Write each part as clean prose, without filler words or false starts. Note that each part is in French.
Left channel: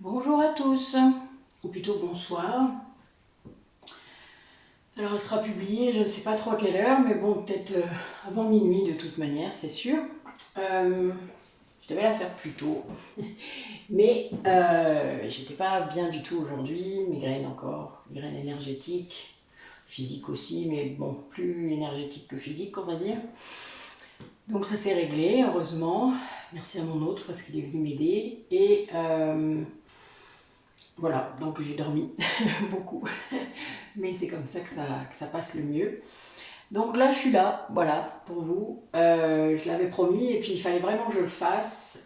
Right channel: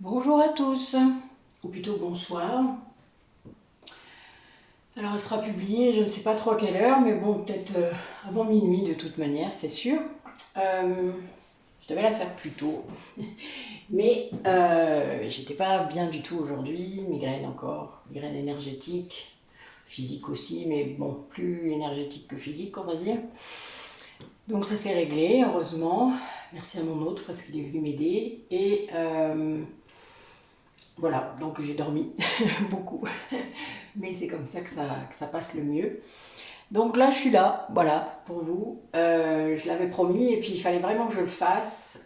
Bonjour à tous, ou plutôt bonsoir. Alors elle sera publiée, je ne sais pas trop à quelle heure, mais bon, peut-être avant minuit de toute manière, c'est sûr. Je devais la faire plus tôt, mais j'étais pas bien du tout aujourd'hui, migraine encore, migraine énergétique, physique aussi, mais bon, plus énergétique que physique, on va dire. Donc ça s'est réglé, heureusement. Merci à mon autre parce qu'il est venu m'aider. Et voilà, donc j'ai dormi beaucoup. Mais c'est comme ça que ça passe le mieux. Donc là, je suis là, voilà, pour vous. Je l'avais promis et puis il fallait vraiment que je le fasse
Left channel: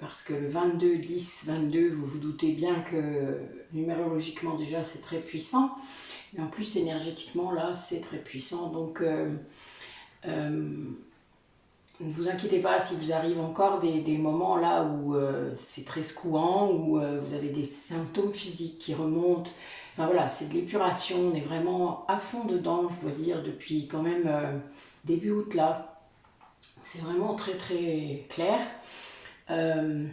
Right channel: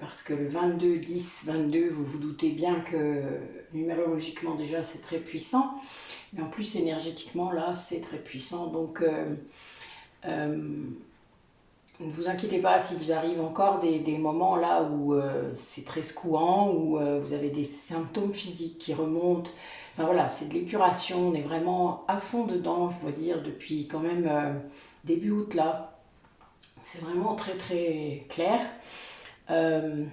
parce que le 22-10-22, vous vous doutez bien que numérologiquement déjà c'est très puissant, mais en plus énergétiquement là c'est très puissant. Donc euh, ne vous inquiétez pas si vous arrive encore des moments là où c'est très secouant, où vous avez des symptômes physiques qui remontent. Enfin voilà, c'est de l'épuration, on est vraiment à fond dedans, je dois dire, depuis quand même début août là. C'est vraiment très très clair. Euh,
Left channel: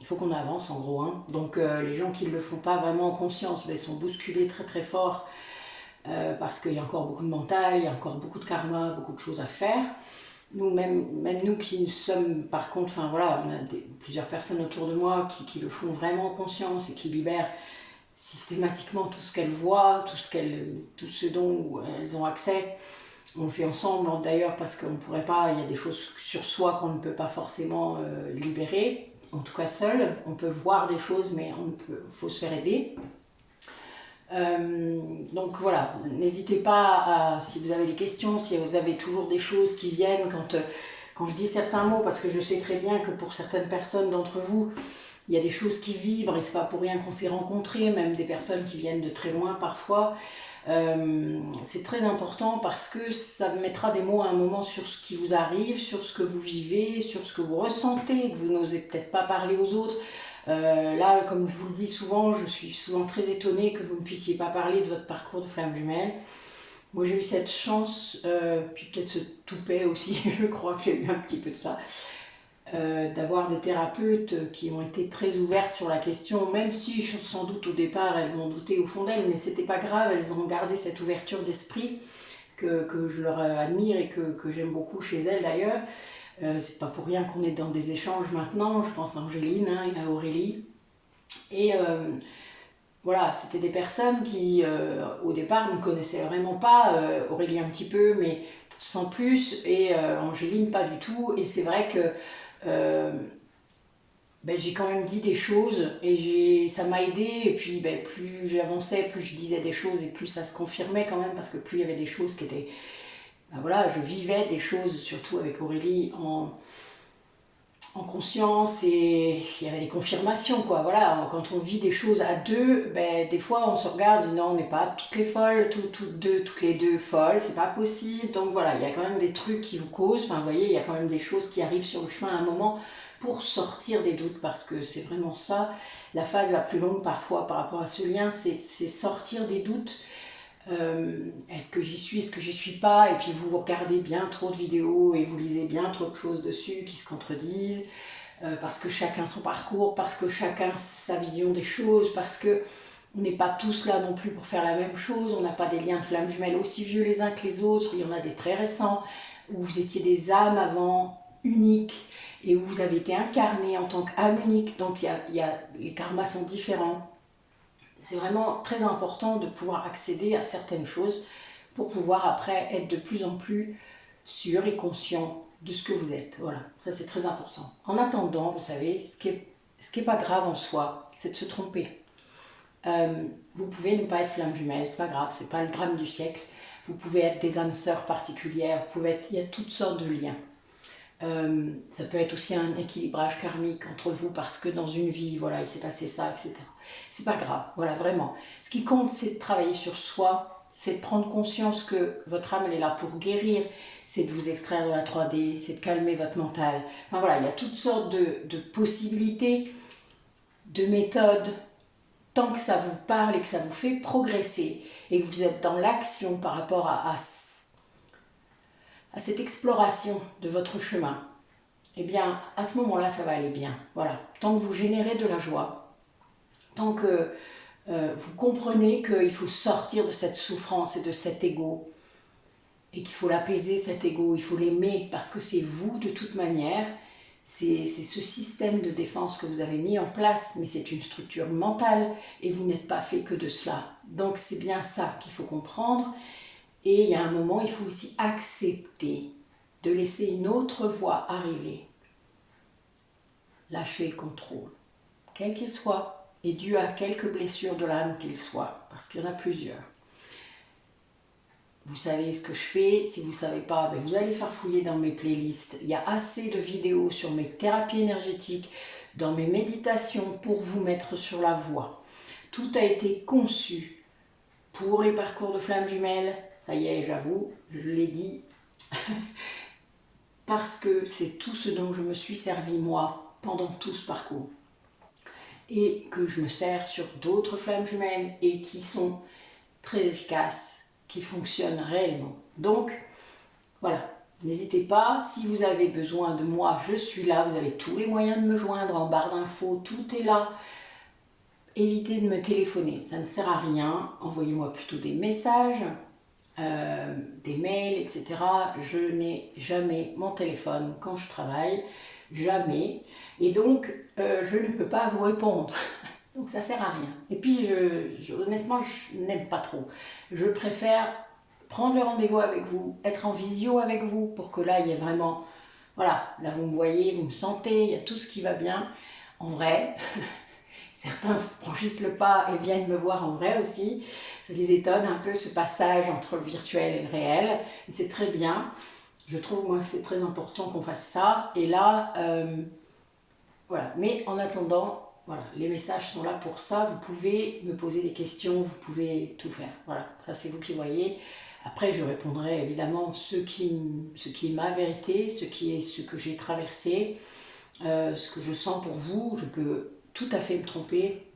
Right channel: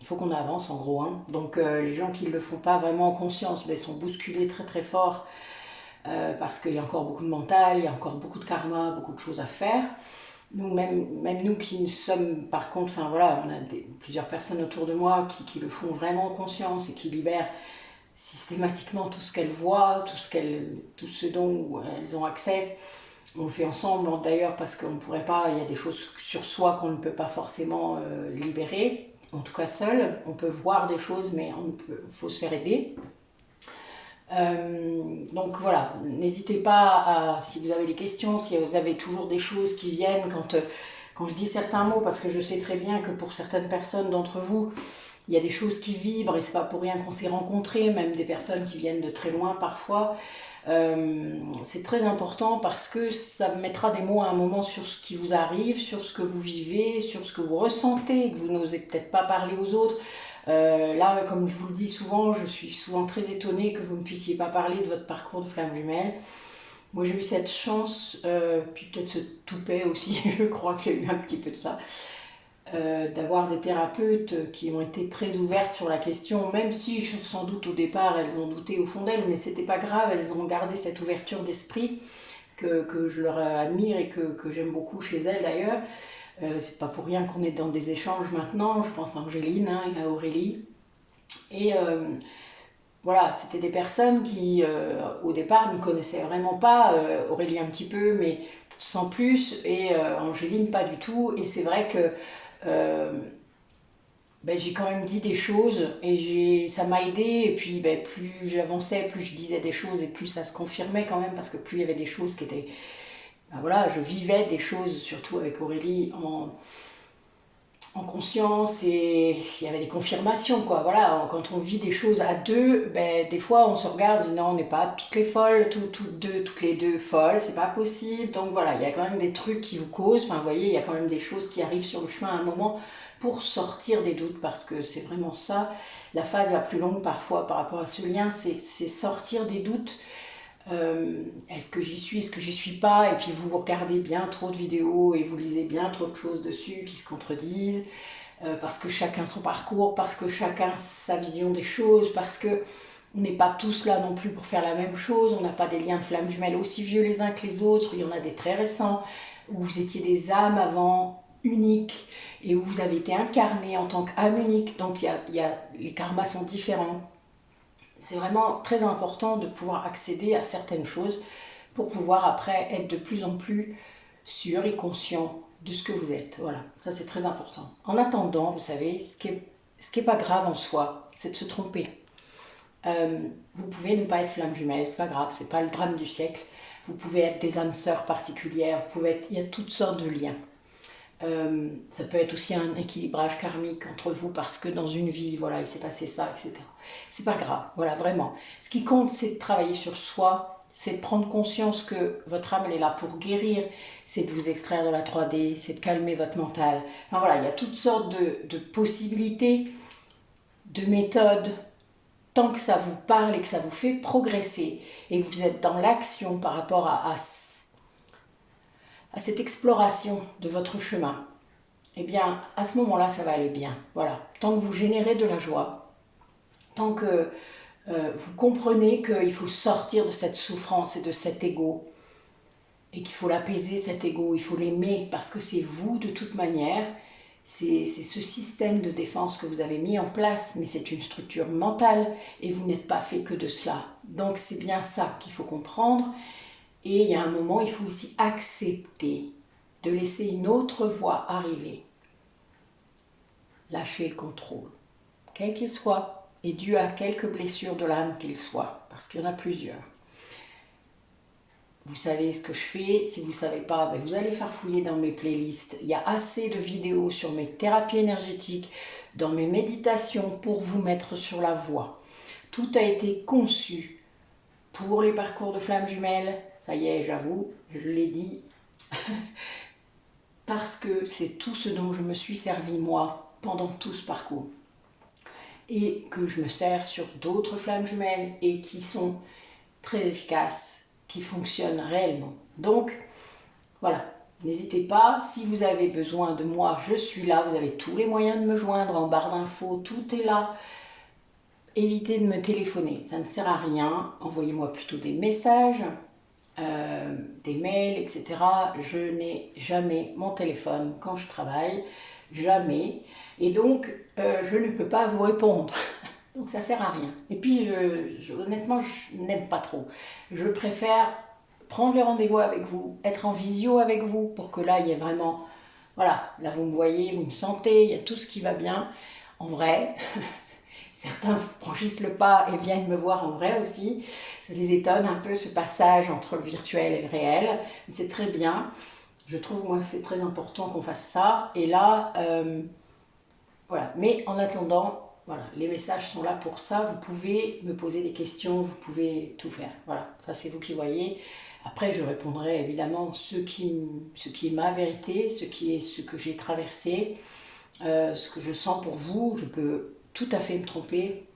il faut qu'on avance en gros. Hein. Donc les gens qui ne le font pas vraiment en conscience ben, sont bousculés très très fort parce qu'il y a encore beaucoup de mental, il y a encore beaucoup de karma, beaucoup de choses à faire. Nous, même nous qui sommes, par contre, enfin voilà, on a plusieurs personnes autour de moi qui le font vraiment en conscience et qui libèrent systématiquement tout ce qu'elles voient, tout ce dont elles ont accès. On le fait ensemble d'ailleurs parce qu'on ne pourrait pas, il y a des choses sur soi qu'on ne peut pas forcément libérer, en tout cas seul. On peut voir des choses, mais il faut se faire aider. Donc voilà, n'hésitez pas à, si vous avez des questions, si vous avez toujours des choses qui viennent quand je dis certains mots, parce que je sais très bien que pour certaines personnes d'entre vous, il y a des choses qui vibrent et c'est pas pour rien qu'on s'est rencontrés, même des personnes qui viennent de très loin parfois. C'est très important parce que ça mettra des mots à un moment sur ce qui vous arrive, sur ce que vous vivez, sur ce que vous ressentez, que vous n'osez peut-être pas parler aux autres. Là, comme je vous le dis souvent, je suis souvent très étonnée que vous ne puissiez pas parler de votre parcours de flamme jumelle. Moi, j'ai eu cette chance, puis peut-être ce toupet aussi, je crois qu'il y a eu un petit peu de ça, d'avoir des thérapeutes qui ont été très ouvertes sur la question, même si sans doute au départ elles ont douté au fond d'elles, mais c'était pas grave, elles ont gardé cette ouverture d'esprit que je leur admire et que j'aime beaucoup chez elles d'ailleurs. C'est pas pour rien qu'on est dans des échanges maintenant, je pense à Angéline hein, et à Aurélie. Et voilà, c'était des personnes qui, au départ, ne connaissaient vraiment pas, Aurélie un petit peu, mais sans plus, et Angéline pas du tout. Et c'est vrai que euh, ben, j'ai quand même dit des choses et ça m'a aidé. Et puis ben, plus j'avançais, plus je disais des choses et plus ça se confirmait quand même, parce que plus il y avait des choses qui étaient... Ben voilà, je vivais des choses, surtout avec Aurélie, en conscience et il y avait des confirmations quoi. Voilà, quand on vit des choses à deux, ben, des fois on se regarde, et dit, non on n'est pas toutes les folles, toutes les deux folles, c'est pas possible. Donc voilà, il y a quand même des trucs qui vous causent, enfin vous voyez, il y a quand même des choses qui arrivent sur le chemin à un moment pour sortir des doutes parce que c'est vraiment ça, la phase la plus longue parfois par rapport à ce lien, c'est sortir des doutes. Est-ce que j'y suis, est-ce que j'y suis pas, et puis vous regardez bien trop de vidéos et vous lisez bien trop de choses dessus qui se contredisent, parce que chacun son parcours, parce que chacun sa vision des choses, parce que on n'est pas tous là non plus pour faire la même chose, on n'a pas des liens de flammes jumelles aussi vieux les uns que les autres, il y en a des très récents, où vous étiez des âmes avant uniques, et où vous avez été incarné en tant qu'âme unique, donc les karmas sont différents. C'est vraiment très important de pouvoir accéder à certaines choses pour pouvoir après être de plus en plus sûr et conscient de ce que vous êtes. Voilà, ça c'est très important. En attendant, vous savez, ce qui est pas grave en soi, c'est de se tromper. Vous pouvez ne pas être flamme jumelle, c'est pas grave, c'est pas le drame du siècle. Vous pouvez être des âmes sœurs particulières, il y a toutes sortes de liens. Ça peut être aussi un équilibrage karmique entre vous parce que dans une vie, voilà, il s'est passé ça, etc. C'est pas grave, voilà, vraiment. Ce qui compte, c'est de travailler sur soi, c'est de prendre conscience que votre âme, elle est là pour guérir, c'est de vous extraire de la 3D, c'est de calmer votre mental. Enfin voilà, il y a toutes sortes de possibilités, de méthodes, tant que ça vous parle et que ça vous fait progresser et que vous êtes dans l'action par rapport à cette exploration de votre chemin, eh bien, à ce moment-là, ça va aller bien. Voilà. Tant que vous générez de la joie, tant que vous comprenez qu'il faut sortir de cette souffrance et de cet ego, et qu'il faut l'apaiser, cet ego, il faut l'aimer, parce que c'est vous de toute manière, c'est ce système de défense que vous avez mis en place, mais c'est une structure mentale, et vous n'êtes pas fait que de cela. Donc c'est bien ça qu'il faut comprendre, et il y a un moment, il faut aussi accepter de laisser une autre voix arriver. Lâcher le contrôle, quel qu'il soit, et dû à quelques blessures de l'âme qu'il soit, parce qu'il y en a plusieurs. Vous savez ce que je fais, si vous ne savez pas, ben vous allez farfouiller dans mes playlists. Il y a assez de vidéos sur mes thérapies énergétiques, dans mes méditations pour vous mettre sur la voie. Tout a été conçu pour les parcours de flammes jumelles, ça y est, j'avoue, je l'ai dit, parce que c'est tout ce dont je me suis servi moi pendant tout ce parcours. Et que je me sers sur d'autres flammes jumelles et qui sont très efficaces, qui fonctionnent réellement. Donc, voilà, n'hésitez pas, si vous avez besoin de moi, je suis là, vous avez tous les moyens de me joindre en barre d'infos, tout est là. Évitez de me téléphoner, ça ne sert à rien, envoyez-moi plutôt des messages, des mails, etc. Je n'ai jamais mon téléphone quand je travaille, jamais, et donc je ne peux pas vous répondre. Donc ça sert à rien. Et puis honnêtement, je n'aime pas trop. Je préfère prendre le rendez-vous avec vous, être en visio avec vous, pour que là, il y ait vraiment... Voilà, là vous me voyez, vous me sentez, il y a tout ce qui va bien. En vrai, certains franchissent le pas et viennent me voir en vrai aussi. Ça les étonne un peu ce passage entre le virtuel et le réel. C'est très bien. Je trouve, moi, c'est très important qu'on fasse ça. Et là, voilà. Mais en attendant... Voilà, les messages sont là pour ça, vous pouvez me poser des questions, vous pouvez tout faire. Voilà, ça c'est vous qui voyez. Après, je répondrai évidemment ce qui est ma vérité, ce que j'ai traversé, ce que je sens pour vous. Je peux tout à fait me tromper,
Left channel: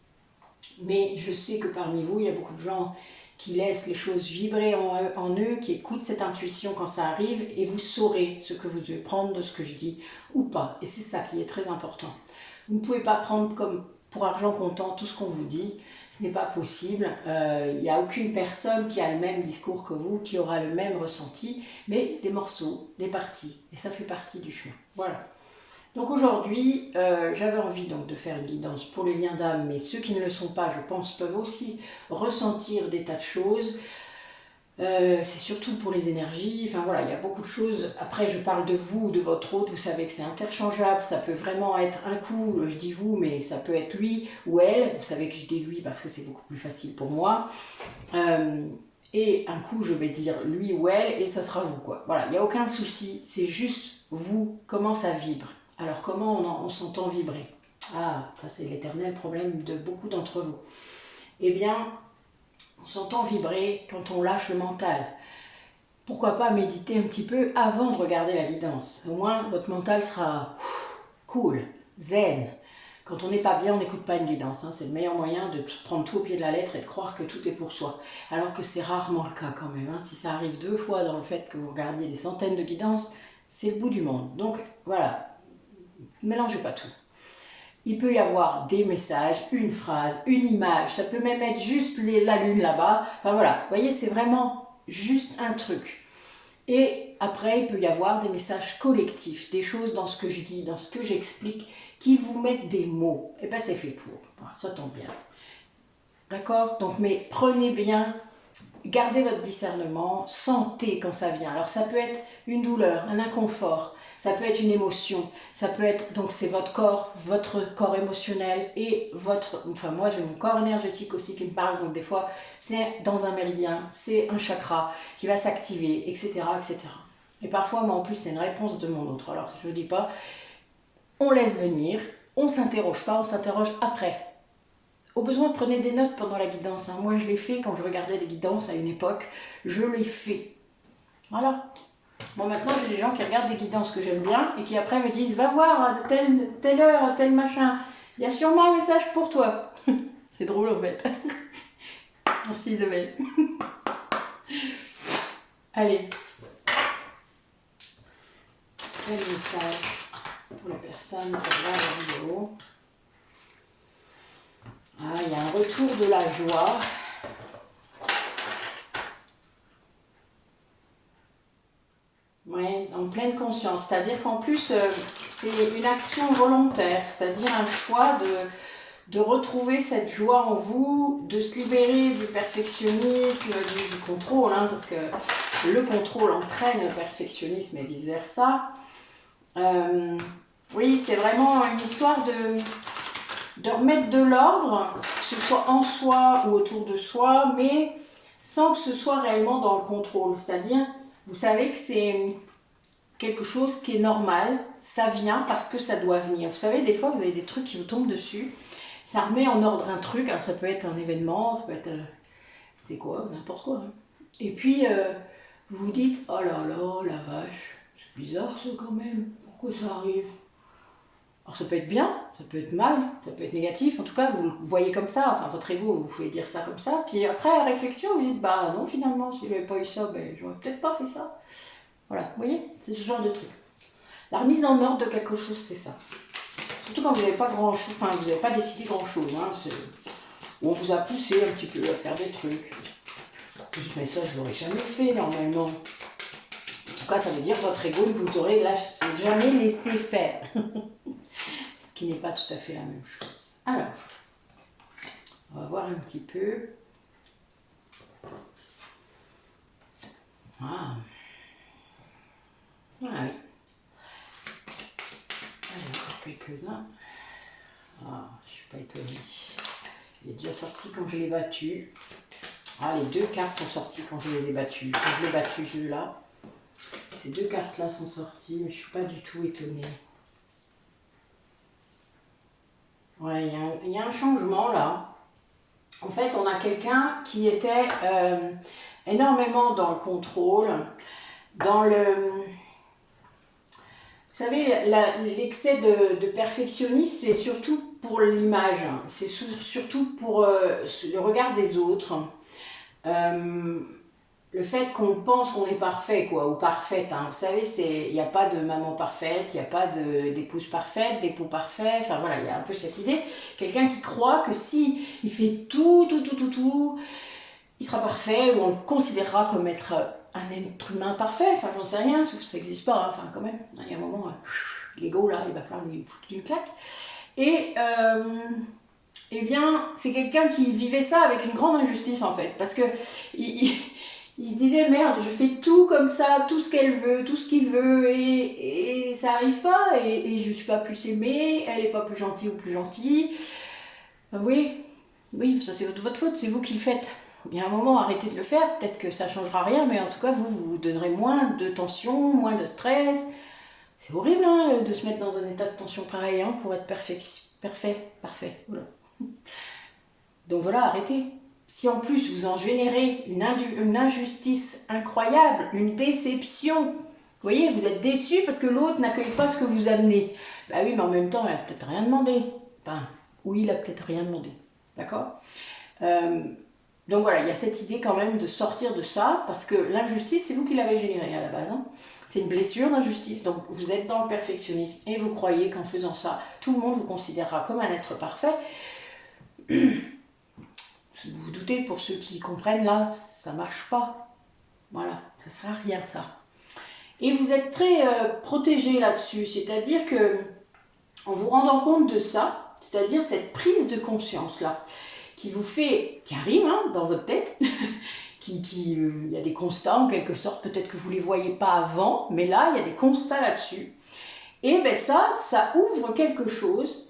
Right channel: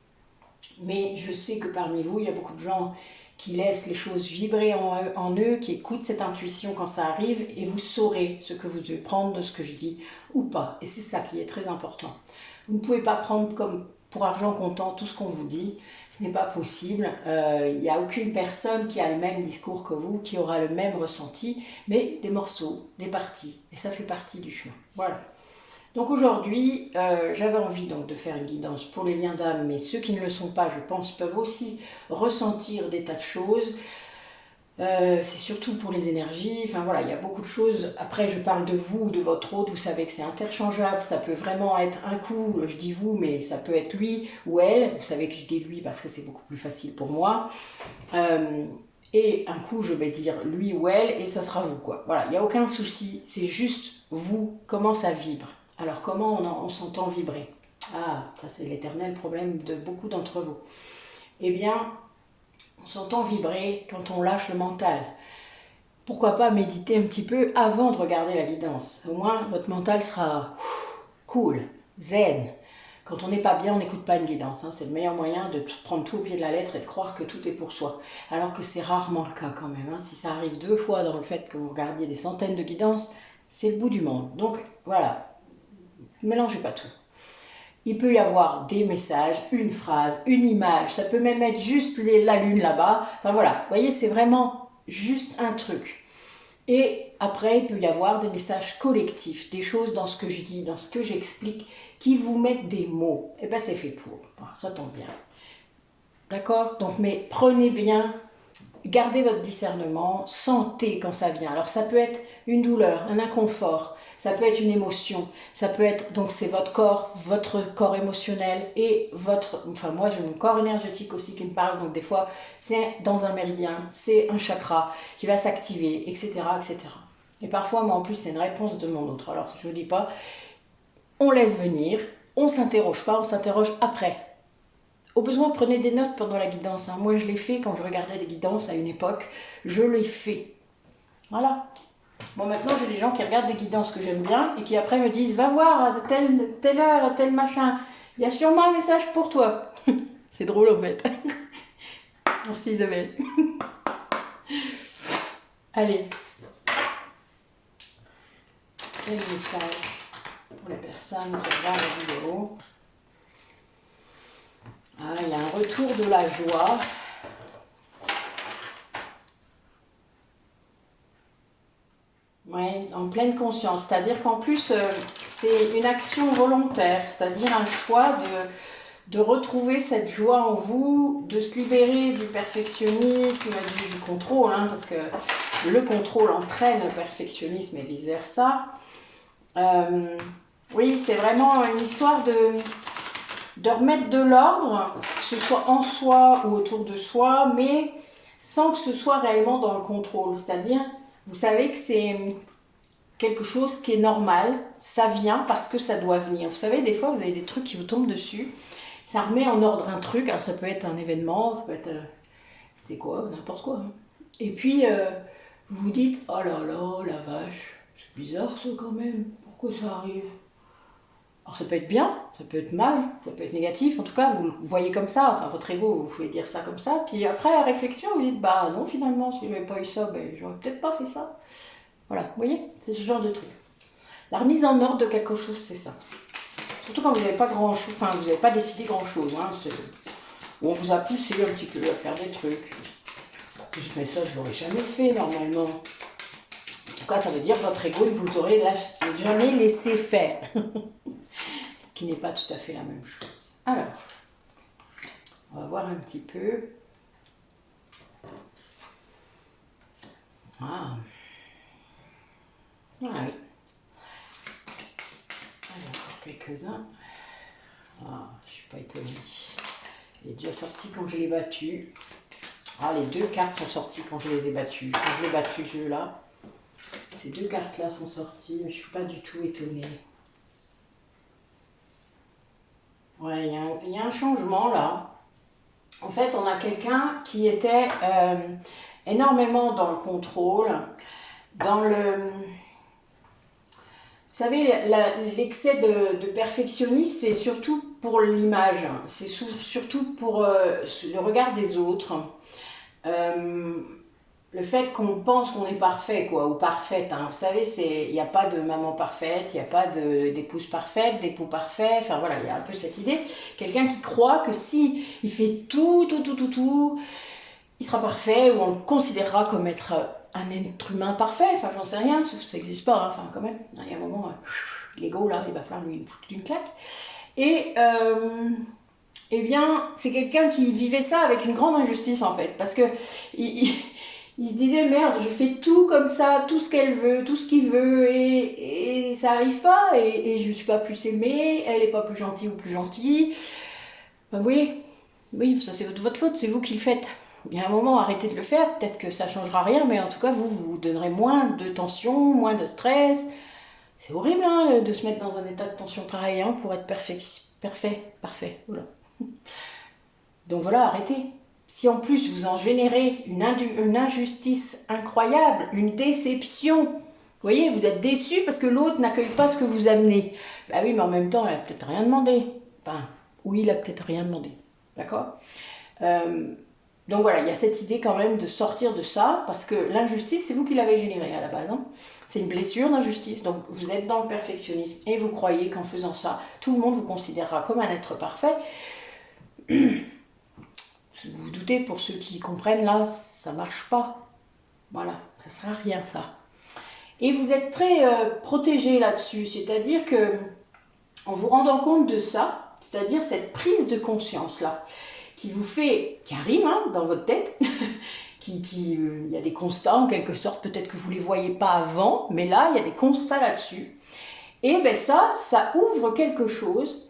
mais je sais que parmi vous, il y a beaucoup de gens qui laissent les choses vibrer en eux, qui écoutent cette intuition quand ça arrive, et vous saurez ce que vous devez prendre de ce que je dis ou pas. Et c'est ça qui est très important. Vous ne pouvez pas prendre comme pour argent comptant tout ce qu'on vous dit, ce n'est pas possible. Il n'y a aucune personne qui a le même discours que vous, qui aura le même ressenti, mais des morceaux, des parties, et ça fait partie du chemin. Voilà. Donc aujourd'hui, j'avais envie donc de faire une guidance pour les liens d'âme, mais ceux qui ne le sont pas, je pense, peuvent aussi ressentir des tas de choses. C'est surtout pour les énergies, enfin voilà, il y a beaucoup de choses. Après, je parle de vous, de votre autre, vous savez que c'est interchangeable, ça peut vraiment être un coup, je dis vous, mais ça peut être lui ou elle, vous savez que je dis lui parce que c'est beaucoup plus facile pour moi. Et un coup, je vais dire lui ou elle, et ça sera vous, quoi. Voilà, il n'y a aucun souci, c'est juste vous, comment ça vibre. Alors, comment on s'entend vibrer? Ah, ça c'est l'éternel problème de beaucoup d'entre vous. Eh bien, on s'entend vibrer quand on lâche le mental. Pourquoi pas méditer un petit peu avant de regarder la guidance? Au moins, votre mental sera cool, zen. Quand on n'est pas bien, on n'écoute pas une guidance. C'est le meilleur moyen de prendre tout au pied de la lettre et de croire que tout est pour soi. Alors que c'est rarement le cas quand même. Si ça arrive 2 fois dans le fait que vous regardiez des centaines de guidances, c'est le bout du monde. Donc voilà, ne mélangez pas tout. Il peut y avoir des messages, une phrase, une image, ça peut même être juste la lune là-bas. Enfin voilà, vous voyez, c'est vraiment juste un truc. Et après, il peut y avoir des messages collectifs, des choses dans ce que je dis, dans ce que j'explique, qui vous mettent des mots. Et bien c'est fait pour, ça tombe bien. D'accord? Donc, mais prenez bien, gardez votre discernement, sentez quand ça vient. Alors ça peut être une douleur, un inconfort, ça peut être une émotion, ça peut être, donc c'est votre corps émotionnel et moi j'ai mon corps énergétique aussi qui me parle, donc des fois c'est dans un méridien, c'est un chakra qui va s'activer, etc., etc. Et parfois, moi en plus c'est une réponse de mon autre, alors je ne dis pas, on laisse venir, on ne s'interroge pas, on s'interroge après. Au besoin, prenez des notes pendant la guidance. Moi, je l'ai fait quand je regardais des guidances à une époque. Je l'ai fait. Voilà. Bon, maintenant, j'ai des gens qui regardent des guidances que j'aime bien et qui après me disent « Va voir à telle heure, à tel machin. Il y a sûrement un message pour toi. » C'est drôle en fait. Merci Isabelle. Allez. Quel message pour les personnes qui regardent la vidéo? Ah, il y a retour de la joie. Oui, en pleine conscience. C'est-à-dire qu'en plus, c'est une action volontaire, c'est-à-dire un choix de retrouver cette joie en vous, de se libérer du perfectionnisme, du contrôle, hein, parce que le contrôle entraîne le perfectionnisme et vice-versa. Oui, c'est vraiment une histoire de remettre de l'ordre, que ce soit en soi ou autour de soi, mais sans que ce soit réellement dans le contrôle. C'est-à-dire, vous savez que c'est quelque chose qui est normal, ça vient parce que ça doit venir. Vous savez, des fois, vous avez des trucs qui vous tombent dessus, ça remet en ordre un truc, alors ça peut être un événement, ça peut être, c'est quoi, n'importe quoi. Hein. Et puis, vous vous dites, oh là là, la vache, c'est bizarre ça quand même, pourquoi ça arrive? Alors ça peut être bien, ça peut être mal, ça peut être négatif, en tout cas vous le voyez comme ça, enfin votre ego vous pouvez dire ça comme ça, puis après à réflexion vous dites bah non finalement si j'avais pas eu ça, ben j'aurais peut-être pas fait ça. Voilà, vous voyez, c'est ce genre de truc. La remise en ordre de quelque chose c'est ça. Surtout quand vous n'avez pas grand chose, enfin vous n'avez pas décidé grand chose, hein, où on vous a poussé un petit peu à faire des trucs. Mais ça je l'aurais jamais fait normalement. En tout cas ça veut dire que votre ego vous aurait jamais laissé faire. Ce qui n'est pas tout à fait la même chose. Alors, on va voir un petit peu. Ah, oui. Alors, encore quelques-uns. Ah, je ne suis pas étonnée. Il est déjà sorti quand je l'ai battu. Ah, les deux cartes sont sorties quand je les ai battues. Quand je l'ai battu, ce jeu-là. Ces deux cartes-là sont sorties, mais je ne suis pas du tout étonnée. Ouais, il y a un changement là. En fait, on a quelqu'un qui était énormément dans le contrôle, dans le... Vous savez, l'excès de perfectionnisme, c'est surtout pour l'image, c'est surtout pour le regard des autres. Le fait qu'on pense qu'on est parfait, quoi, ou parfaite. Hein. Vous savez, il n'y a pas de maman parfaite, il n'y a pas d'épouse parfaite, d'époux parfait. Enfin voilà, il y a un peu cette idée. Quelqu'un qui croit que si il fait tout, il sera parfait, ou on le considérera comme être un être humain parfait. Enfin, j'en sais rien, sauf que ça n'existe pas. Hein. Enfin, quand même, il y a un moment, l'ego, là, il va falloir lui foutre une claque. Et, eh bien, c'est quelqu'un qui vivait ça avec une grande injustice, en fait. Parce que il se disait, merde, je fais tout comme ça, tout ce qu'elle veut, tout ce qu'il veut, et ça n'arrive pas, et je ne suis pas plus aimée, elle n'est pas plus gentille ou plus gentille. Ben, oui, ça c'est votre faute, c'est vous qui le faites. Il y a un moment, arrêtez de le faire, peut-être que ça ne changera rien, mais en tout cas, vous donnerez moins de tension, moins de stress. C'est horrible hein, de se mettre dans un état de tension pareil hein, pour être parfait. Voilà. Donc voilà, arrêtez. Si en plus vous en générez une injustice incroyable, une déception, vous voyez, vous êtes déçu parce que l'autre n'accueille pas ce que vous amenez. Bah oui, mais en même temps, elle n'a peut-être rien demandé. Enfin, oui, il a peut-être rien demandé. D'accord donc voilà, il y a cette idée quand même de sortir de ça, parce que l'injustice, c'est vous qui l'avez générée à la base. Hein. C'est une blessure d'injustice, donc vous êtes dans le perfectionnisme et vous croyez qu'en faisant ça, tout le monde vous considérera comme un être parfait. Vous vous doutez, pour ceux qui comprennent là, ça marche pas. Voilà, ça sert à rien ça. Et vous êtes très protégé là-dessus, c'est-à-dire que en vous rendant compte de ça, c'est-à-dire cette prise de conscience là, qui vous fait, qui arrive hein, dans votre tête, il y a des constats en quelque sorte, peut-être que vous ne les voyez pas avant, mais là il y a des constats là-dessus. Et bien ça ouvre quelque chose.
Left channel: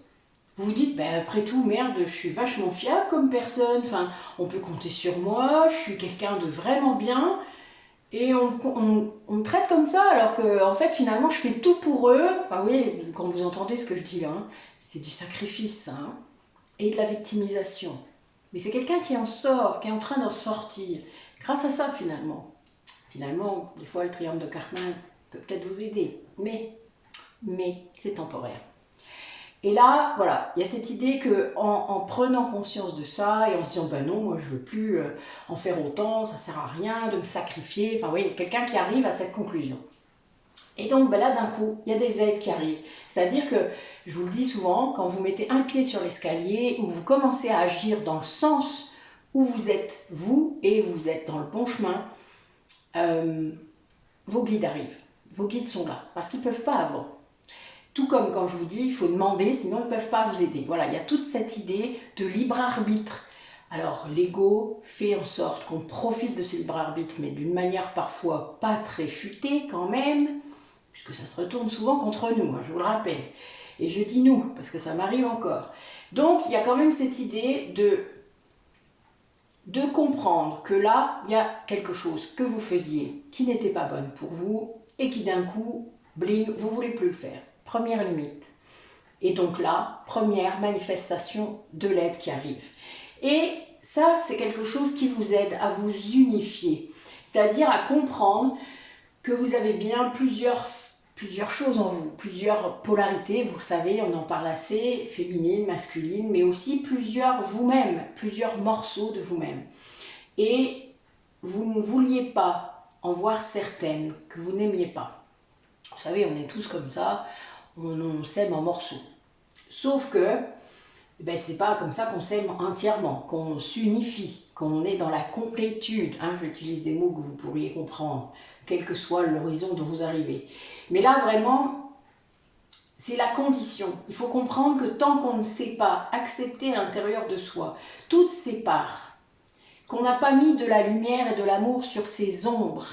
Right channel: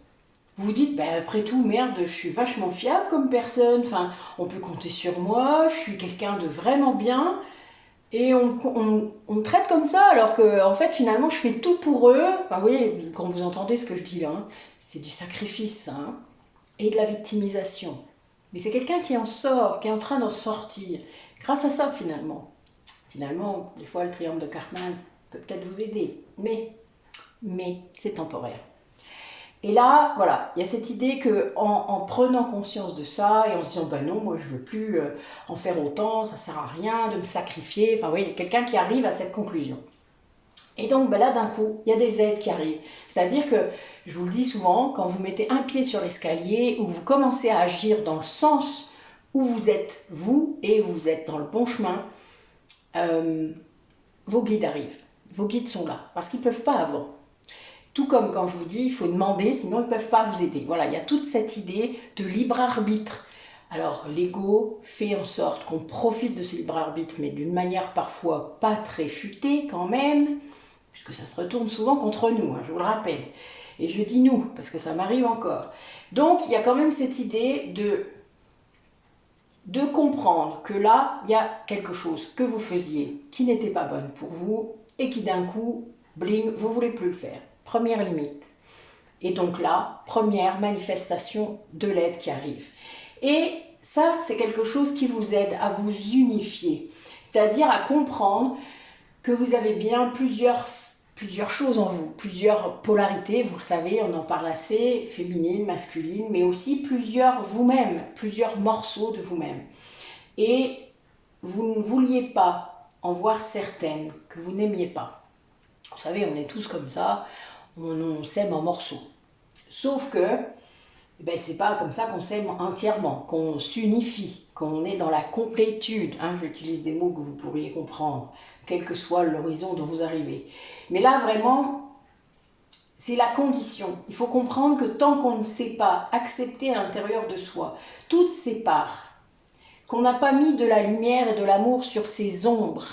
Vous vous dites, ben après tout, merde, je suis vachement fiable comme personne, enfin, on peut compter sur moi, je suis quelqu'un de vraiment bien, et on me traite comme ça, alors que en fait, finalement, je fais tout pour eux. Enfin, vous voyez, quand vous entendez ce que je dis là, hein, c'est du sacrifice, hein, et de la victimisation. Mais c'est quelqu'un qui en sort, qui est en train d'en sortir, grâce à ça, finalement. Finalement, des fois, le triangle de Cartman peut peut-être vous aider, mais c'est temporaire. Et là, voilà, il y a cette idée qu'en prenant conscience de ça et en se disant, ben non, moi je veux plus en faire autant, ça sert à rien de me sacrifier. Enfin, oui, quelqu'un qui arrive à cette conclusion. Et donc ben là, d'un coup, il y a des aides qui arrivent. C'est-à-dire que, je vous le dis souvent, quand vous mettez un pied sur l'escalier ou vous commencez à agir dans le sens où vous êtes vous et vous êtes dans le bon chemin, vos guides arrivent. Vos guides sont là parce qu'ils ne peuvent pas avoir. Tout comme quand je vous dis, il faut demander, sinon ils ne peuvent pas vous aider. Voilà, il y a toute cette idée de libre arbitre. Alors, l'ego fait en sorte qu'on profite de ce libre arbitre, mais d'une manière parfois pas très futée quand même, puisque ça se retourne souvent contre nous, hein, je vous le rappelle. Et je dis nous, parce que ça m'arrive encore. Donc, il y a quand même cette idée de comprendre que là, il y a quelque chose que vous faisiez qui n'était pas bonne pour vous et qui d'un coup, bling, vous ne voulez plus le faire. Première limite. Et donc là, première manifestation de l'aide qui arrive. Et ça, c'est quelque chose qui vous aide à vous unifier, c'est-à-dire à comprendre que vous avez bien plusieurs choses en vous, plusieurs polarités, vous le savez, on en parle assez, féminine, masculine, mais aussi plusieurs vous-même, plusieurs morceaux de vous-même. Et vous ne vouliez pas en voir certaines que vous n'aimiez pas. Vous savez, on est tous comme ça, on s'aime en morceaux. Sauf que ben, c'est pas comme ça qu'on s'aime entièrement, qu'on s'unifie, qu'on est dans la complétude. Hein, j'utilise des mots que vous pourriez comprendre, quel que soit l'horizon dont vous arrivez. Mais là, vraiment, c'est la condition. Il faut comprendre que tant qu'on ne sait pas accepter à l'intérieur de soi toutes ces parts, qu'on n'a pas mis de la lumière et de l'amour sur ces ombres,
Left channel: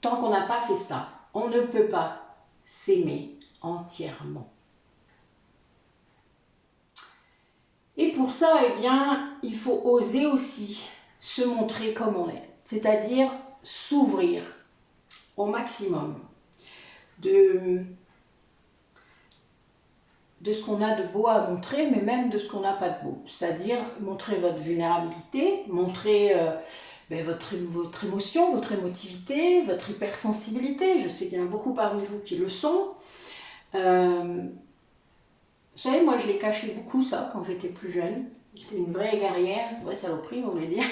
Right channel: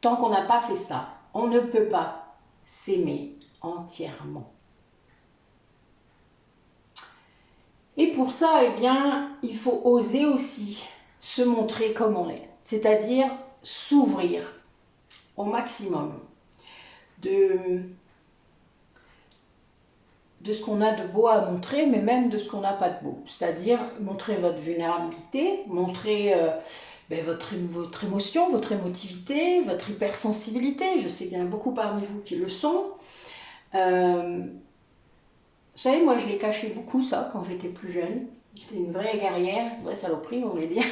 tant qu'on n'a pas fait ça, on ne peut pas s'aimer entièrement. Et pour ça, eh bien, il faut oser aussi se montrer comme on est, c'est-à-dire s'ouvrir au maximum de ce qu'on a de beau à montrer, mais même de ce qu'on n'a pas de beau. C'est-à-dire montrer votre vulnérabilité, montrer votre émotion, votre émotivité, votre hypersensibilité. Je sais qu'il y en a beaucoup parmi vous qui le sont. Vous savez, moi je l'ai caché beaucoup ça quand j'étais plus jeune. J'étais une vraie guerrière, une vraie saloperie on voulait dire,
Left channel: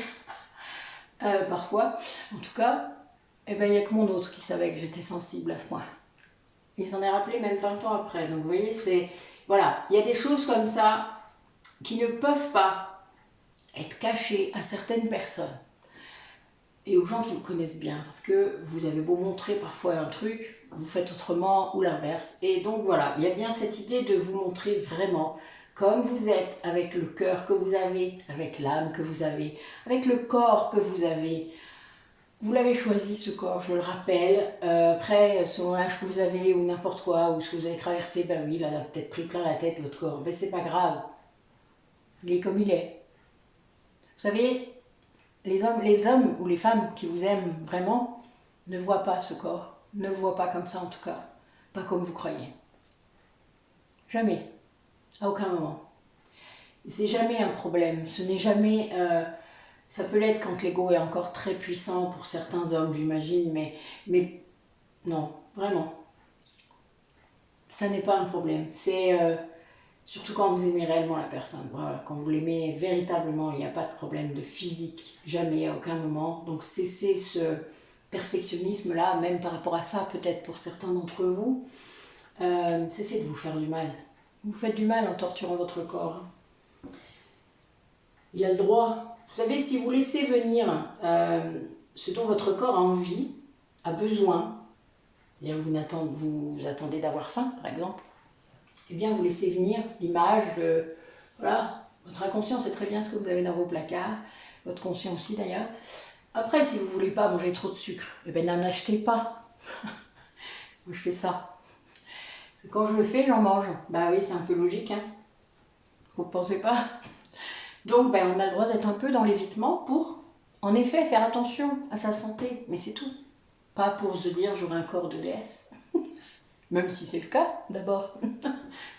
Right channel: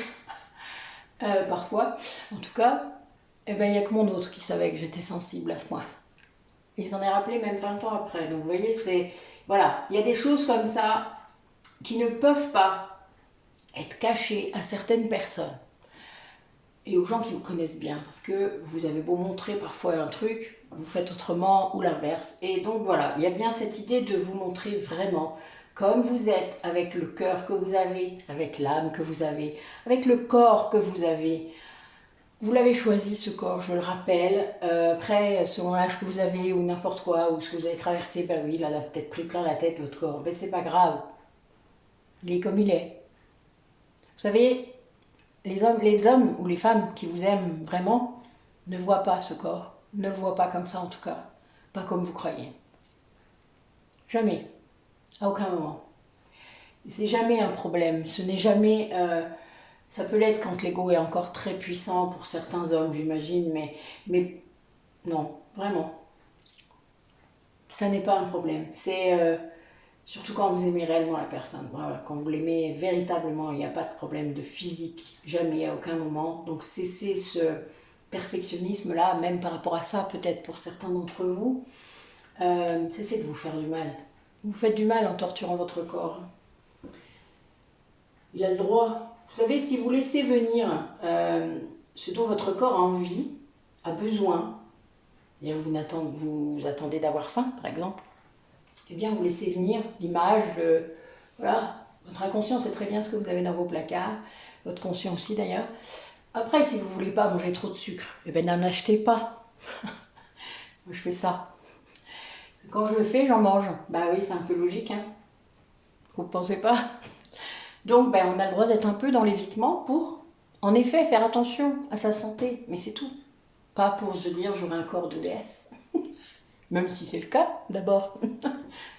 parfois. En tout cas, il n'y a que mon autre qui savait que j'étais sensible à ce point. Il s'en est rappelé même 20 ans après. Donc vous voyez, voilà, il y a des choses comme ça qui ne peuvent pas être cachées à certaines personnes et aux gens qui vous connaissent bien. Parce que vous avez beau montrer parfois un truc, vous faites autrement ou l'inverse. Et donc voilà, il y a bien cette idée de vous montrer vraiment comme vous êtes, avec le cœur que vous avez, avec l'âme que vous avez, avec le corps que vous avez. Vous l'avez choisi ce corps, je le rappelle. Après, selon l'âge que vous avez ou n'importe quoi, ou ce que vous avez traversé, ben oui, il a peut-être pris plein la tête votre corps. Mais c'est pas grave. Il est comme il est. Vous savez, les hommes ou les femmes qui vous aiment vraiment ne voient pas ce corps. Ne le voient pas comme ça en tout cas. Pas comme vous croyez. Jamais. À aucun moment. C'est jamais un problème. Ce n'est jamais... ça peut l'être quand l'ego est encore très puissant pour certains hommes, j'imagine, mais non, vraiment. Ça n'est pas un problème. C'est surtout quand vous aimez réellement la personne. Voilà, quand vous l'aimez véritablement, il n'y a pas de problème de physique, jamais, à aucun moment. Donc cessez ce perfectionnisme-là, même par rapport à ça, peut-être pour certains d'entre vous. Cessez de vous faire du mal. Vous faites du mal en torturant votre corps. Il a le droit. Vous savez, si vous laissez venir ce dont votre corps a envie, a besoin, et vous attendez d'avoir faim, par exemple, eh bien, vous laissez venir l'image de... Voilà, votre inconscient sait très bien ce que vous avez dans vos placards, votre conscient aussi d'ailleurs. Après, si vous ne voulez pas manger trop de sucre, eh bien, n'en achetez pas. Moi, je fais ça. Quand je le fais, j'en mange. Bah oui, c'est un peu logique, hein. Vous ne pensez pas? Donc, on a le droit d'être un peu dans l'évitement pour, en effet, faire attention à sa santé. Mais c'est tout. Pas pour se dire, j'aurai un corps de déesse. Même si c'est le cas, d'abord.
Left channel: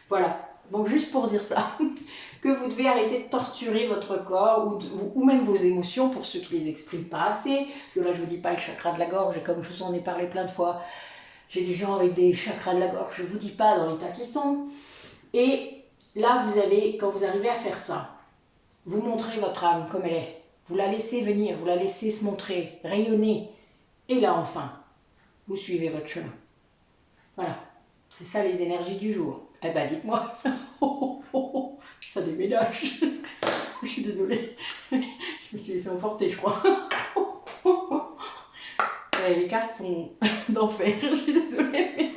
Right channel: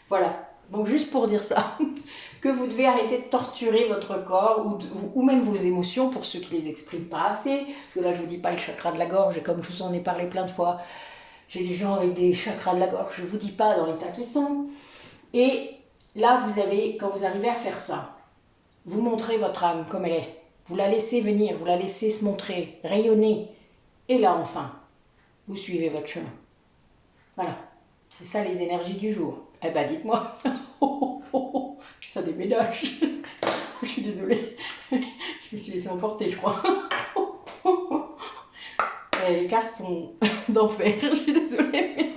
Voilà. Donc, juste pour dire ça. Que vous devez arrêter de torturer votre corps ou même vos émotions pour ceux qui ne les expriment pas assez. Parce que là, je ne vous dis pas le chakra de la gorge, et comme je vous en ai parlé plein de fois, j'ai des gens avec des chakras de la gorge, je ne vous dis pas dans l'état qu'ils sont. Et là, quand vous arrivez à faire ça, vous montrez votre âme comme elle est. Vous la laissez venir, vous la laissez se montrer, rayonner. Et là, enfin, vous suivez votre chemin. Voilà, c'est ça les énergies du jour. Eh ben dites-moi, ça déménage. Je suis désolée, je me suis laissée emporter, je crois. Les cartes sont d'enfer, je suis désolée. Mais...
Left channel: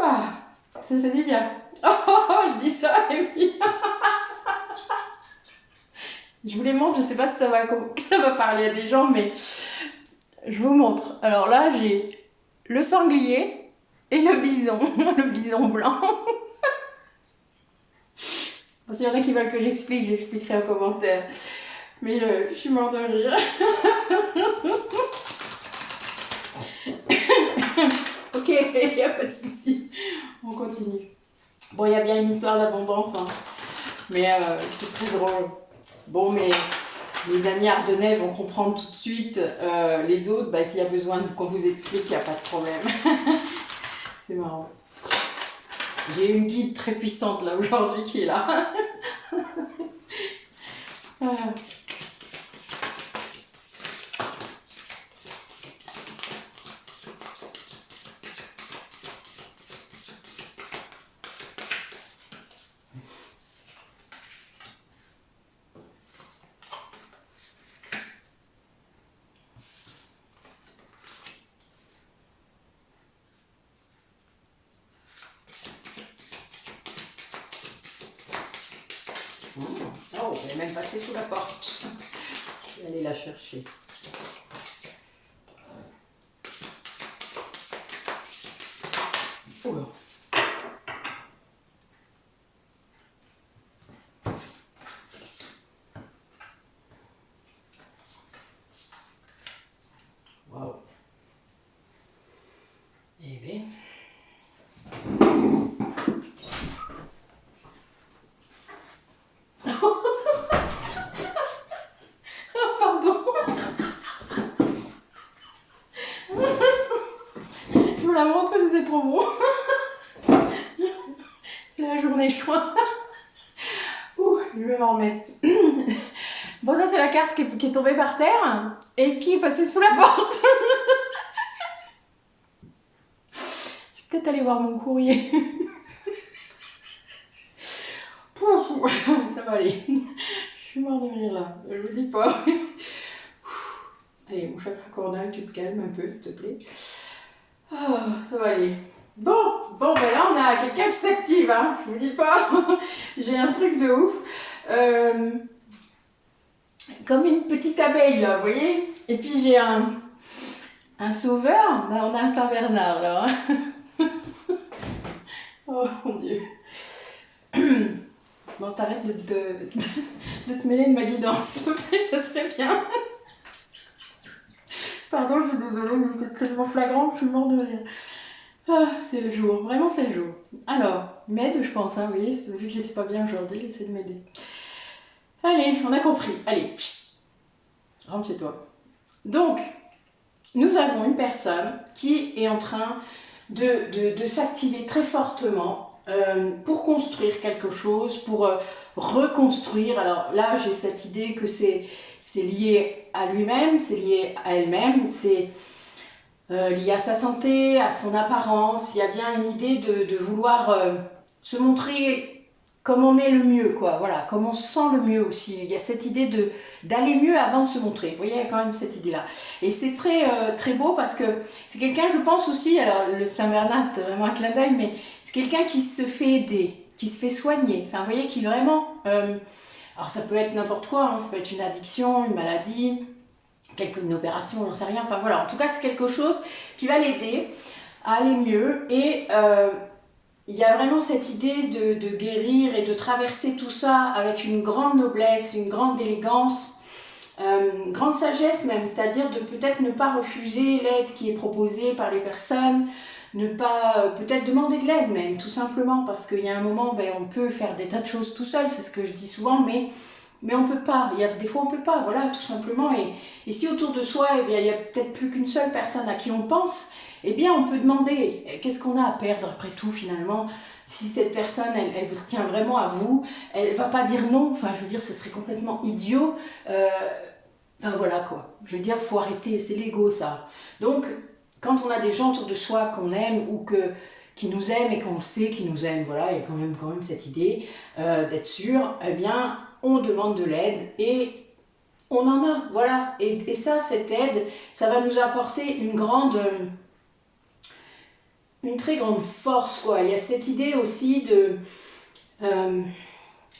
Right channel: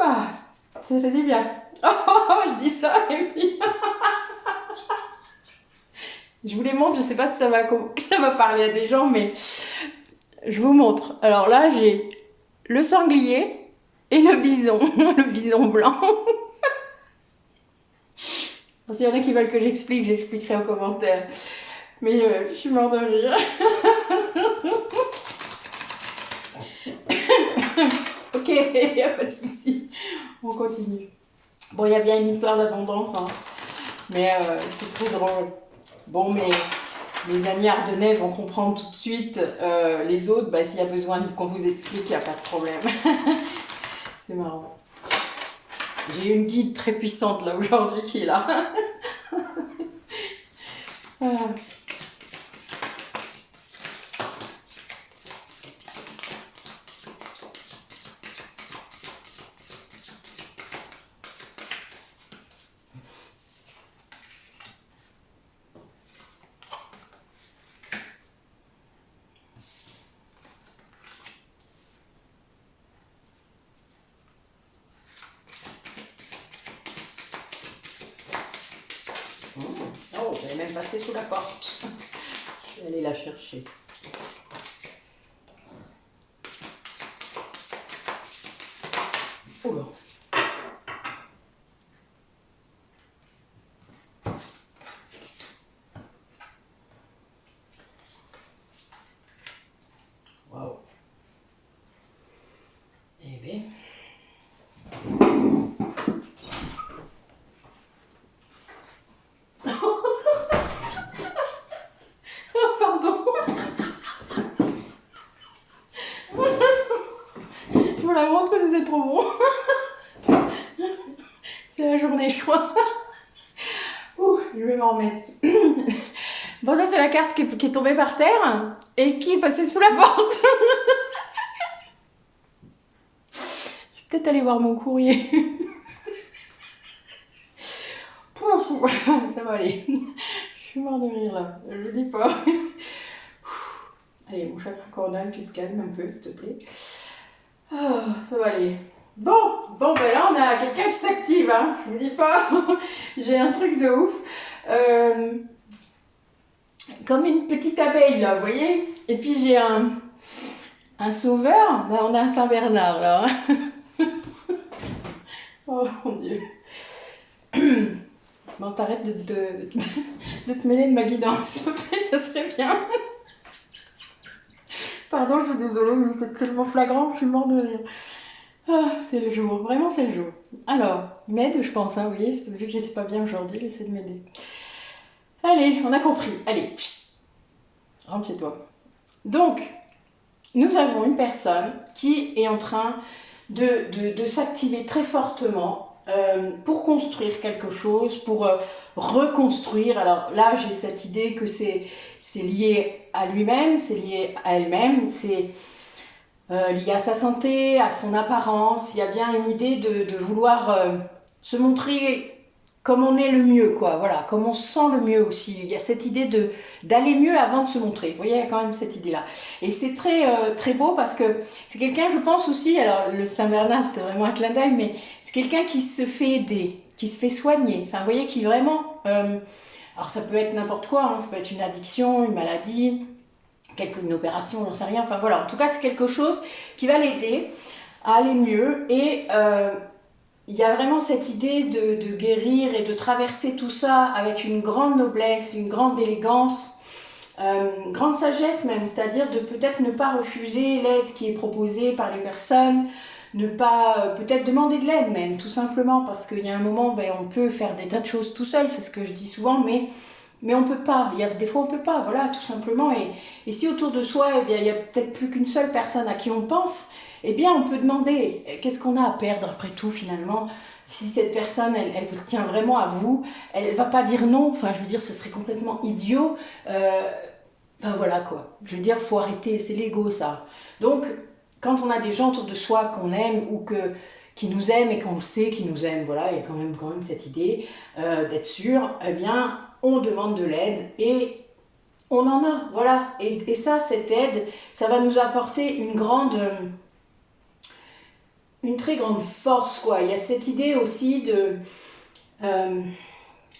Ah, ça faisait bien. Je dis ça et puis... Je vous les montre, je sais pas si ça va parler à des gens, mais je vous montre. Alors là, j'ai le sanglier et le bison, le bison blanc. S'il y en a qui veulent que j'expliquerai en commentaire. Mais je suis morte de rire. Ok, il n'y a pas de souci. On continue. Bon, il y a bien une histoire d'abondance, hein. Mais c'est très drôle. Bon, mais les amis ardennais vont comprendre tout de suite. Les autres, bah, s'il y a besoin qu'on vous explique, il n'y a pas de problème. C'est marrant. J'ai une guide très puissante là aujourd'hui qui est là. Ah. Oh, elle est même passée sous la porte. Je vais aller la chercher. Oh bon. Waouh. Eh bien. Pardon. Je vous la montre, c'est trop bon. C'est la journée choix. Je vais m'en remettre. Bon, ça c'est la carte qui est tombée par terre et qui est passée sous la porte. Je vais peut-être aller voir mon courrier. Ça va aller. Je suis morte de rire là, je vous dis pas. Allez, mon chakra coronal, tu te calmes un peu s'il te plaît. Ça va aller. Bon, ben là on a quelqu'un qui s'active, hein. Je vous dis pas. J'ai un truc de ouf. Comme une petite abeille là, vous voyez. Et puis j'ai un sauveur. Là, on a un Saint-Bernard là. Oh mon Dieu. Bon, t'arrêtes de te mêler de ma guidance, ça serait bien. Pardon, je suis désolée, mais c'est tellement flagrant, je suis morte de rire. Ah, c'est le jour, vraiment c'est le jour. Alors, m'aide, je pense, hein, vous voyez, vu que j'étais pas bien aujourd'hui, il essaie de m'aider. Allez, on a compris. Allez, rentre chez toi. Donc, nous avons une personne qui est en train de s'activer très fortement pour construire quelque chose, pour reconstruire. Alors là, j'ai cette idée que c'est lié à lui-même, c'est lié à elle-même, c'est lié à sa santé, à son apparence. Il y a bien une idée de vouloir se montrer comme on est le mieux, quoi. Voilà, comme on se sent le mieux aussi. Il y a cette idée d'aller mieux avant de se montrer. Vous voyez, il y a quand même cette idée-là. Et c'est très beau parce que c'est quelqu'un, je pense aussi, alors le Saint-Bernard, c'était vraiment un clin d'œil, mais c'est quelqu'un qui se fait aider, qui se fait soigner. Enfin, vous voyez, qui vraiment... alors ça peut être n'importe quoi, hein, ça peut être une addiction, une maladie, une opération, j'en sais rien. Enfin voilà, en tout cas, c'est quelque chose qui va l'aider à aller mieux et... il y a vraiment cette idée de guérir et de traverser tout ça avec une grande noblesse, une grande élégance, une grande sagesse même, c'est-à-dire de peut-être ne pas refuser l'aide qui est proposée par les personnes, ne pas peut-être demander de l'aide même, tout simplement, parce qu'il y a un moment, ben, on peut faire des tas de choses tout seul, c'est ce que je dis souvent, mais on ne peut pas, il y a des fois on ne peut pas, voilà, tout simplement, et si autour de soi, eh bien, il n'y a peut-être plus qu'une seule personne à qui on pense, eh bien on peut demander, qu'est-ce qu'on a à perdre après tout finalement? Si cette personne, elle vous tient vraiment à vous, elle ne va pas dire non, enfin je veux dire, ce serait complètement idiot, enfin voilà quoi, je veux dire, il faut arrêter, c'est l'ego ça. Donc, quand on a des gens autour de soi qu'on aime ou qui nous aiment et qu'on sait qu'ils nous aiment, voilà, il y a quand même cette idée d'être sûr, eh bien, on demande de l'aide et on en a, voilà. Et ça, cette aide, ça va nous apporter une très grande force, quoi. Il y a cette idée aussi de...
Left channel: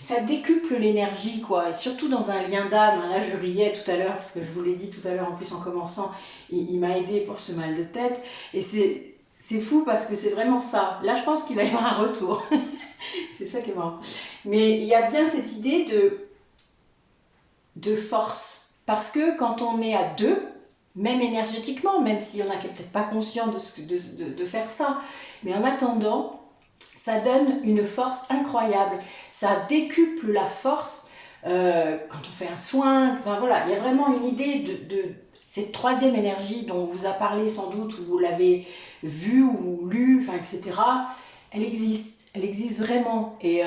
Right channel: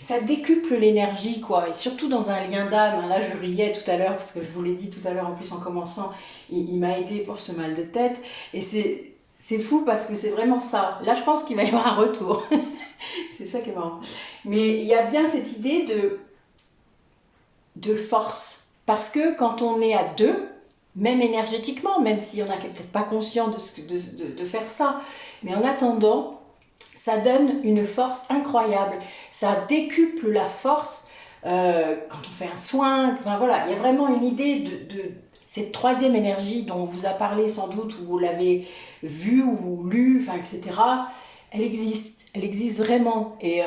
ça décuple l'énergie, quoi, et surtout dans un lien d'âme. Là, je riais tout à l'heure, parce que je vous l'ai dit tout à l'heure, en plus en commençant, il m'a aidé pour ce mal de tête, et c'est fou parce que c'est vraiment ça. Là, je pense qu'il va y avoir un retour. C'est ça qui est marrant. Mais il y a bien cette idée de force, parce que quand on est à deux, même énergétiquement, même s'il y en a qui n'est peut-être pas conscient de faire ça, mais en attendant, ça donne une force incroyable. Ça décuple la force quand on fait un soin. Enfin voilà, il y a vraiment une idée de cette troisième énergie dont on vous a parlé sans doute, ou vous l'avez vue ou lu, enfin, etc. Elle existe vraiment. Et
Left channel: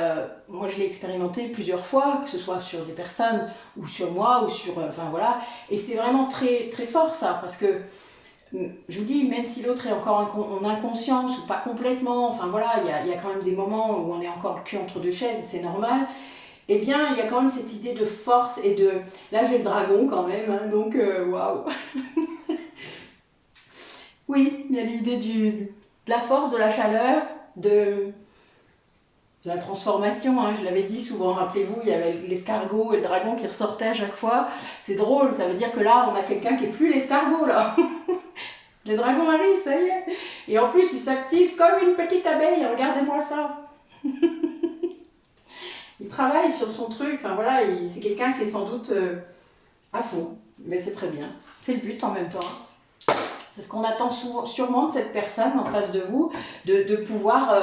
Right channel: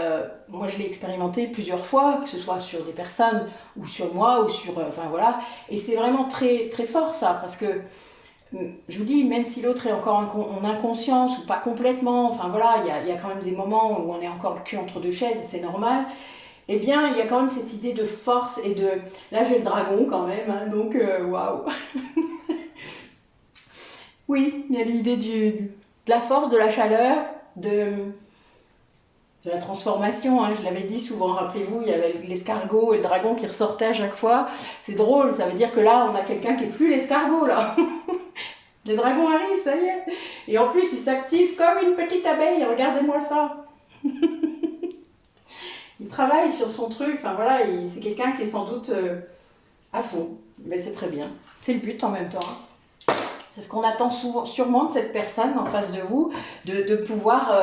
moi, je l'ai expérimenté plusieurs fois, que ce soit sur des personnes ou sur moi, ou sur... enfin voilà. Et c'est vraiment très, très fort ça, parce que je vous dis, même si l'autre est encore en inconscience ou pas complètement, enfin voilà, il y a quand même des moments où on est encore le cul entre deux chaises et c'est normal, eh bien il y a quand même cette idée de force et de... Là j'ai le dragon quand même, hein, donc waouh. Oui, il y a l'idée de la force, de la chaleur, de la transformation, hein, je l'avais dit souvent, rappelez-vous, il y avait l'escargot et le dragon qui ressortaient à chaque fois. C'est drôle, ça veut dire que là on a quelqu'un qui n'est plus l'escargot là. Le dragon arrive, ça y est. Et en plus, il s'active comme une petite abeille. Regardez-moi ça. Il travaille sur son truc. Enfin voilà, c'est quelqu'un qui est sans doute à fond. Mais c'est très bien. C'est le but en même temps. C'est ce qu'on attend sûrement de cette personne en face de vous, de pouvoir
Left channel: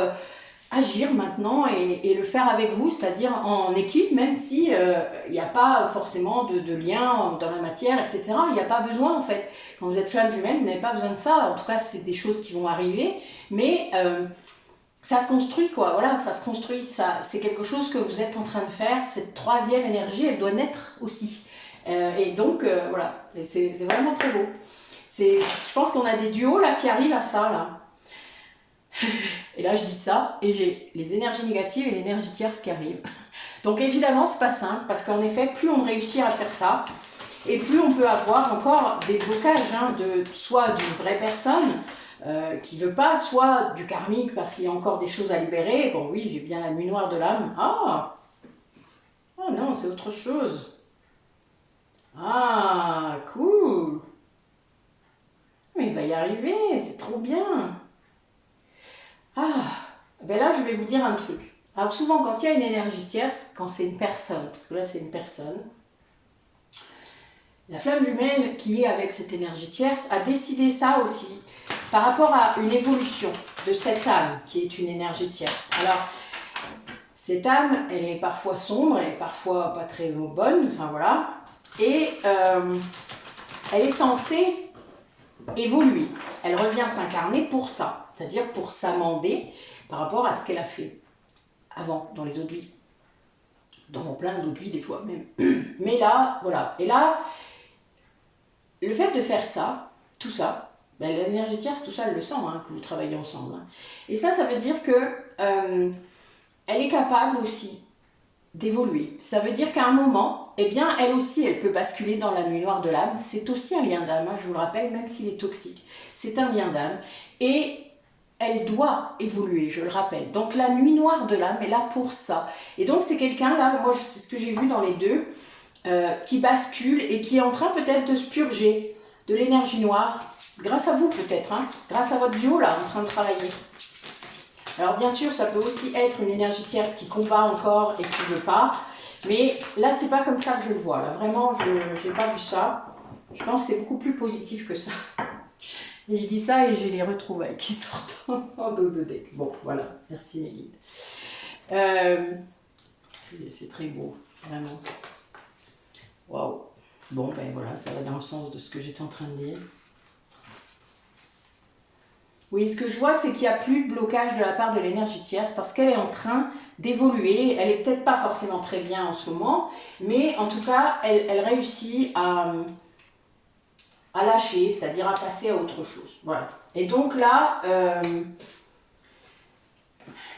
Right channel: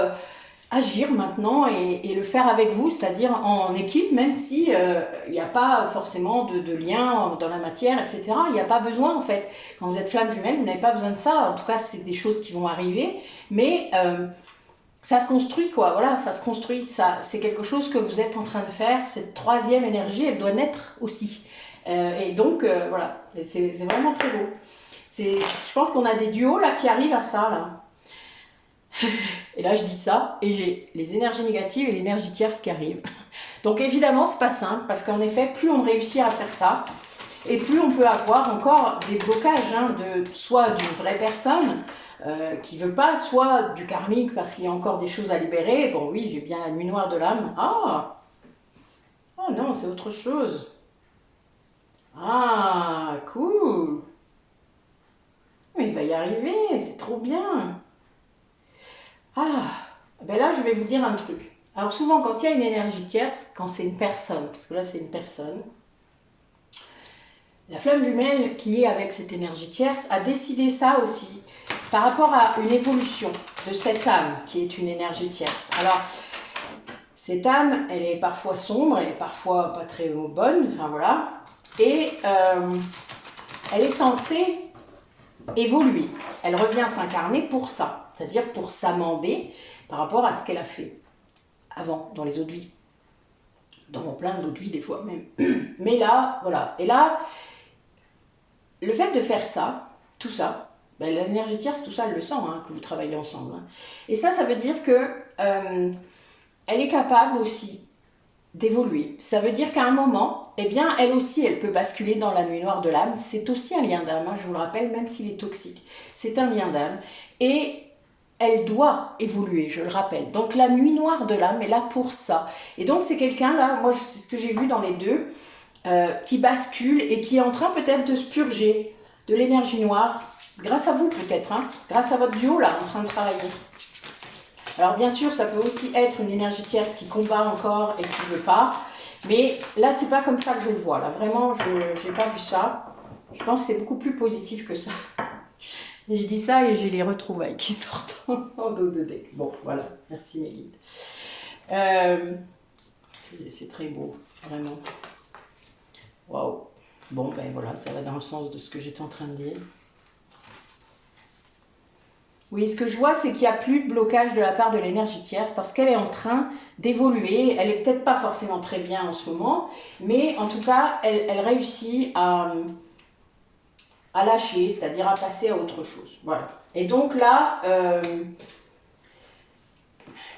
agir maintenant et le faire avec vous, c'est-à-dire en équipe, même si il n'y a pas forcément de lien dans la matière, etc. Il n'y a pas besoin en fait. Quand vous êtes flamme jumelle, vous n'avez pas besoin de ça. En tout cas, c'est des choses qui vont arriver, mais ça se construit, quoi. Voilà, ça se construit. Ça, c'est quelque chose que vous êtes en train de faire. Cette troisième énergie, elle doit naître aussi. Et donc, voilà, c'est vraiment très beau. Je pense qu'on a des duos là qui arrivent à ça, là. Et là, je dis ça, et j'ai les énergies négatives et l'énergie tierce qui arrivent. Donc évidemment, c'est pas simple, parce qu'en effet, plus on réussit à faire ça, et plus on peut avoir encore des blocages, hein, soit d'une vraie personne qui veut pas, soit du karmique, parce qu'il y a encore des choses à libérer. Bon oui, j'ai bien la nuit noire de l'âme. Ah non, c'est autre chose. Ah, cool. Mais il va y arriver, c'est trop bien. Ah, ben là, je vais vous dire un truc. Alors souvent, quand il y a une énergie tierce, quand c'est une personne, parce que là, c'est une personne, la flamme jumelle qui est avec cette énergie tierce a décidé ça aussi, par rapport à une évolution de cette âme qui est une énergie tierce. Alors, cette âme, elle est parfois sombre, elle est parfois pas très bonne, enfin voilà, et elle est censée évoluer. Elle revient s'incarner pour ça, c'est-à-dire pour s'amender par rapport à ce qu'elle a fait avant, dans les autres vies. Dans plein d'autres vies, des fois même. Mais là, voilà. Et là, le fait de faire ça, tout ça, ben, l'énergie tierce, tout ça, elle le sent, hein, que vous travaillez ensemble. Hein. Et ça veut dire que elle est capable aussi d'évoluer. Ça veut dire qu'à un moment, eh bien, elle aussi, elle peut basculer dans la nuit noire de l'âme. C'est aussi un lien d'âme, hein, je vous le rappelle, même s'il est toxique. C'est un lien d'âme. Et elle doit évoluer, je le rappelle. Donc la nuit noire de l'âme est là pour ça. Et donc c'est quelqu'un là, moi c'est ce que j'ai vu dans les deux, qui bascule et qui est en train peut-être de se purger de l'énergie noire, grâce à vous peut-être, hein, grâce à votre duo là, en train de travailler. Alors bien sûr, ça peut aussi être une énergie tierce qui combat encore et qui ne veut pas, mais là c'est pas comme ça que je le vois. Là vraiment, je n'ai pas vu ça. Je pense que c'est beaucoup plus positif que ça. Et je dis ça et j'ai les retrouvailles qui sortent en dos de deck. Bon, voilà. Merci mes guides. C'est très beau, vraiment. Waouh. Bon, ben voilà, ça va dans le sens de ce que j'étais en train de dire. Oui, ce que je vois, c'est qu'il n'y a plus de blocage de la part de l'énergie tierce parce qu'elle est en train d'évoluer. Elle n'est peut-être pas forcément très bien en ce moment, mais en tout cas, elle réussit à lâcher, c'est-à-dire à passer à autre chose. Voilà. Et donc là,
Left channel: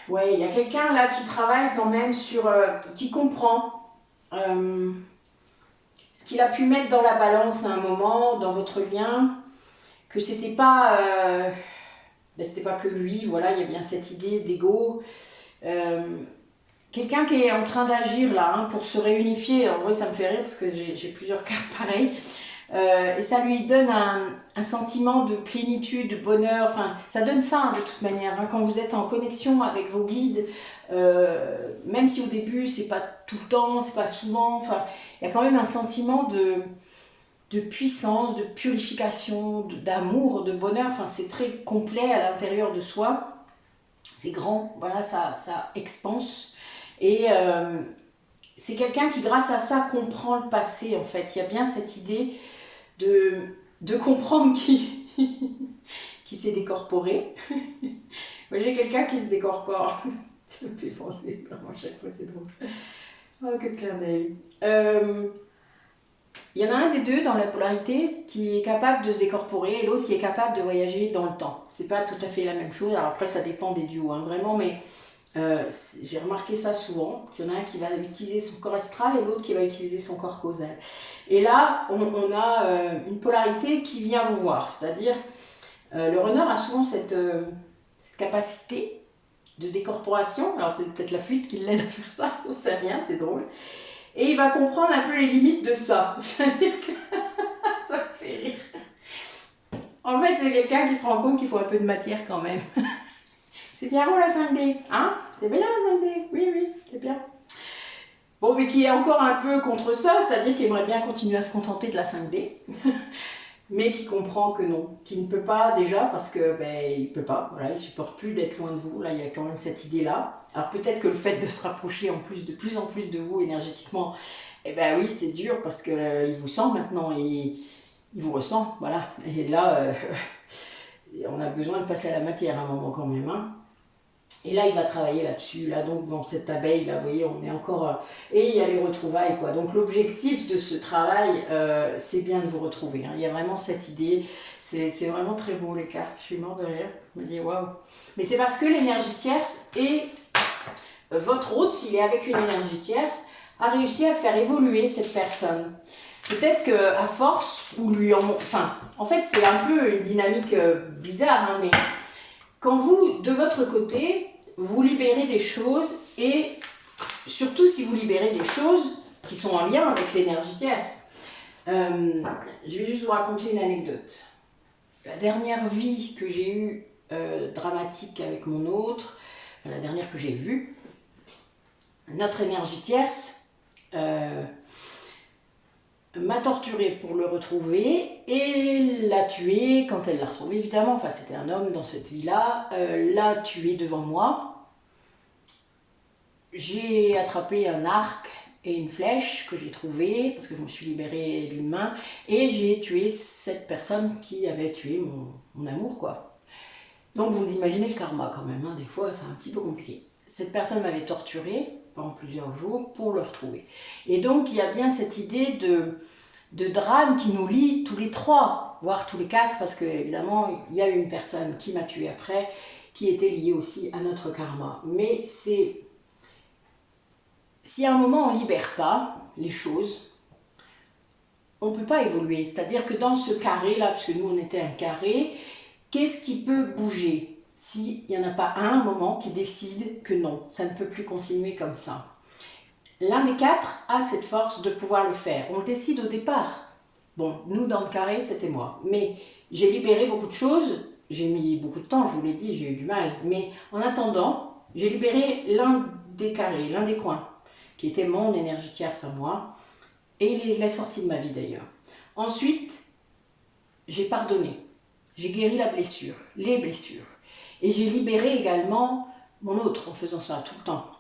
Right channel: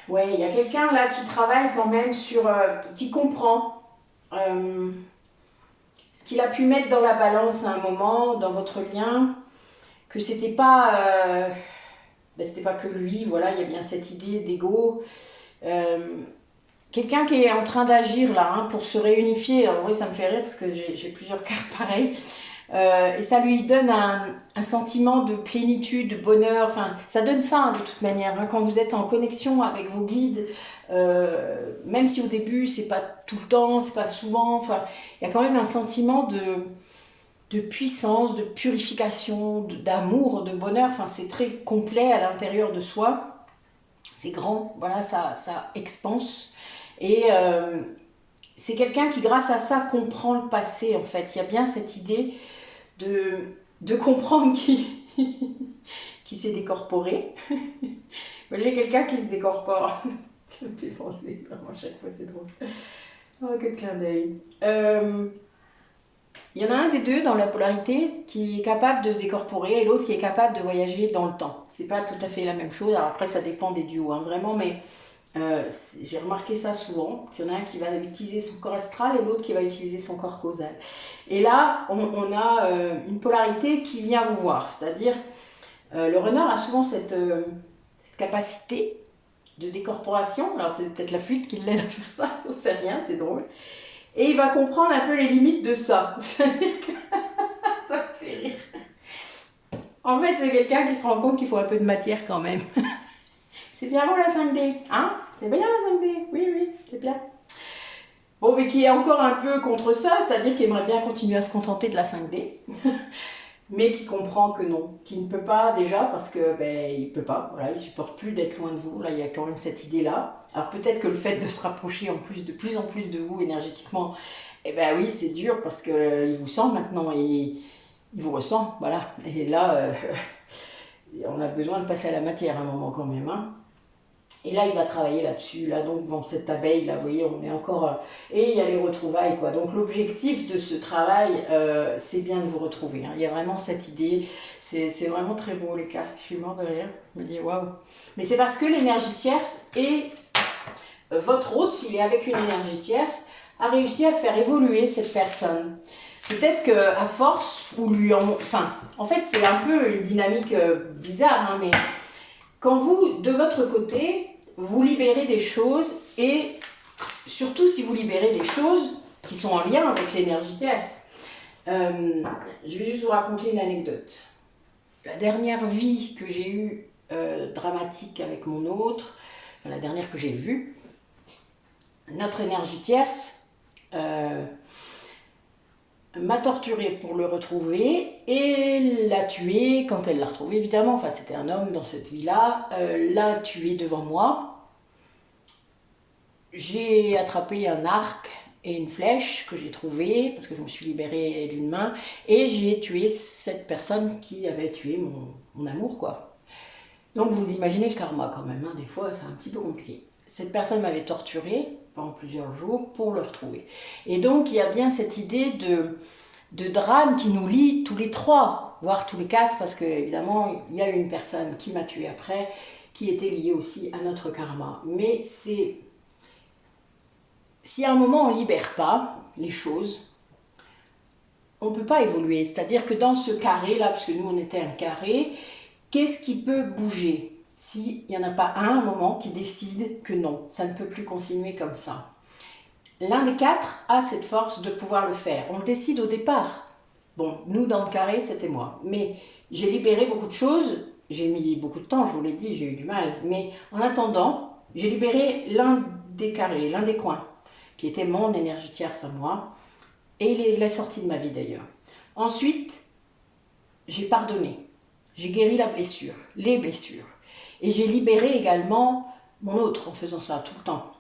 ouais, il y a quelqu'un là qui travaille quand même sur, qui comprend ce qu'il a pu mettre dans la balance à un moment, dans votre lien, que c'était pas que lui, voilà, il y a bien cette idée d'ego. Quelqu'un qui est en train d'agir là, hein, pour se réunifier. En vrai, ça me fait rire parce que j'ai plusieurs cartes pareilles. Et ça lui donne un sentiment de plénitude, de bonheur. Enfin, ça donne ça hein, de toute manière. Hein, quand vous êtes en connexion avec vos guides, même si au début c'est pas tout le temps, c'est pas souvent. Enfin, il y a quand même un sentiment de puissance, de purification, d'amour, de bonheur. Enfin, c'est très complet à l'intérieur de soi. C'est grand. Voilà, ça expanse. Et c'est quelqu'un qui, grâce à ça, comprend le passé. En fait, il y a bien cette idée de comprendre qui s'est décorporé. Moi, j'ai quelqu'un qui se décorpore. Ça me fait penser, vraiment, à chaque fois, c'est drôle. Oh, quel clin d'œil. Il y en a un des deux dans la polarité qui est capable de se décorporer et l'autre qui est capable de voyager dans le temps. C'est pas tout à fait la même chose. Alors après, ça dépend des duos, hein, vraiment, mais j'ai remarqué ça souvent, qu'il y en a un qui va utiliser son corps astral et l'autre qui va utiliser son corps causal. Et là, on a une polarité qui vient vous voir, c'est-à-dire le runner a souvent cette capacité de décorporation, alors c'est peut-être la fuite qui l'aide à faire ça, on sait rien, c'est drôle, et il va comprendre un peu les limites de ça, c'est-à-dire que ça me fait rire. En fait, c'est quelqu'un qui se rend compte qu'il faut un peu de matière quand même. C'est bien beau la 5D, hein? C'est bien la 5D, oui, oui, c'est bien. Bon, mais qui est encore un peu contre ça, c'est-à-dire qu'il aimerait bien continuer à se contenter de la 5D, mais qui comprend que non, qui ne peut pas déjà parce que ben il peut pas, voilà, il supporte plus d'être loin de vous. Là, il y a quand même cette idée-là. Alors peut-être que le fait de se rapprocher de plus en plus de vous énergétiquement, eh ben oui, c'est dur parce que il vous sent maintenant et il vous ressent, voilà. Et là, on a besoin de passer à la matière à un moment quand même, hein. Et là, il va travailler là-dessus. Là, donc, bon, cette abeille, là, vous voyez, on est encore... Et il y a les retrouvailles, quoi. Donc, l'objectif de ce travail, c'est bien de vous retrouver. Hein. Il y a vraiment cette idée. C'est vraiment très beau, les cartes. Je suis morte de rire. Je me dis, waouh. Mais c'est parce que l'énergie tierce et votre hôte, s'il est avec une énergie tierce, a réussi à faire évoluer cette personne. Peut-être qu'à force, ou lui en... Enfin, en fait, c'est un peu une dynamique bizarre, hein, mais quand vous, de votre côté, vous libérez des choses et surtout si vous libérez des choses qui sont en lien avec l'énergie tierce. Je vais juste vous raconter une anecdote. La dernière vie que j'ai eue dramatique avec mon autre, la dernière que j'ai vue, notre énergie tierce m'a torturée pour le retrouver et l'a tué quand elle l'a retrouvé évidemment, enfin c'était un homme dans cette vie-là, l'a tué devant moi. J'ai attrapé un arc et une flèche que j'ai trouvé parce que je me suis libérée d'une main et j'ai tué cette personne qui avait tué mon amour, quoi. Donc vous imaginez le karma quand même, hein, des fois c'est un petit peu compliqué. Cette personne m'avait torturée pendant plusieurs jours pour le retrouver. Et donc il y a bien cette idée de drame qui nous lie tous les trois, voire tous les quatre, parce que évidemment il y a une personne qui m'a tué après, qui était liée aussi à notre karma. Mais c'est... Si à un moment on ne libère pas les choses, on ne peut pas évoluer. C'est-à-dire que dans ce carré-là, parce que nous on était un carré, qu'est-ce qui peut bouger s'il n'y en a pas un moment qui décide que non, ça ne peut plus continuer comme ça? L'un des quatre a cette force de pouvoir le faire. On le décide au départ. Bon, nous dans le carré, c'était moi. Mais j'ai libéré beaucoup de choses. J'ai mis beaucoup de temps, je vous l'ai dit, j'ai eu du mal. Mais en attendant, j'ai libéré l'un des carrés, l'un des coins, qui était mon énergie tierce à moi. Et il est sorti de ma vie d'ailleurs. Ensuite, j'ai pardonné. J'ai guéri la blessure, les blessures. Et j'ai libéré également mon autre en faisant ça tout le temps.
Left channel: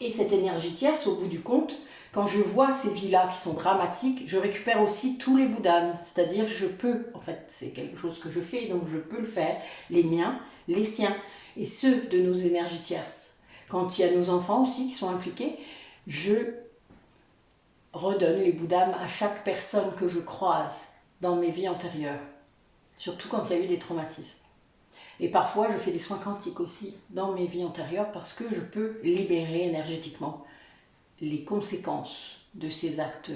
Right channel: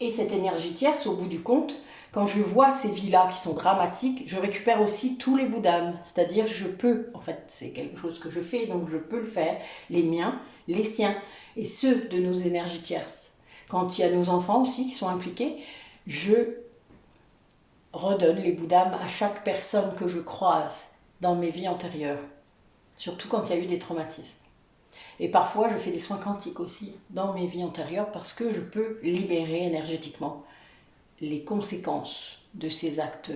Et cette énergie tierce, au bout du compte, quand je vois ces vies-là qui sont dramatiques, je récupère aussi tous les bouts d'âme. C'est-à-dire je peux, en fait c'est quelque chose que je fais, donc je peux le faire, les miens, les siens, et ceux de nos énergies tierces. Quand il y a nos enfants aussi qui sont impliqués, je redonne les bouts d'âme à chaque personne que je croise dans mes vies antérieures. Surtout quand il y a eu des traumatismes. Et parfois, je fais des soins quantiques aussi dans mes vies antérieures parce que je peux libérer énergétiquement les conséquences de ces actes.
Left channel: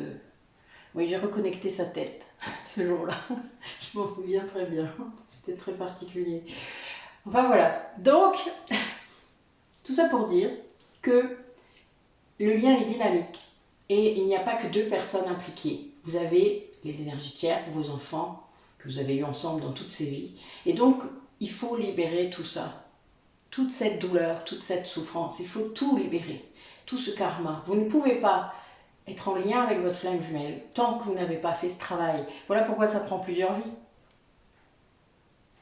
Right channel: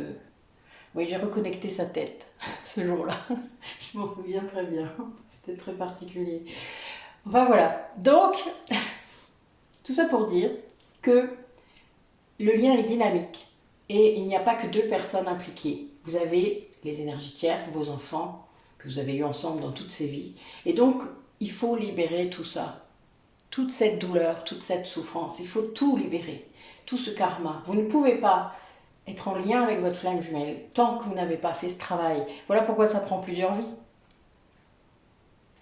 Oui, j'ai reconnecté sa tête ce jour-là. Je m'en souviens très bien. C'était très particulier. Enfin voilà. Donc, tout ça pour dire que le lien est dynamique et il n'y a pas que deux personnes impliquées. Vous avez les énergies tierces, vos enfants, que vous avez eu ensemble dans toutes ces vies. Et donc, il faut libérer tout ça. Toute cette douleur, toute cette souffrance. Il faut tout libérer. Tout ce karma. Vous ne pouvez pas être en lien avec votre flamme jumelle tant que vous n'avez pas fait ce travail. Voilà pourquoi ça prend plusieurs vies.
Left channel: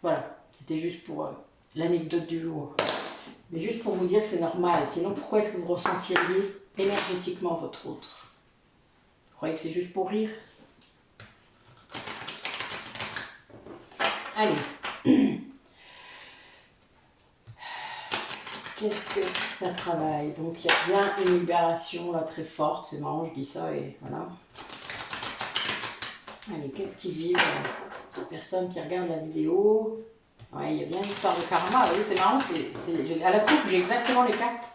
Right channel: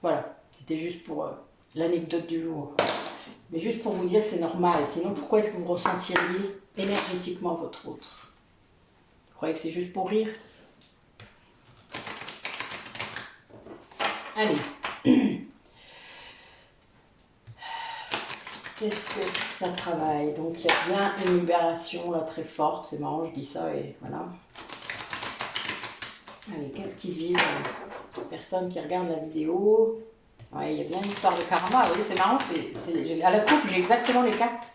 Voilà, c'était juste pour l'anecdote du jour. Mais juste pour vous dire que c'est normal. Sinon, pourquoi est-ce que vous ressentiriez énergétiquement votre autre? Vous croyez que c'est juste pour rire? Allez. Qu'est-ce que ça travaille? Donc, il y a bien une libération là très forte. C'est marrant, je dis ça et voilà. Allez, qu'est-ce qu'ils vivent les personnes qui regardent la vidéo? Ouais, il y a bien une histoire de karma. Oui, c'est marrant. À la coupe, j'ai exactement les cartes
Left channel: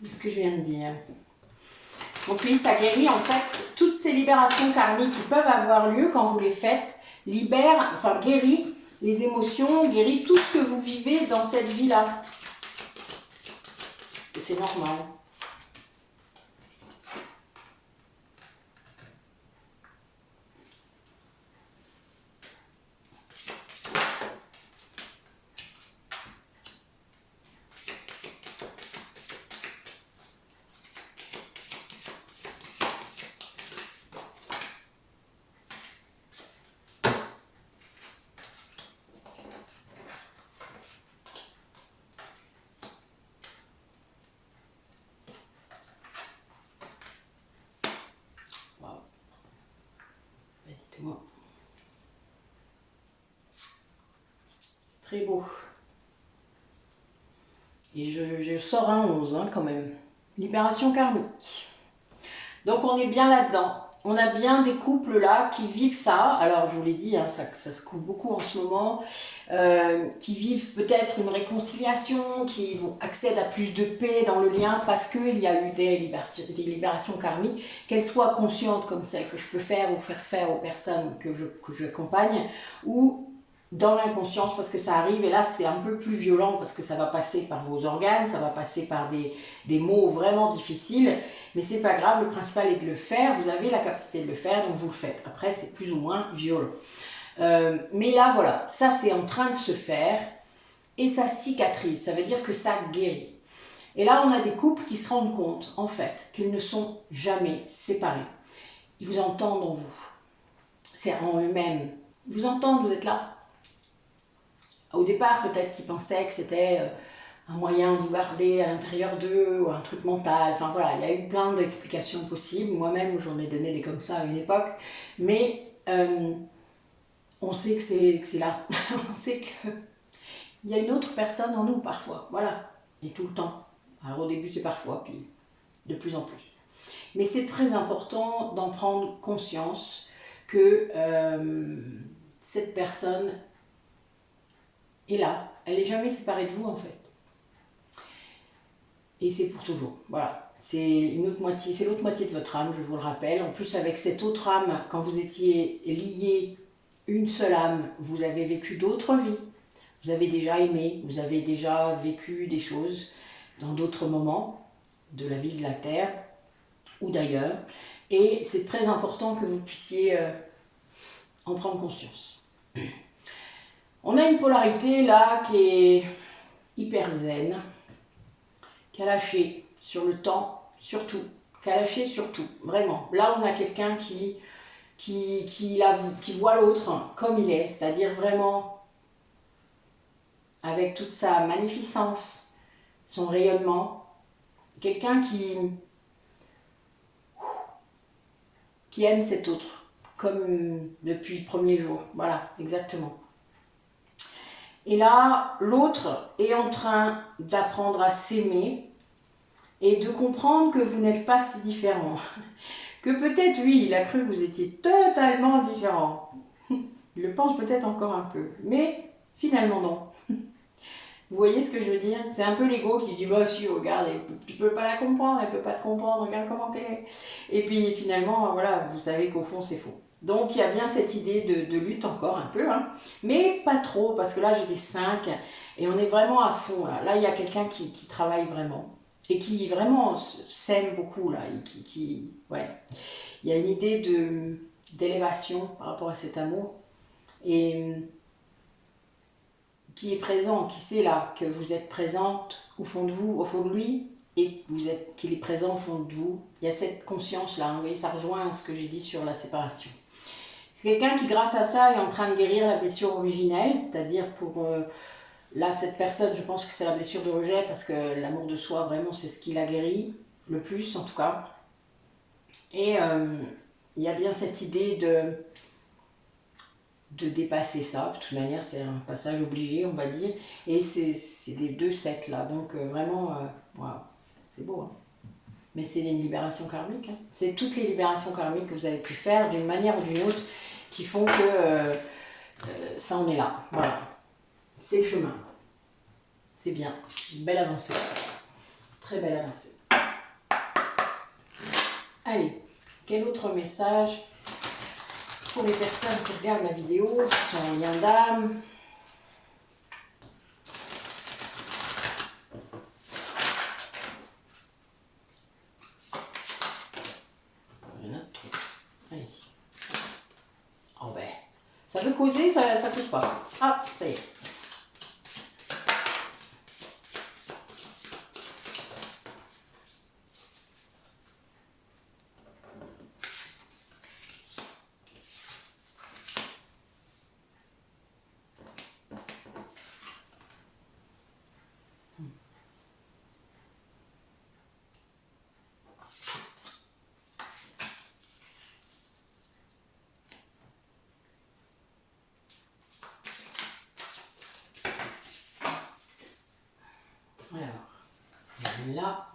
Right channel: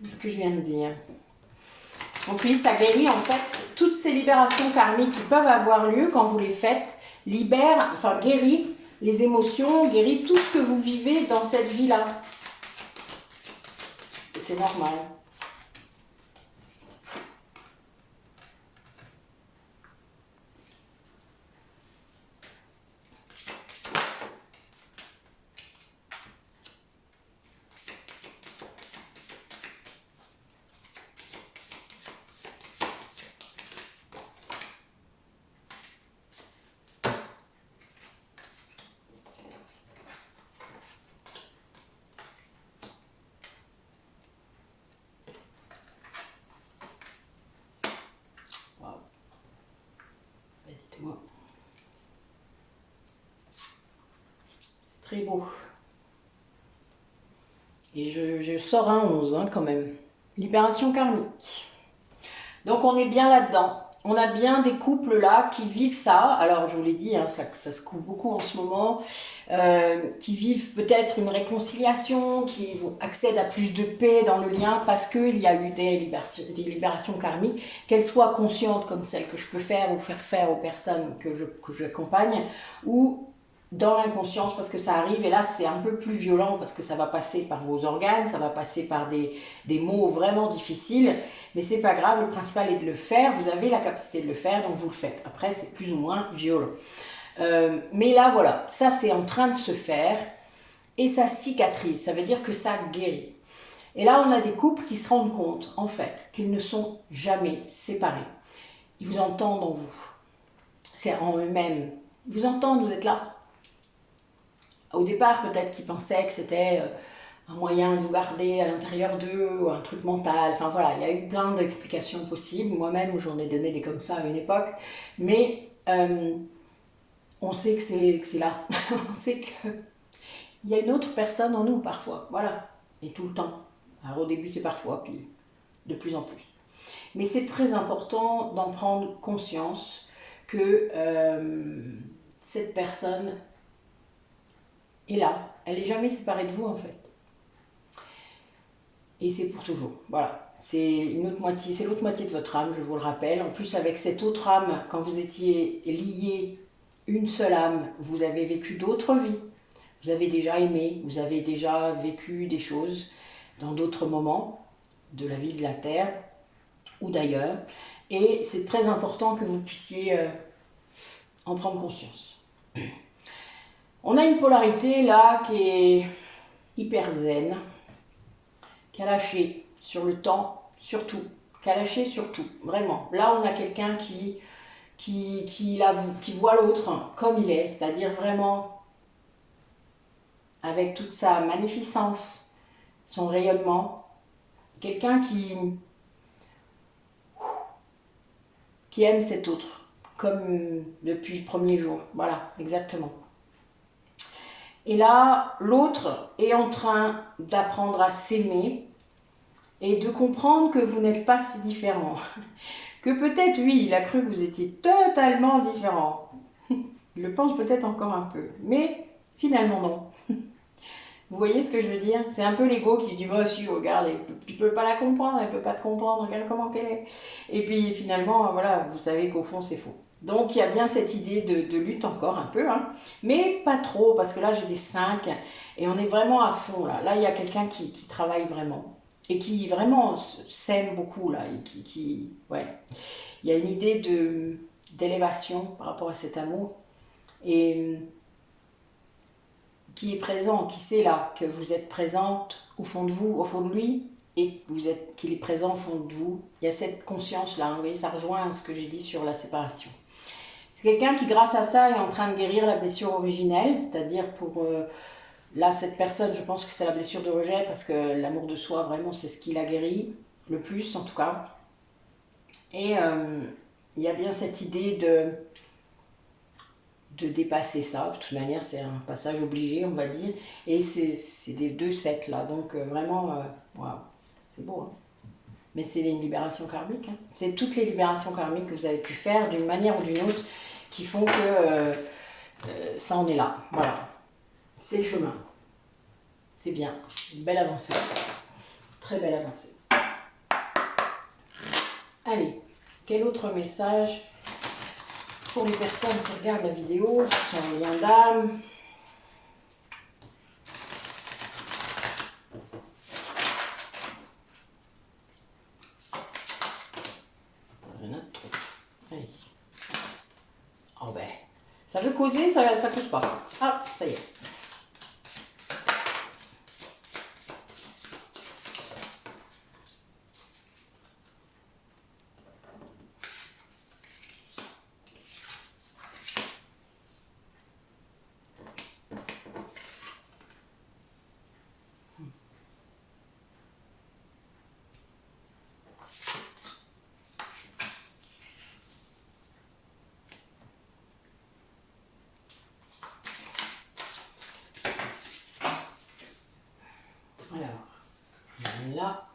de ce que je viens de dire. Donc oui, ça guérit en fait toutes ces libérations karmiques qui peuvent avoir lieu quand vous les faites, guérit les émotions, guérit tout ce que vous vivez dans cette vie-là. Et c'est normal. Dites-moi. C'est très beau. Et je sors un 11 hein, quand même. Libération karmique. Donc on est bien là-dedans. On a bien des couples là qui vivent ça. Alors je vous l'ai dit, hein, ça se coupe beaucoup en ce moment. Qui vivent peut-être une réconciliation, qui accèdent à plus de paix dans le lien parce qu'il y a eu des libérations karmiques, qu'elles soient conscientes comme celles que je peux faire ou faire aux personnes que j'accompagne, ou dans l'inconscience parce que ça arrive et là c'est un peu plus violent parce que ça va passer par vos organes, ça va passer par des mots vraiment difficiles, mais c'est pas grave, le principal est de le faire, vous avez la capacité de le faire donc vous le faites, après c'est plus ou moins violent. Mais là voilà, ça c'est en train de se faire et ça cicatrise, ça veut dire que ça guérit. Et là on a des couples qui se rendent compte en fait qu'ils ne sont jamais séparés. Ils vous entendent en vous, c'est en eux-mêmes, ils vous entendent, vous êtes là. Au départ, peut-être qu'ils pensaient que c'était un moyen de vous garder à l'intérieur d'eux, ou un truc mental. Enfin voilà, il y a eu plein d'explications possibles. Moi-même, j'en ai donné des comme ça à une époque. Mais on sait que c'est là. On sait qu'il y a une autre personne en nous parfois. Voilà. Et tout le temps. Alors au début, c'est parfois, puis de plus en plus. Mais c'est très important d'en prendre conscience que cette personne est là, elle n'est jamais séparée de vous en fait. Et c'est pour toujours, voilà. C'est une autre moitié, c'est l'autre moitié de votre âme, je vous le rappelle. En plus, avec cette autre âme, quand vous étiez liés, une seule âme, vous avez vécu d'autres vies. Vous avez déjà aimé, vous avez déjà vécu des choses dans d'autres moments de la vie de la Terre ou d'ailleurs. Et c'est très important que vous puissiez en prendre conscience. On a une polarité là qui est hyper zen, qui a lâché sur le temps, surtout, qui a lâché surtout, vraiment. Là, on a quelqu'un qui voit l'autre comme il est, c'est-à-dire vraiment avec toute sa magnificence, son rayonnement. Quelqu'un qui aime cet autre, comme depuis le premier jour. Voilà, exactement. Et là, l'autre est en train d'apprendre à s'aimer et de comprendre que vous n'êtes pas si différents. Que peut-être, oui, il a cru que vous étiez totalement différents. Il le pense peut-être encore un peu, mais finalement non. Vous voyez ce que je veux dire? C'est un peu l'ego qui dit, bah si, regarde, tu peux pas la comprendre, elle peut pas te comprendre, regarde comment elle est. Et puis finalement, voilà, vous savez qu'au fond, c'est faux. Donc il y a bien cette idée de lutte encore un peu, hein, mais pas trop, parce que là j'ai des 5 et on est vraiment à fond là. Là il y a quelqu'un qui travaille vraiment et qui vraiment s'aime beaucoup là. Et ouais. Il y a une idée d'élévation par rapport à cet amour et qui est présent, qui sait là que vous êtes présente au fond de vous, au fond de lui, et qu'il est présent au fond de vous. Il y a cette conscience-là, vous voyez, ça rejoint ce que j'ai dit sur la séparation. C'est quelqu'un qui, grâce à ça, est en train de guérir la blessure originelle, c'est-à-dire pour... là, cette personne, je pense que c'est la blessure de rejet, parce que l'amour de soi, vraiment, c'est ce qui l'a guéri, le plus en tout cas. Et il y a bien cette idée de dépasser ça. De toute manière, c'est un passage obligé, on va dire. Et c'est des 2 sets là. Donc vraiment, wow, c'est beau. Hein. Mais c'est une libération karmique. Hein. C'est toutes les libérations karmiques que vous avez pu faire d'une manière ou d'une autre qui font que ça en est là. Voilà. C'est le chemin. C'est bien. Une belle avancée. Très belle avancée. Allez, quel autre message pour les personnes qui regardent la vidéo, qui sont en lien d'âme? Il y en a trop. Allez. Oh ben, ça veut causer, ça cause pas. Ah, ça y est. Alors, là.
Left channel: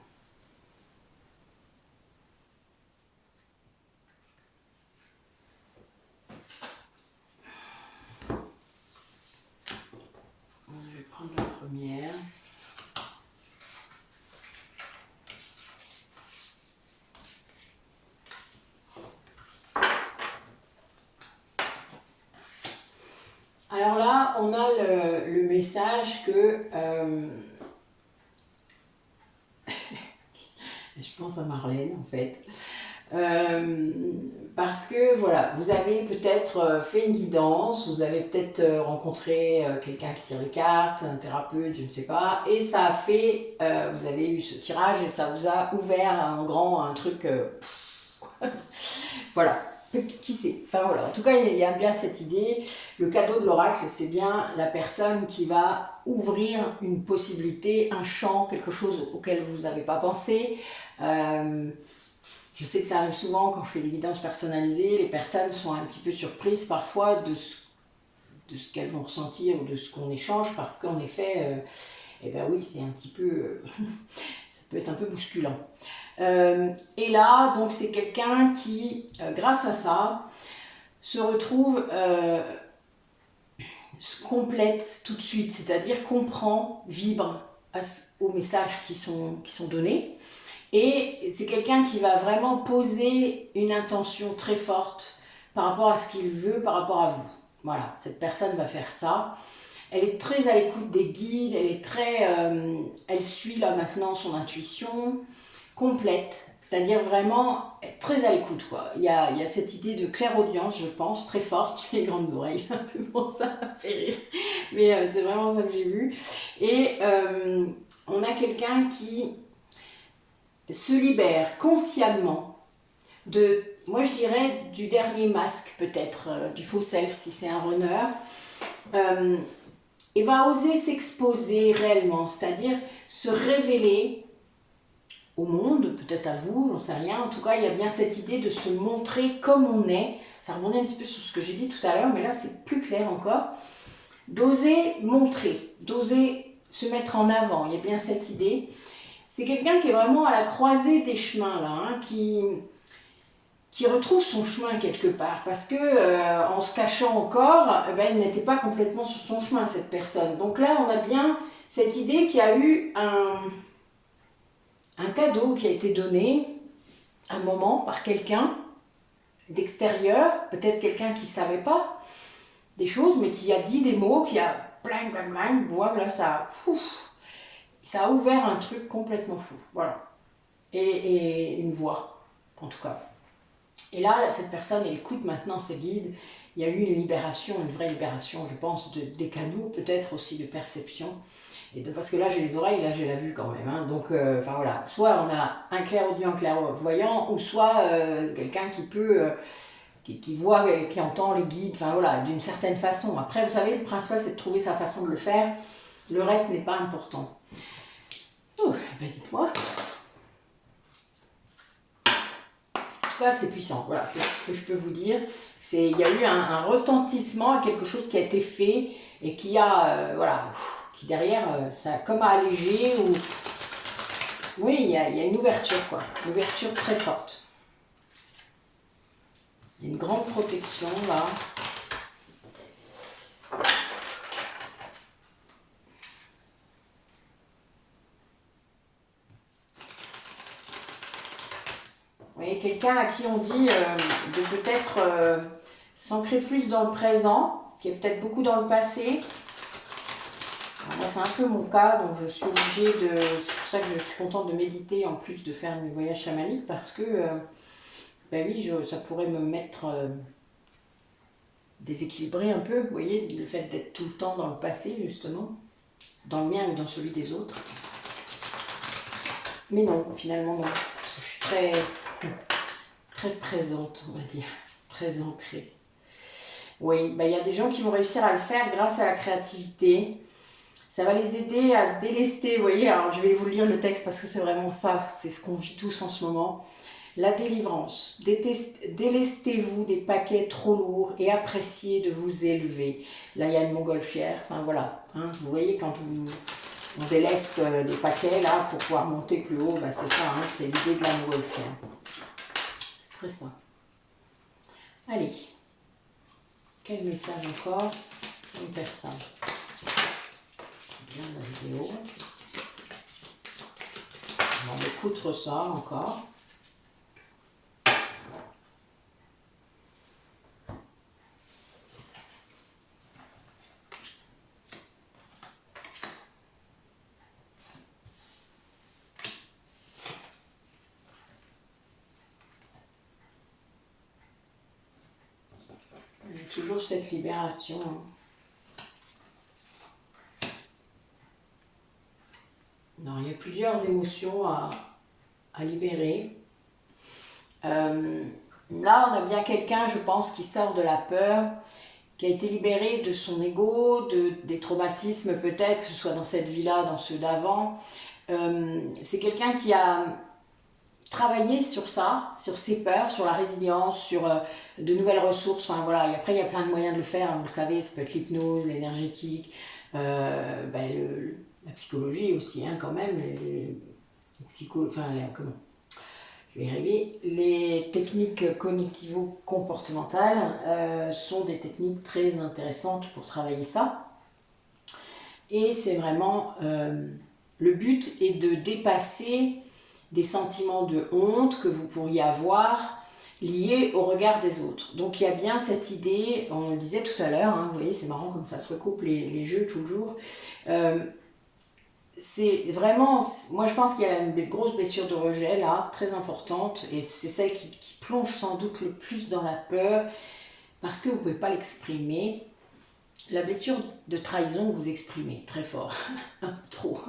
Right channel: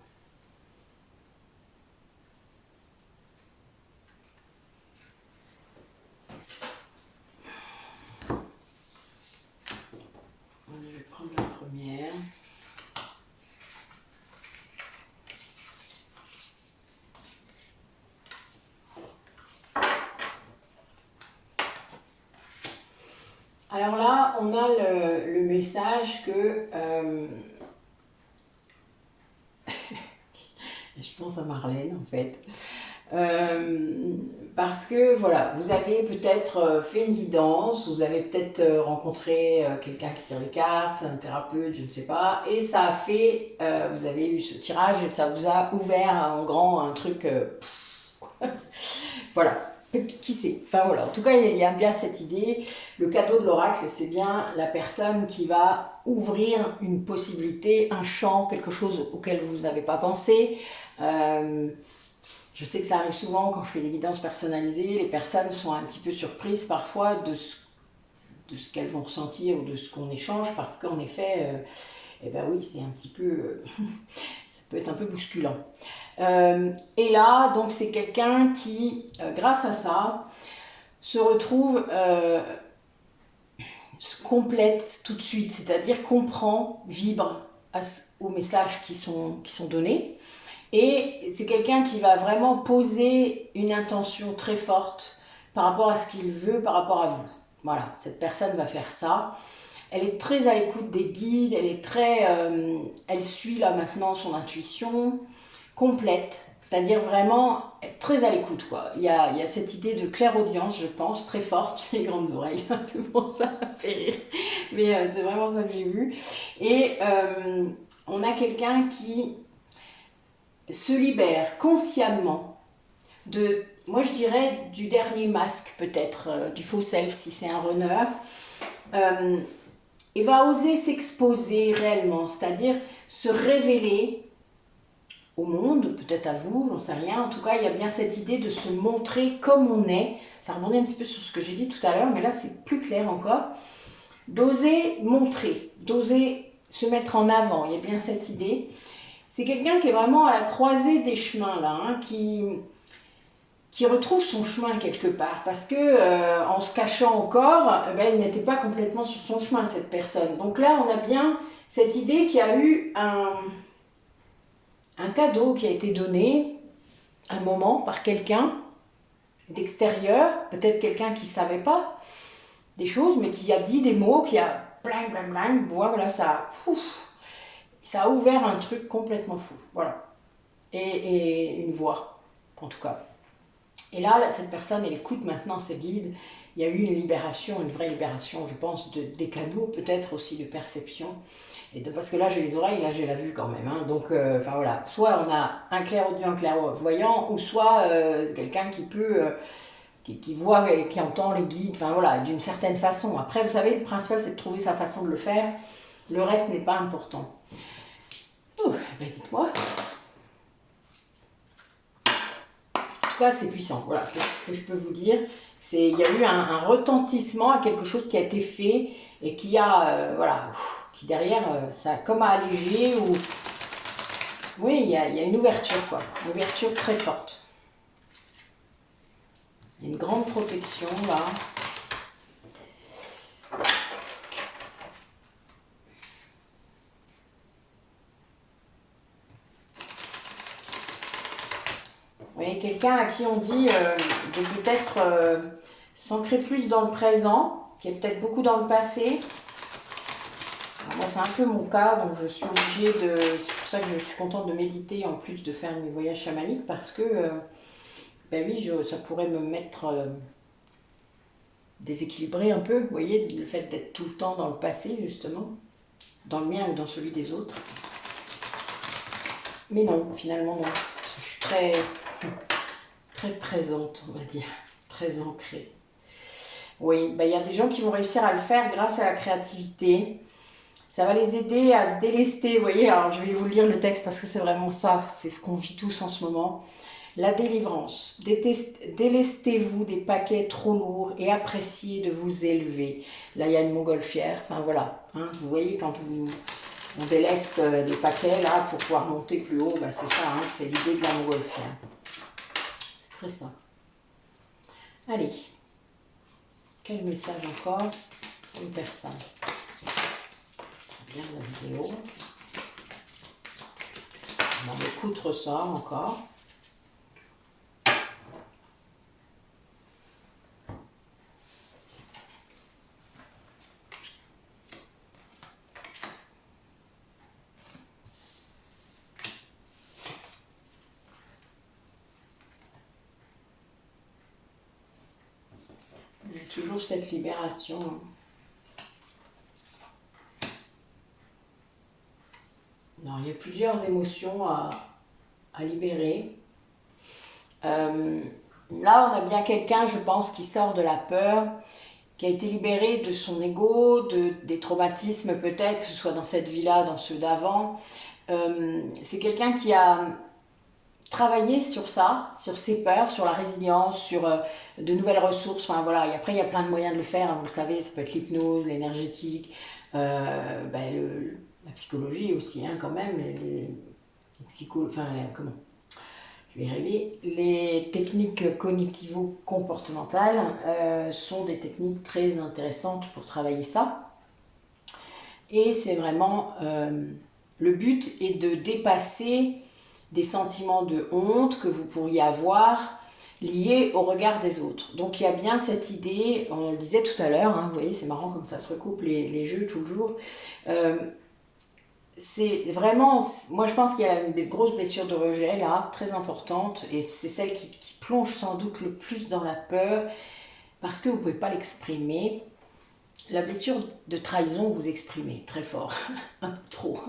Je vais prendre la première. Alors là, on a le message que... je pense à Marlène, en fait. Parce que, voilà, vous avez peut-être fait une guidance, vous avez peut-être rencontré quelqu'un qui tire les cartes, un thérapeute, je ne sais pas, et ça a fait... vous avez eu ce tirage et ça vous a ouvert en grand un truc... voilà. Qui sait? Enfin voilà, en tout cas il y a bien cette idée. Le cadeau de l'oracle, c'est bien la personne qui va ouvrir une possibilité, un champ, quelque chose auquel vous n'avez pas pensé. Je sais que ça arrive souvent quand je fais des guidances personnalisées, les personnes sont un petit peu surprises parfois de ce qu'elles vont ressentir ou de ce qu'on échange, parce qu'en effet, eh ben oui, c'est un petit peu... ça peut être un peu bousculant. Et là, donc c'est quelqu'un qui, grâce à ça, se retrouve, se complète tout de suite, c'est-à-dire comprend, vibre aux messages qui sont donnés. Et c'est quelqu'un qui va vraiment poser une intention très forte par rapport à ce qu'il veut, par rapport à vous. Voilà, cette personne va faire ça. Elle est très à l'écoute des guides, elle suit là maintenant son intuition complète, c'est-à-dire vraiment très à l'écoute, quoi. Il y a cette idée de clairaudience, je pense, très forte, les grandes oreilles, c'est pour ça, ça fait rire, mais c'est vraiment ça que j'ai vu. Et on a quelqu'un qui se libère consciemment de, moi je dirais, du dernier masque peut-être, du faux self si c'est un runner, et va oser s'exposer réellement, c'est-à-dire se révéler au monde, peut-être à vous, j'en sais rien. En tout cas, il y a bien cette idée de se montrer comme on est. Ça rebondit un petit peu sur ce que j'ai dit tout à l'heure, mais là, c'est plus clair encore. D'oser montrer, d'oser se mettre en avant. Il y a bien cette idée. C'est quelqu'un qui est vraiment à la croisée des chemins, là, hein, qui qui retrouve son chemin quelque part, parce que en se cachant encore, il n'était pas complètement sur son chemin, cette personne. Donc là, on a bien cette idée qu'il y a eu un cadeau qui a été donné à un moment par quelqu'un d'extérieur, peut-être quelqu'un qui ne savait pas des choses, mais qui a dit des mots, qui a blang, blang, blang, voilà, ça a ouvert un truc complètement fou, voilà. Et une voix, en tout cas. Et là, cette personne, elle écoute maintenant ses guides. Il y a eu une libération, une vraie libération, je pense, des canaux, peut-être aussi de perception. Parce que là, j'ai les oreilles, là, j'ai la vue quand même. Hein. Donc, enfin voilà, soit on a un clairaudient, un clairvoyant, ou soit quelqu'un qui peut, qui voit, qui entend les guides, enfin voilà, d'une certaine façon. Après, vous savez, le principal, c'est de trouver sa façon de le faire. Le reste n'est pas important. Oh, ben dites-moi. En tout cas, c'est puissant. Voilà, c'est ce que je peux vous dire. Il y a eu un retentissement à quelque chose qui a été fait et qui a, voilà, qui derrière, ça a comme allégé ou... Oui, il y a une ouverture, quoi. Une ouverture très forte. Il y a une grande protection, là. Vous voyez, quelqu'un à qui on dit de peut-être s'ancrer plus dans le présent, qui est peut-être beaucoup dans le passé. Moi, c'est un peu mon cas, donc je suis obligée de... C'est pour ça que je suis contente de méditer en plus de faire mes voyages chamaniques, parce que, ben oui, ça pourrait me mettre déséquilibré un peu, vous voyez, le fait d'être tout le temps dans le passé, justement, dans le mien ou dans celui des autres. Mais non, finalement, non. Je suis très présente, on va dire, très ancrée. Oui, ben, il y a des gens qui vont réussir à le faire grâce à la créativité. Ça va les aider à se délester, vous voyez, alors je vais vous lire le texte parce que c'est vraiment ça, c'est ce qu'on vit tous en ce moment. La délivrance. Délestez-vous des paquets trop lourds et appréciez de vous élever. Là, il y a une montgolfière, enfin voilà, hein, vous voyez, quand on déleste des paquets là pour pouvoir monter plus haut, ben, c'est ça, hein, c'est l'idée de la montgolfière. C'est très ça. Allez, quel message encore? Une personne. Bien la vidéo. On va écouter ça encore. Il y a toujours cette libération. Non, il y a plusieurs émotions à libérer. Là, on a bien quelqu'un, je pense, qui sort de la peur, qui a été libéré de son ego, des traumatismes peut-être, que ce soit dans cette vie-là, dans ceux d'avant. C'est quelqu'un qui a travaillé sur ça, sur ses peurs, sur la résilience, sur de nouvelles ressources. Enfin voilà, et après il y a plein de moyens de le faire, hein, vous le savez, ça peut être l'hypnose, l'énergétique, la psychologie aussi, hein, quand même, comment je vais y arriver. Les techniques cognitivo-comportementales sont des techniques très intéressantes pour travailler ça. Et c'est vraiment, le but est de dépasser des sentiments de honte que vous pourriez avoir liés au regard des autres. Donc il y a bien cette idée, on le disait tout à l'heure, hein, vous voyez, c'est marrant comme ça se recoupe les jeux toujours. C'est vraiment, moi je pense qu'il y a une grosse blessure de rejet là, très importante, et c'est celle qui plonge sans doute le plus dans la peur, parce que vous ne pouvez pas l'exprimer. La blessure de trahison, vous exprimez très fort, un peu trop.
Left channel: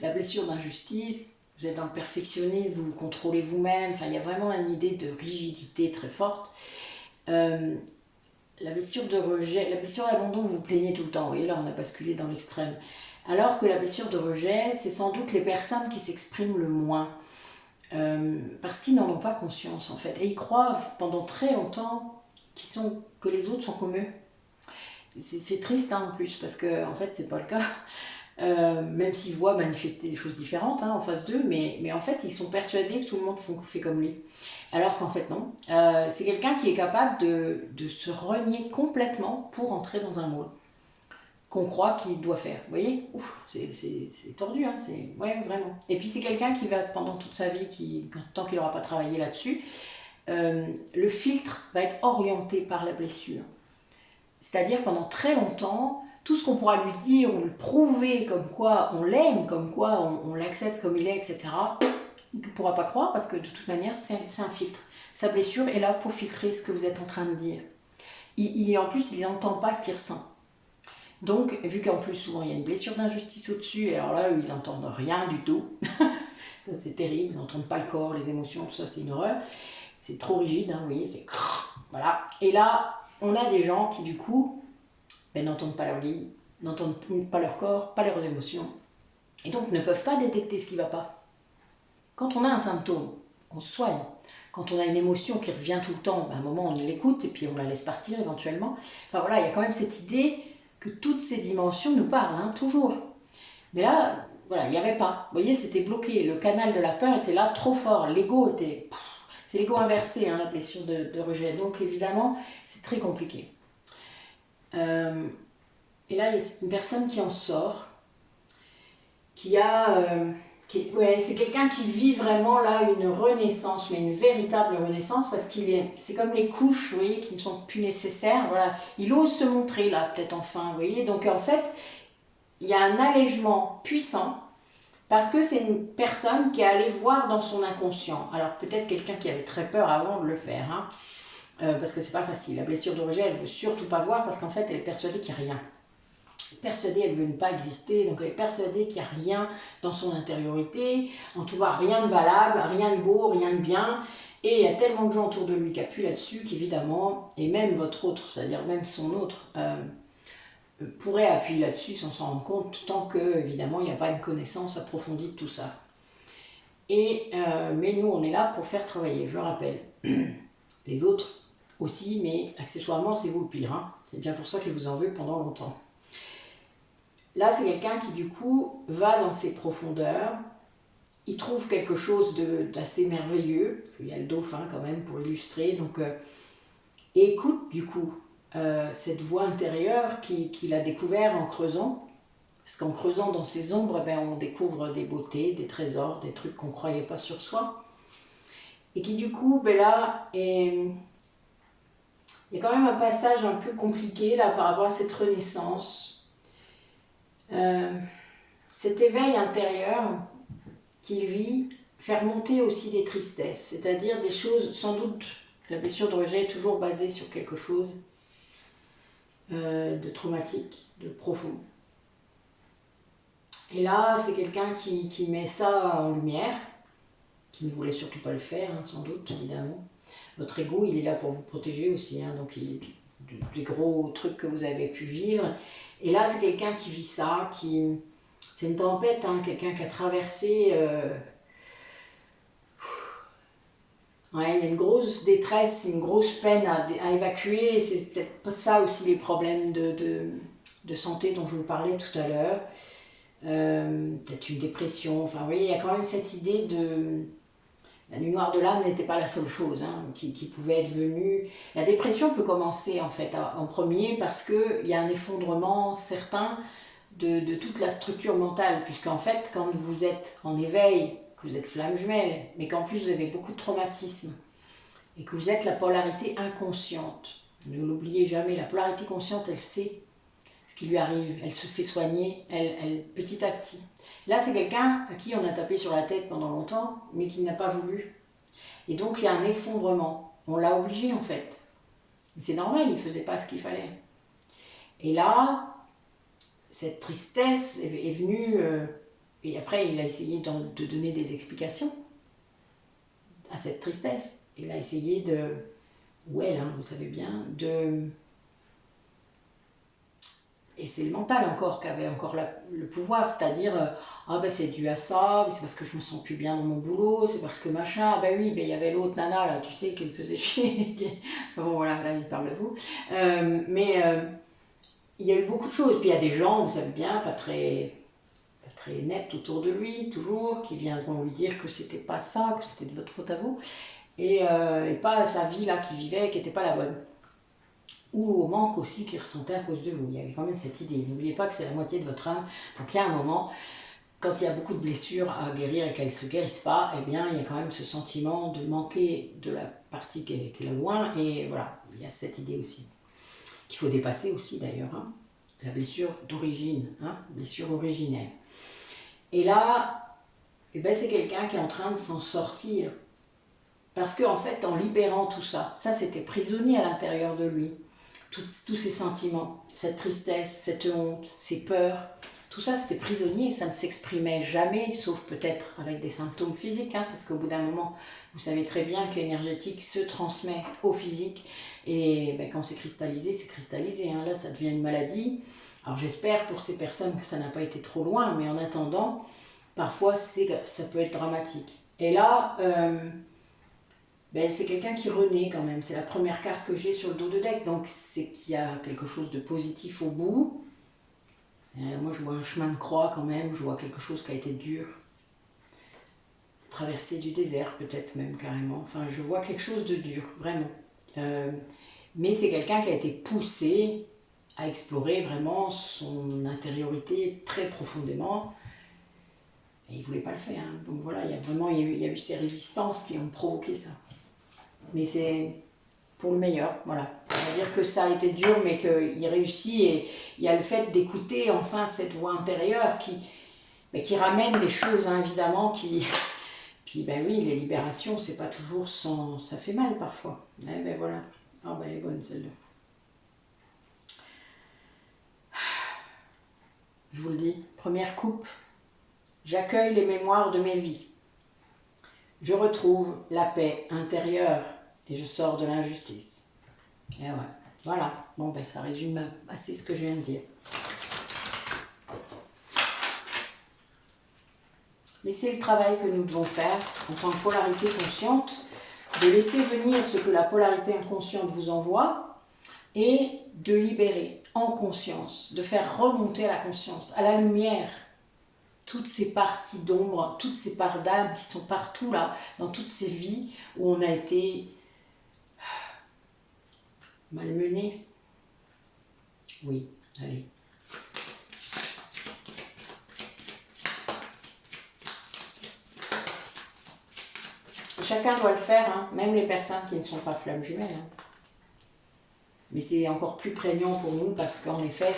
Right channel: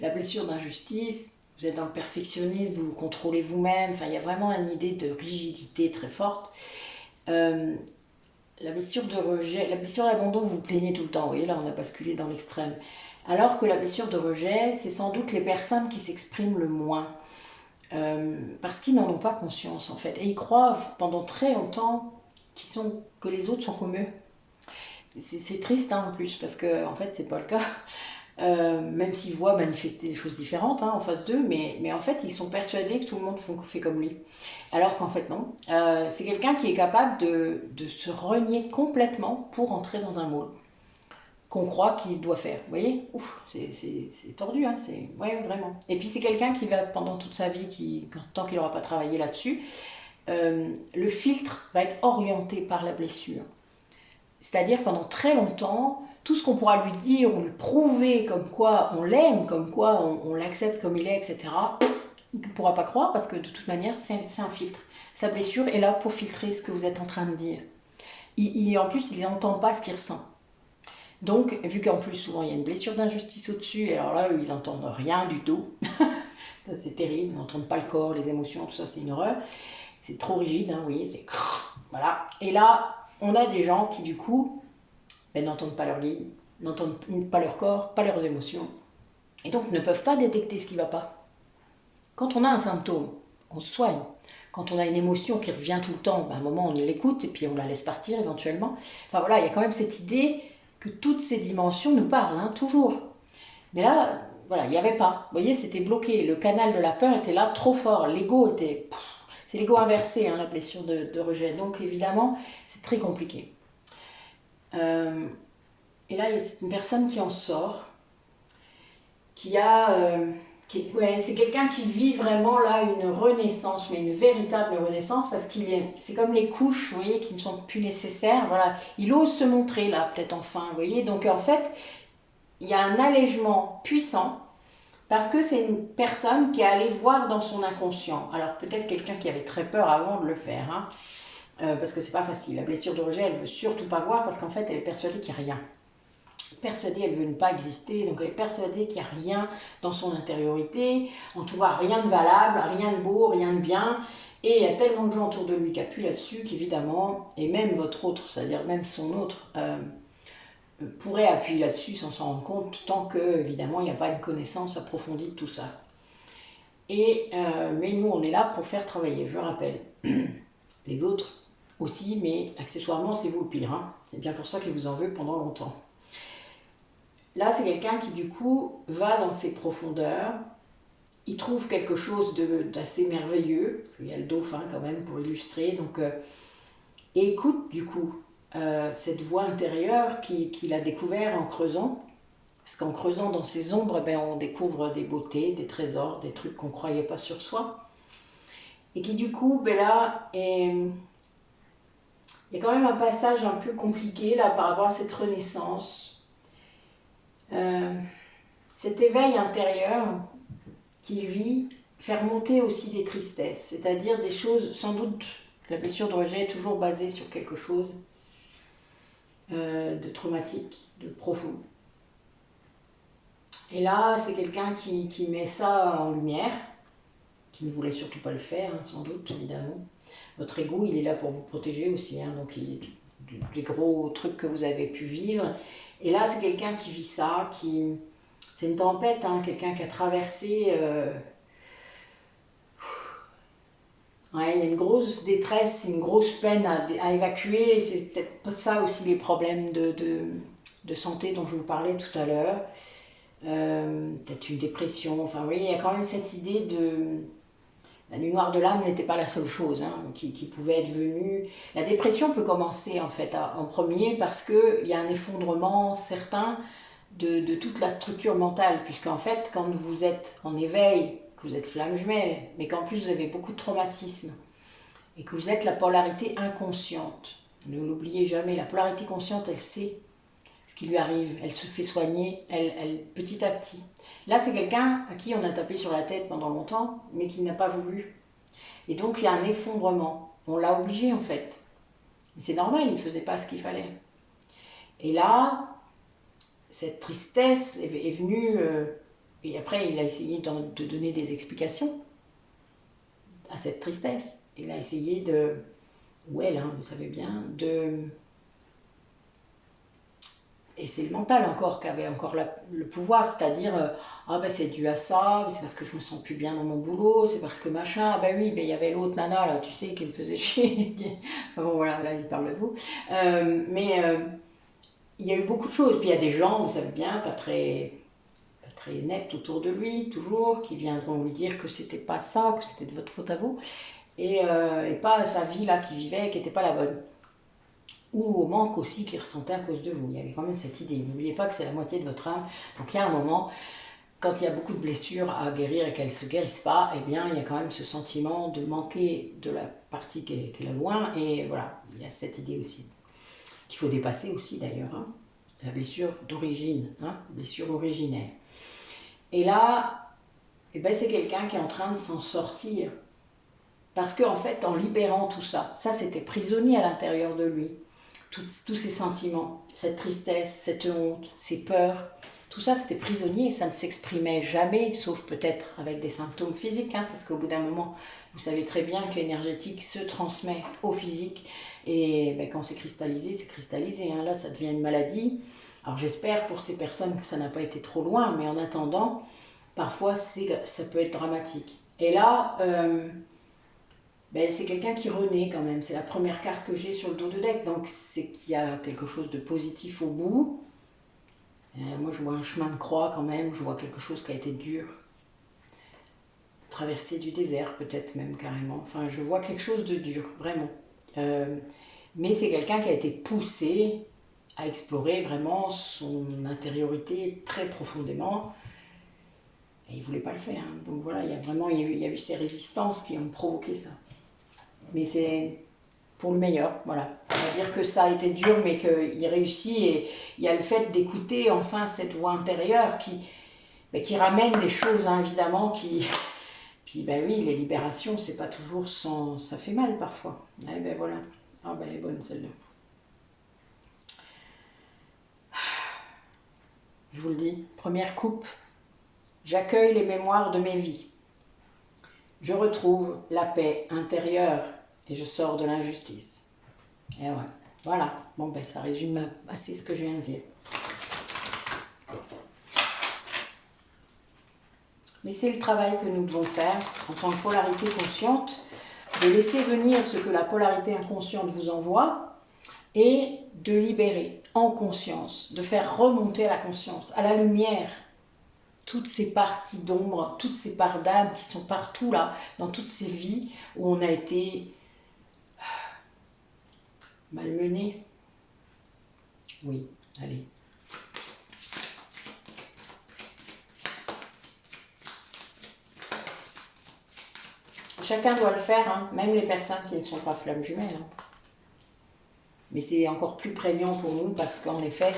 La blessure d'injustice, vous êtes dans le perfectionnisme, vous vous contrôlez vous-même, enfin il y a vraiment une idée de rigidité très forte. La blessure de rejet, la blessure d'abandon, vous vous plaignez tout le temps, vous voyez, là on a basculé dans l'extrême. Alors que la blessure de rejet, c'est sans doute les personnes qui s'expriment le moins. Parce qu'ils n'en ont pas conscience en fait. Et ils croient pendant très longtemps que les autres sont comme eux. C'est triste hein, en plus, parce que en fait c'est pas le cas. même s'ils voient manifester des choses différentes en face d'eux, mais en fait, ils sont persuadés que tout le monde fait comme lui. Alors qu'en fait, non. C'est quelqu'un qui est capable de se renier complètement pour entrer dans un moule qu'on croit qu'il doit faire. Vous voyez, ouf, c'est tordu, ouais, vraiment. Et puis c'est quelqu'un qui va, pendant toute sa vie, tant qu'il n'aura pas travaillé là-dessus, le filtre va être orienté par la blessure. C'est-à-dire pendant très longtemps, tout ce qu'on pourra lui dire, ou lui prouver comme quoi on l'aime, comme quoi on l'accepte comme il est, etc., il ne pourra pas croire parce que de toute manière, c'est un filtre. Sa blessure est là pour filtrer ce que vous êtes en train de dire. En plus, il n'entend pas ce qu'il ressent. Donc, vu qu'en plus, souvent, il y a une blessure d'injustice au-dessus, alors là, eux, ils n'entendent rien du tout. Ça, c'est terrible, ils n'entendent pas le corps, les émotions, tout ça, c'est une horreur. C'est trop rigide, vous voyez, c'est... Voilà. Et là, on a des gens qui, du coup, n'entendent pas leur guide, n'entendent pas leur corps, pas leurs émotions, et donc ne peuvent pas détecter ce qui ne va pas. Quand on a un symptôme, on se soigne. Quand on a une émotion qui revient tout le temps, à un moment, on l'écoute, et puis on la laisse partir éventuellement. Enfin voilà, il y a quand même cette idée que toutes ces dimensions nous parlent, toujours. Mais là, voilà, il n'y avait pas. Vous voyez, c'était bloqué. Le canal de la peur était là, trop fort. L'ego était... C'est l'ego inversé, la blessure de rejet. Donc évidemment, c'est très compliqué. Et là, il y a une personne qui en sort, c'est quelqu'un qui vit vraiment là une renaissance, mais une véritable renaissance, parce c'est comme les couches, vous voyez, qui ne sont plus nécessaires. Voilà, il ose se montrer là, peut-être enfin, vous voyez. Donc en fait, il y a un allègement puissant, parce que c'est une personne qui est allée voir dans son inconscient. Alors peut-être quelqu'un qui avait très peur avant de le faire, parce que c'est pas facile. La blessure de rejet, elle veut surtout pas voir, parce qu'en fait, elle est persuadée qu'il n'y a rien. Persuadée, elle veut ne pas exister, donc elle est persuadée qu'il n'y a rien dans son intériorité, en tout cas rien de valable, rien de beau, rien de bien, et il y a tellement de gens autour de lui qui appuient là-dessus qu'évidemment, et même votre autre, c'est-à-dire même son autre, pourrait appuyer là-dessus sans s'en rendre compte, tant que, évidemment, il n'y a pas une connaissance approfondie de tout ça. Mais nous, on est là pour faire travailler, je rappelle. Les autres aussi, mais accessoirement, c'est vous le pire. C'est bien pour ça qu'il vous en veut pendant longtemps. Là, c'est quelqu'un qui, du coup, va dans ses profondeurs. Il trouve quelque chose d'assez merveilleux. Il y a le dauphin, quand même, pour illustrer. Donc, et écoute, du coup, cette voix intérieure qu'il a découvert en creusant. Parce qu'en creusant dans ses ombres, on découvre des beautés, des trésors, des trucs qu'on ne croyait pas sur soi. Et qui, du coup, là, il y a quand même un passage un peu compliqué là, par rapport à cette renaissance. Cet éveil intérieur qu'il vit fait remonter aussi des tristesses, c'est-à-dire des choses, sans doute, la blessure de rejet est toujours basée sur quelque chose de traumatique, de profond. Et là, c'est quelqu'un qui met ça en lumière, qui ne voulait surtout pas le faire, sans doute, évidemment. Votre ego, il est là pour vous protéger aussi, donc des gros trucs que vous avez pu vivre. Et là, c'est quelqu'un qui vit ça, c'est une tempête, quelqu'un qui a traversé... il y a une grosse détresse, une grosse peine à évacuer. C'est peut-être pas ça aussi les problèmes de santé dont je vous parlais tout à l'heure. Peut-être une dépression. Enfin, vous voyez, il y a quand même cette idée de... La nuit noire de l'âme n'était pas la seule chose qui pouvait être venue. La dépression peut commencer en fait en premier parce qu'il y a un effondrement certain de toute la structure mentale, puisqu'en fait, quand vous êtes en éveil, que vous êtes flamme jumelle, mais qu'en plus vous avez beaucoup de traumatisme, et que vous êtes la polarité inconsciente, ne l'oubliez jamais, la polarité consciente, elle sait ce qui lui arrive, elle se fait soigner, elle petit à petit. Là, c'est quelqu'un à qui on a tapé sur la tête pendant longtemps, mais qui n'a pas voulu. Et donc, il y a un effondrement. On l'a obligé, en fait. Et c'est normal, il ne faisait pas ce qu'il fallait. Et là, cette tristesse est venue... et après, il a essayé de donner des explications à cette tristesse. Il a essayé ou elle, vous savez bien, Et c'est le mental encore qui avait encore le pouvoir, c'est-à-dire, c'est dû à ça, c'est parce que je me sens plus bien dans mon boulot, c'est parce que machin, oui, il y avait l'autre nana, là, tu sais, qui me faisait chier. Enfin bon, voilà, là, il parle de vous. Il y a eu beaucoup de choses. Puis il y a des gens, vous savez bien, pas très très nettes autour de lui, toujours, qui viendront lui dire que c'était pas ça, que c'était de votre faute à vous, et pas sa vie là qu'il vivait, qui n'était pas la bonne. Ou au manque aussi qu'il ressentait à cause de vous. Il y avait quand même cette idée. N'oubliez pas que c'est la moitié de votre âme. Donc il y a un moment, quand il y a beaucoup de blessures à guérir et qu'elles ne se guérissent pas, eh bien, il y a quand même ce sentiment de manquer de la partie qui est là loin. Et voilà, il y a cette idée aussi, qu'il faut dépasser aussi d'ailleurs. Hein. La blessure d'origine, hein, blessure originelle. Et là, eh ben, c'est quelqu'un qui est en train de s'en sortir. Parce qu'en fait, en libérant tout ça, ça c'était prisonnier à l'intérieur de lui. Tous ces sentiments, cette tristesse, cette honte, ces peurs, tout ça c'était prisonnier, ça ne s'exprimait jamais, sauf peut-être avec des symptômes physiques, hein, parce qu'au bout d'un moment, vous savez très bien que l'énergétique se transmet au physique, et ben, quand c'est cristallisé, hein, là ça devient une maladie. Alors j'espère pour ces personnes que ça n'a pas été trop loin, mais en attendant, parfois ça peut être dramatique. Et là, ben, c'est quelqu'un qui renaît quand même. C'est la première carte que j'ai sur le dos de deck. Donc c'est qu'il y a quelque chose de positif au bout. Moi je vois un chemin de croix quand même. Je vois quelque chose qui a été dur. Traversée du désert peut-être même carrément. Enfin je vois quelque chose de dur, vraiment. Mais c'est quelqu'un qui a été poussé à explorer vraiment son intériorité très profondément. Et il ne voulait pas le faire. Hein. Donc voilà, il y a eu ces résistances qui ont provoqué ça. Mais c'est pour le meilleur, voilà. On va dire que ça a été dur, mais qu'il réussit, et il y a le fait d'écouter enfin cette voix intérieure qui ramène des choses, hein, évidemment, Puis ben oui, les libérations, c'est pas toujours sans... Ça fait mal parfois. Eh ben voilà. Ah ben elle est bonne celle-là. Je vous le dis, première coupe. J'accueille les mémoires de mes vies. Je retrouve la paix intérieure. Et je sors de l'injustice. Et ouais. Voilà. Bon, ben, ça résume assez ce que je viens de dire. Mais c'est le travail que nous devons faire en tant que polarité consciente, de laisser venir ce que la polarité inconsciente vous envoie et de libérer en conscience, de faire remonter à la conscience, à la lumière, toutes ces parties d'ombre, toutes ces parts d'âme qui sont partout là, dans toutes ces vies où on a été malmené. Oui, allez. Chacun doit le faire, hein, même les personnes qui ne sont pas flammes jumelles. Hein. Mais c'est encore plus prégnant pour nous parce qu'en effet,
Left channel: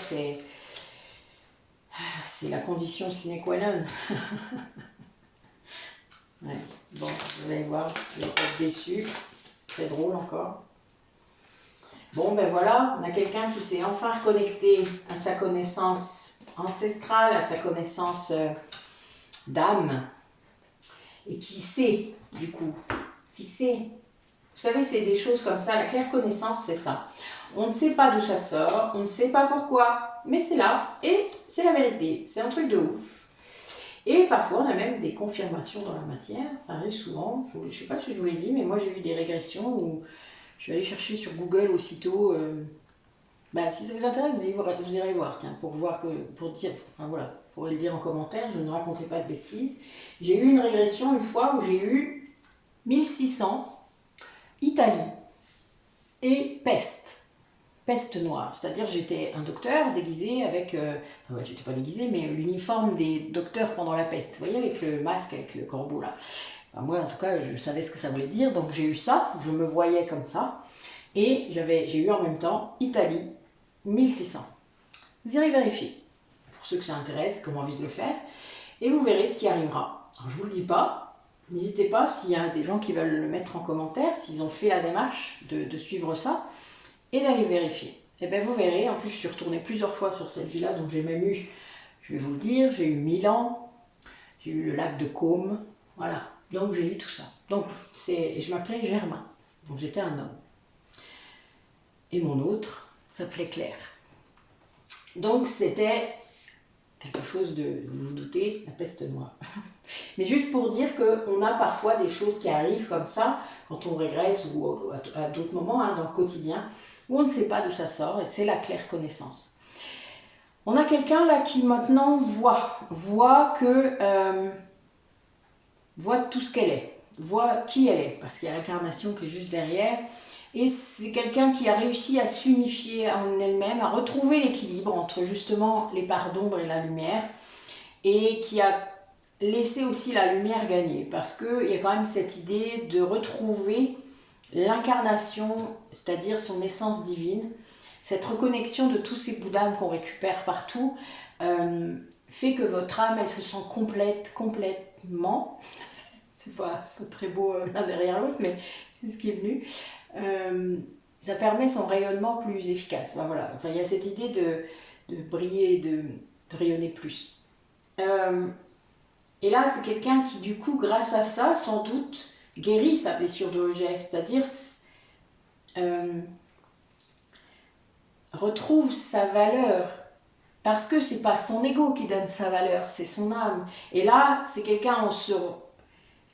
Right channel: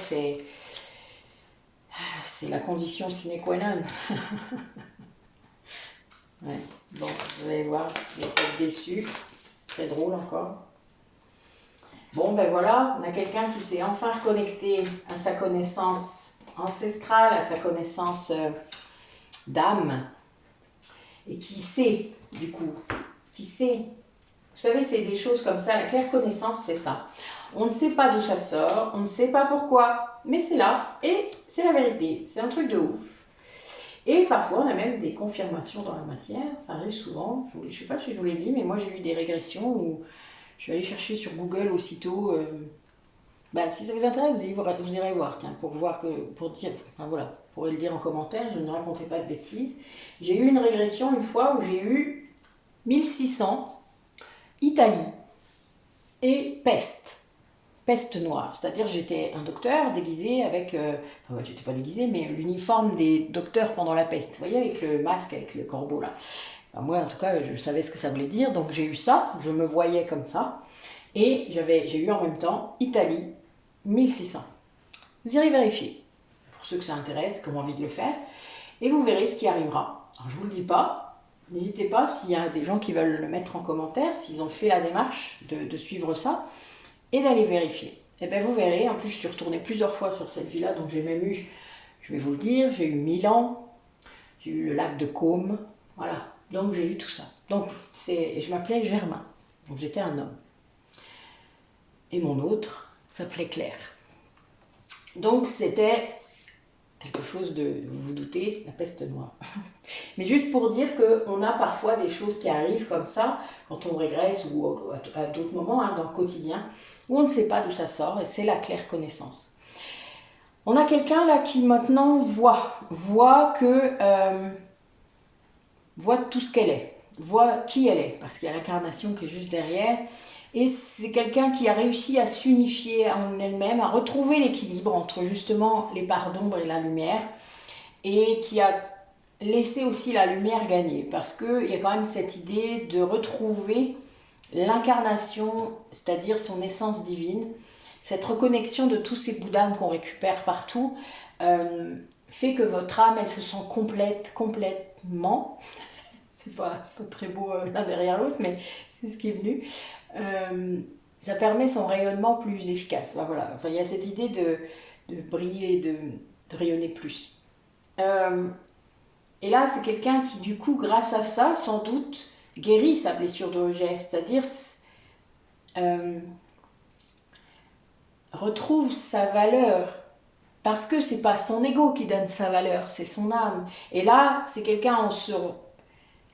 c'est la condition sine qua non. Ouais. Bon, vous allez voir, vous allez être déçus. Très drôle encore. Bon, ben voilà, on a quelqu'un qui s'est enfin reconnecté à sa connaissance ancestrale, à sa connaissance d'âme, et qui sait, du coup, qui sait. Vous savez, c'est des choses comme ça, la claire connaissance, c'est ça. On ne sait pas d'où ça sort, on ne sait pas pourquoi, mais c'est là, et c'est la vérité, c'est un truc de ouf. Et parfois, on a même des confirmations dans la matière, ça arrive souvent, je ne sais pas si je vous l'ai dit, mais moi j'ai eu des régressions où je suis allée chercher sur Google aussitôt. Si ça vous intéresse, vous irez voir, tiens, pour dire, enfin voilà, pour le dire en commentaire, je ne racontais pas de bêtises. J'ai eu une régression une fois où j'ai eu 1600, Italie et peste noire. C'est-à-dire j'étais un docteur déguisé avec, j'étais pas déguisé, mais l'uniforme des docteurs pendant la peste. Vous voyez, avec le masque, avec le corbeau là. Moi, en tout cas, je savais ce que ça voulait dire, donc j'ai eu ça, je me voyais comme ça, et j'ai eu en même temps Italie, 1600. Vous irez vérifier, pour ceux que ça intéresse, qui ont envie de le faire, et vous verrez ce qui arrivera. Alors, je ne vous le dis pas, n'hésitez pas, s'il y a des gens qui veulent le mettre en commentaire, s'ils ont fait la démarche de suivre ça, et d'aller vérifier. Et bien, vous verrez, en plus, je suis retournée plusieurs fois sur cette ville-là, donc j'ai même eu, je vais vous le dire, j'ai eu Milan, j'ai eu le lac de Côme, voilà. Donc j'ai eu tout ça. Donc je m'appelais Germain. Donc j'étais un homme. Et mon autre s'appelait Claire. Donc c'était quelque chose de, vous vous doutez, la peste noire. Mais juste pour dire qu'on a parfois des choses qui arrivent comme ça, quand on régresse ou à d'autres moments, hein, dans le quotidien, où on ne sait pas d'où ça sort, et c'est la claire connaissance. On a quelqu'un là qui maintenant voit que, voit tout ce qu'elle est, voit qui elle est, parce qu'il y a l'incarnation qui est juste derrière. Et c'est quelqu'un qui a réussi à s'unifier en elle-même, à retrouver l'équilibre entre justement les parts d'ombre et la lumière, et qui a laissé aussi la lumière gagner, parce qu'il y a quand même cette idée de retrouver l'incarnation, c'est-à-dire son essence divine, cette reconnexion de tous ces bouts d'âme qu'on récupère partout, euh, fait que votre âme, elle se sent complètement, c'est pas très beau l'un derrière l'autre, mais c'est ce qui est venu, ça permet son rayonnement plus efficace. Ben voilà. Enfin, il y a cette idée de briller, de rayonner plus. Euh, et là, c'est quelqu'un qui, du coup, grâce à ça, sans doute, guérit sa blessure de rejet, c'est-à-dire euh, retrouve sa valeur. Parce que c'est pas son ego qui donne sa valeur, c'est son âme. Et là, c'est quelqu'un,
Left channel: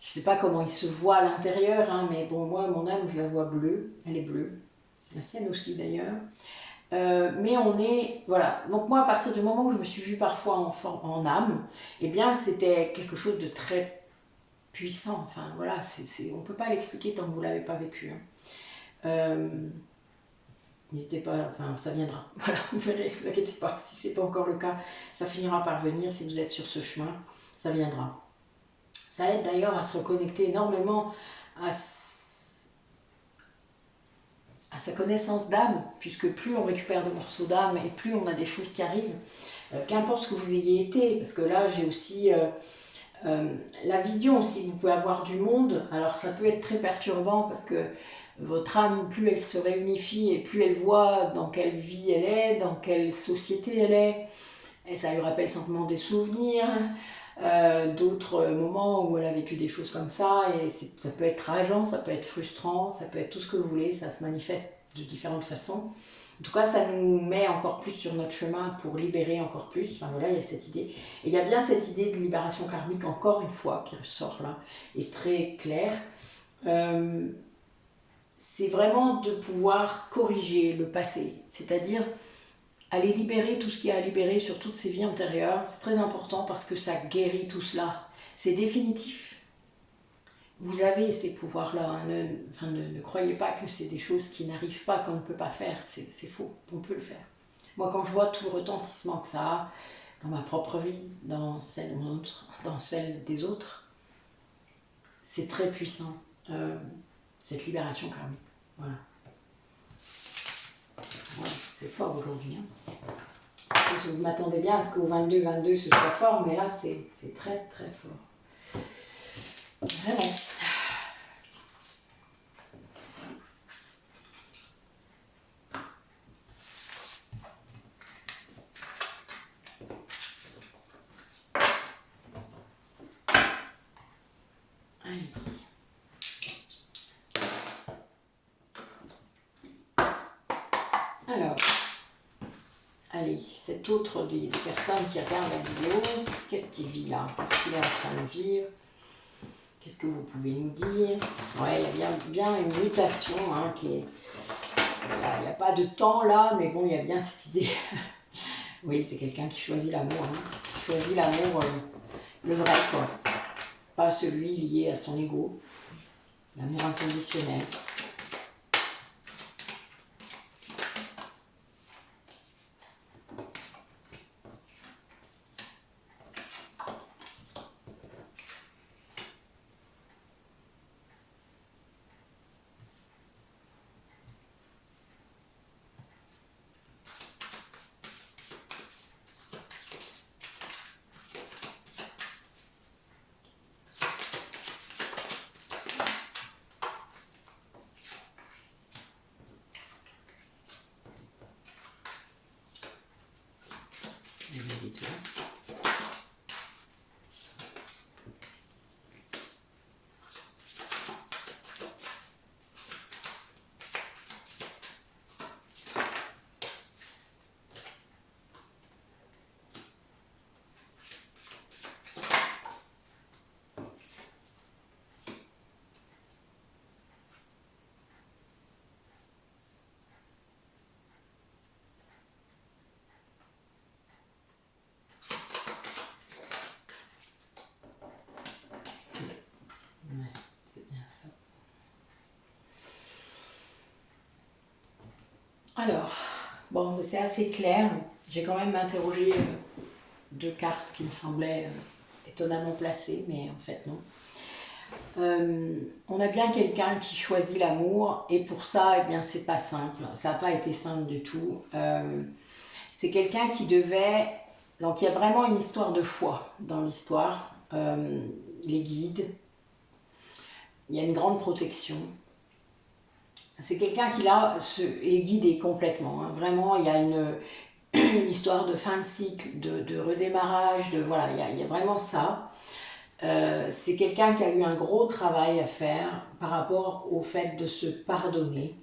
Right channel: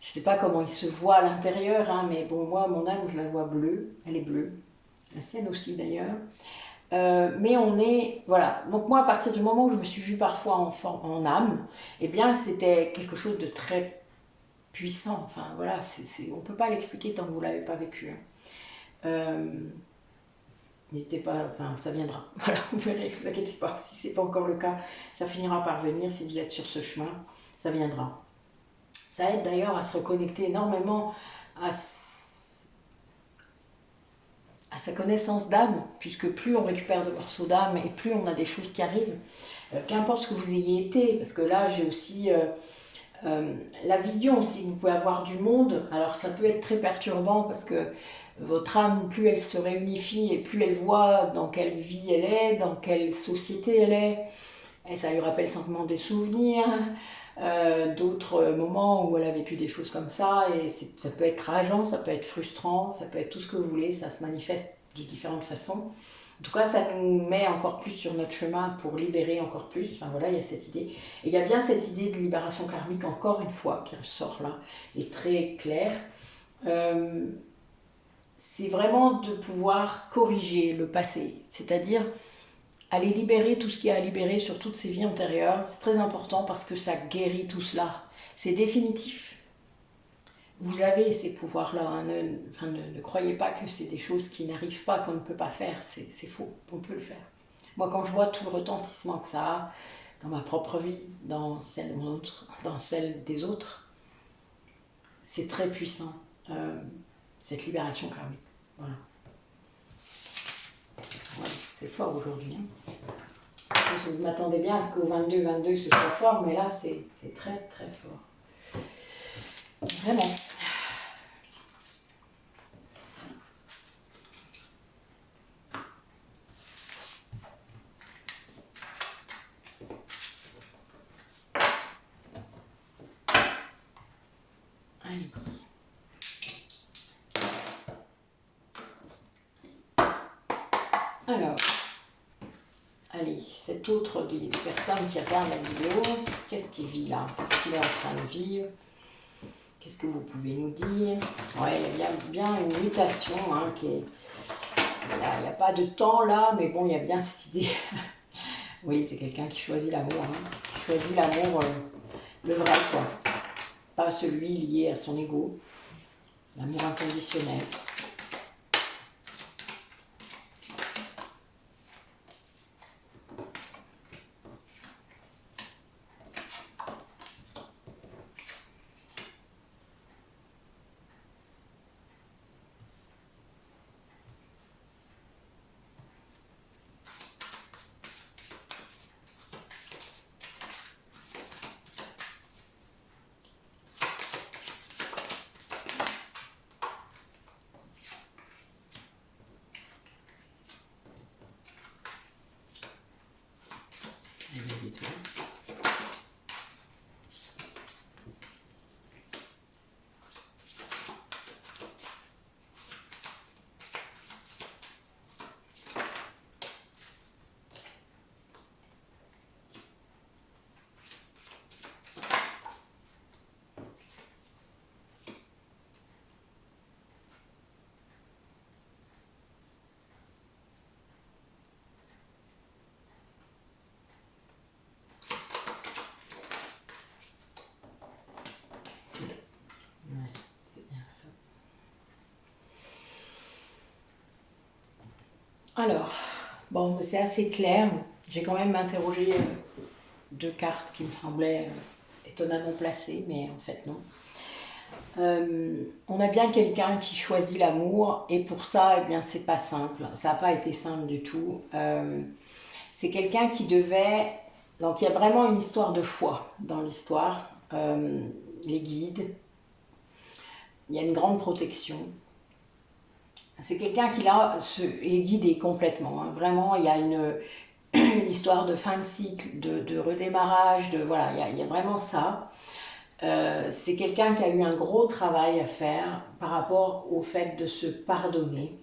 je sais pas comment il se voit à l'intérieur, hein, mais bon, moi, mon âme, je la vois bleue, elle est bleue, la sienne aussi d'ailleurs. Mais on est, voilà. Donc moi, à partir du moment où je me suis vue parfois en âme, eh bien, c'était quelque chose de très puissant. Enfin, voilà, on peut pas l'expliquer tant que vous l'avez pas vécu. Hein. Euh, N'hésitez pas, enfin, ça viendra. Voilà, vous verrez, vous inquiétez pas. Si c'est pas encore le cas, ça finira par venir. Si vous êtes sur ce chemin, ça viendra. Ça aide d'ailleurs à se reconnecter énormément à sa connaissance d'âme, puisque plus on récupère de morceaux d'âme et plus on a des choses qui arrivent, qu'importe ce que vous ayez été, parce que là j'ai aussi la vision aussi que vous pouvez avoir du monde. Alors ça peut être très perturbant parce que votre âme, plus elle se réunifie et plus elle voit dans quelle vie elle est, dans quelle société elle est, et ça lui rappelle simplement des souvenirs, d'autres moments où elle a vécu des choses comme ça, et ça peut être rageant, ça peut être frustrant, ça peut être tout ce que vous voulez, ça se manifeste de différentes façons. En tout cas, ça nous met encore plus sur notre chemin pour libérer encore plus. Enfin voilà, il y a cette idée. Et il y a bien cette idée de libération karmique, encore une fois, qui ressort là, et très claire. Euh, c'est vraiment de pouvoir corriger le passé, c'est-à-dire aller libérer tout ce qu'il y a à libérer sur toutes ces vies antérieures. C'est très important parce que ça guérit tout cela. C'est définitif. Vous avez ces pouvoirs-là. Hein. Ne croyez pas que c'est des choses qui n'arrivent pas, qu'on ne peut pas faire. C'est faux. On peut le faire. Moi, quand je vois tout le retentissement que ça a dans ma propre vie, dans celle des autres, c'est très puissant, cette libération karmique. Voilà. Ouais, c'est fort aujourd'hui. Hein. Je m'attendais bien à ce qu'au 22-22 ce soit fort, mais là c'est très très fort. Vraiment. Allez. Alors, allez, cet autre des personnes qui regardent la vidéo, qu'est-ce qu'il vit là? Qu'est-ce qu'il est en train de vivre? Qu'est-ce que vous pouvez nous dire? Ouais, il y a bien une mutation hein, qui est... Il n'y a pas de temps là, mais bon, il y a bien cette idée. Oui, c'est quelqu'un qui choisit l'amour. Hein. Qui choisit l'amour, le vrai, quoi. Pas celui lié à son ego. L'amour inconditionnel. Alors, bon, c'est assez clair. J'ai quand même interrogé deux cartes qui me semblaient étonnamment placées, mais en fait non. On a bien quelqu'un qui choisit l'amour, et pour ça, eh bien, c'est pas simple. Ça n'a pas été simple du tout. C'est quelqu'un qui devait... Donc il y a vraiment une histoire de foi dans l'histoire. Les guides, il y a une grande protection. C'est quelqu'un qui là est guidé complètement. Hein. Vraiment, il y a une histoire de fin de cycle, de redémarrage, voilà, il y a vraiment ça. C'est quelqu'un qui a eu un gros travail à faire par rapport au fait de se pardonner.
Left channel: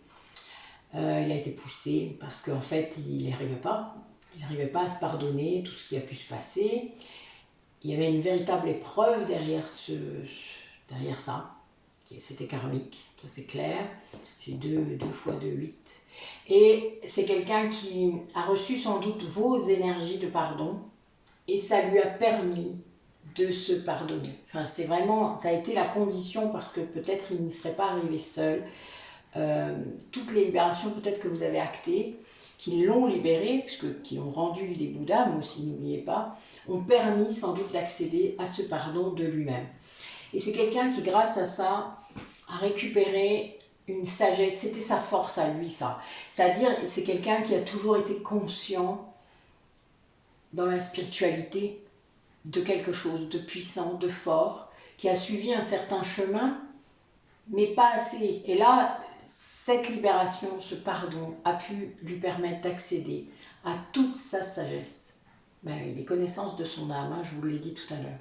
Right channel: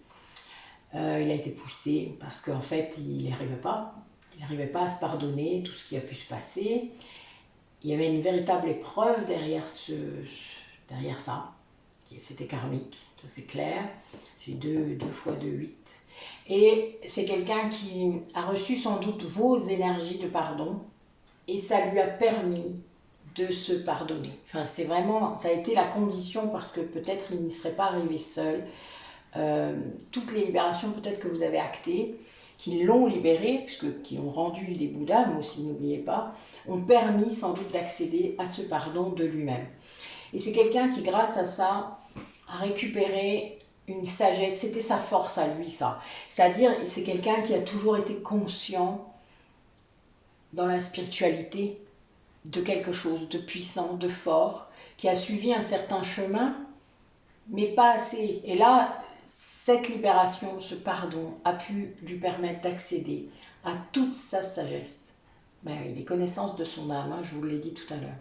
Il a été poussé parce qu'en fait, il n'y arrivait pas. Il n'arrivait pas à se pardonner tout ce qui a pu se passer. Il y avait une véritable épreuve derrière ça. C'était karmique, ça c'est clair. J'ai 2 fois 2, 8. Et c'est quelqu'un qui a reçu sans doute vos énergies de pardon et ça lui a permis de se pardonner. Enfin, c'est vraiment, ça a été la condition parce que peut-être il n'y serait pas arrivé seul. Toutes les libérations peut-être que vous avez actées, qui l'ont libéré, qui ont rendu les Bouddhas, mais aussi n'oubliez pas, ont permis sans doute d'accéder à ce pardon de lui-même. Et c'est quelqu'un qui, grâce à ça, a récupéré une sagesse. C'était sa force à lui, ça. C'est-à-dire, c'est quelqu'un qui a toujours été conscient dans la spiritualité de quelque chose de puissant, de fort, qui a suivi un certain chemin, mais pas assez. Et là, cette libération, ce pardon, a pu lui permettre d'accéder à toute sa sagesse. Ben oui, les connaissances de son âme, hein, je vous l'ai dit tout à l'heure.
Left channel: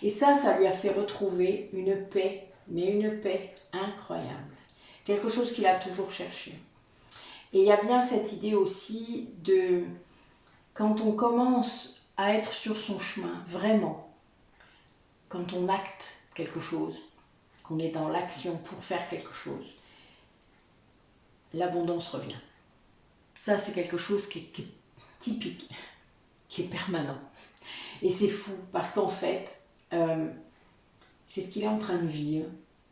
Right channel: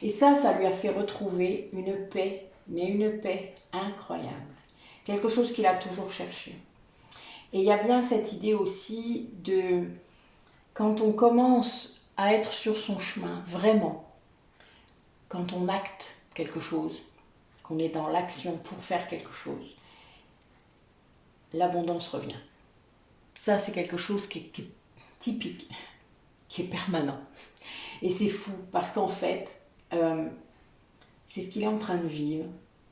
Et ça lui a fait retrouver une paix, mais une paix incroyable. Quelque chose qu'il a toujours cherché. Et il y a bien cette idée aussi de, quand on commence à être sur son chemin, vraiment, quand on acte quelque chose, qu'on est dans l'action pour faire quelque chose, l'abondance revient. Ça, c'est quelque chose qui est typique, qui est permanent. Et c'est fou, parce qu'en fait, c'est ce qu'il est en train de vivre.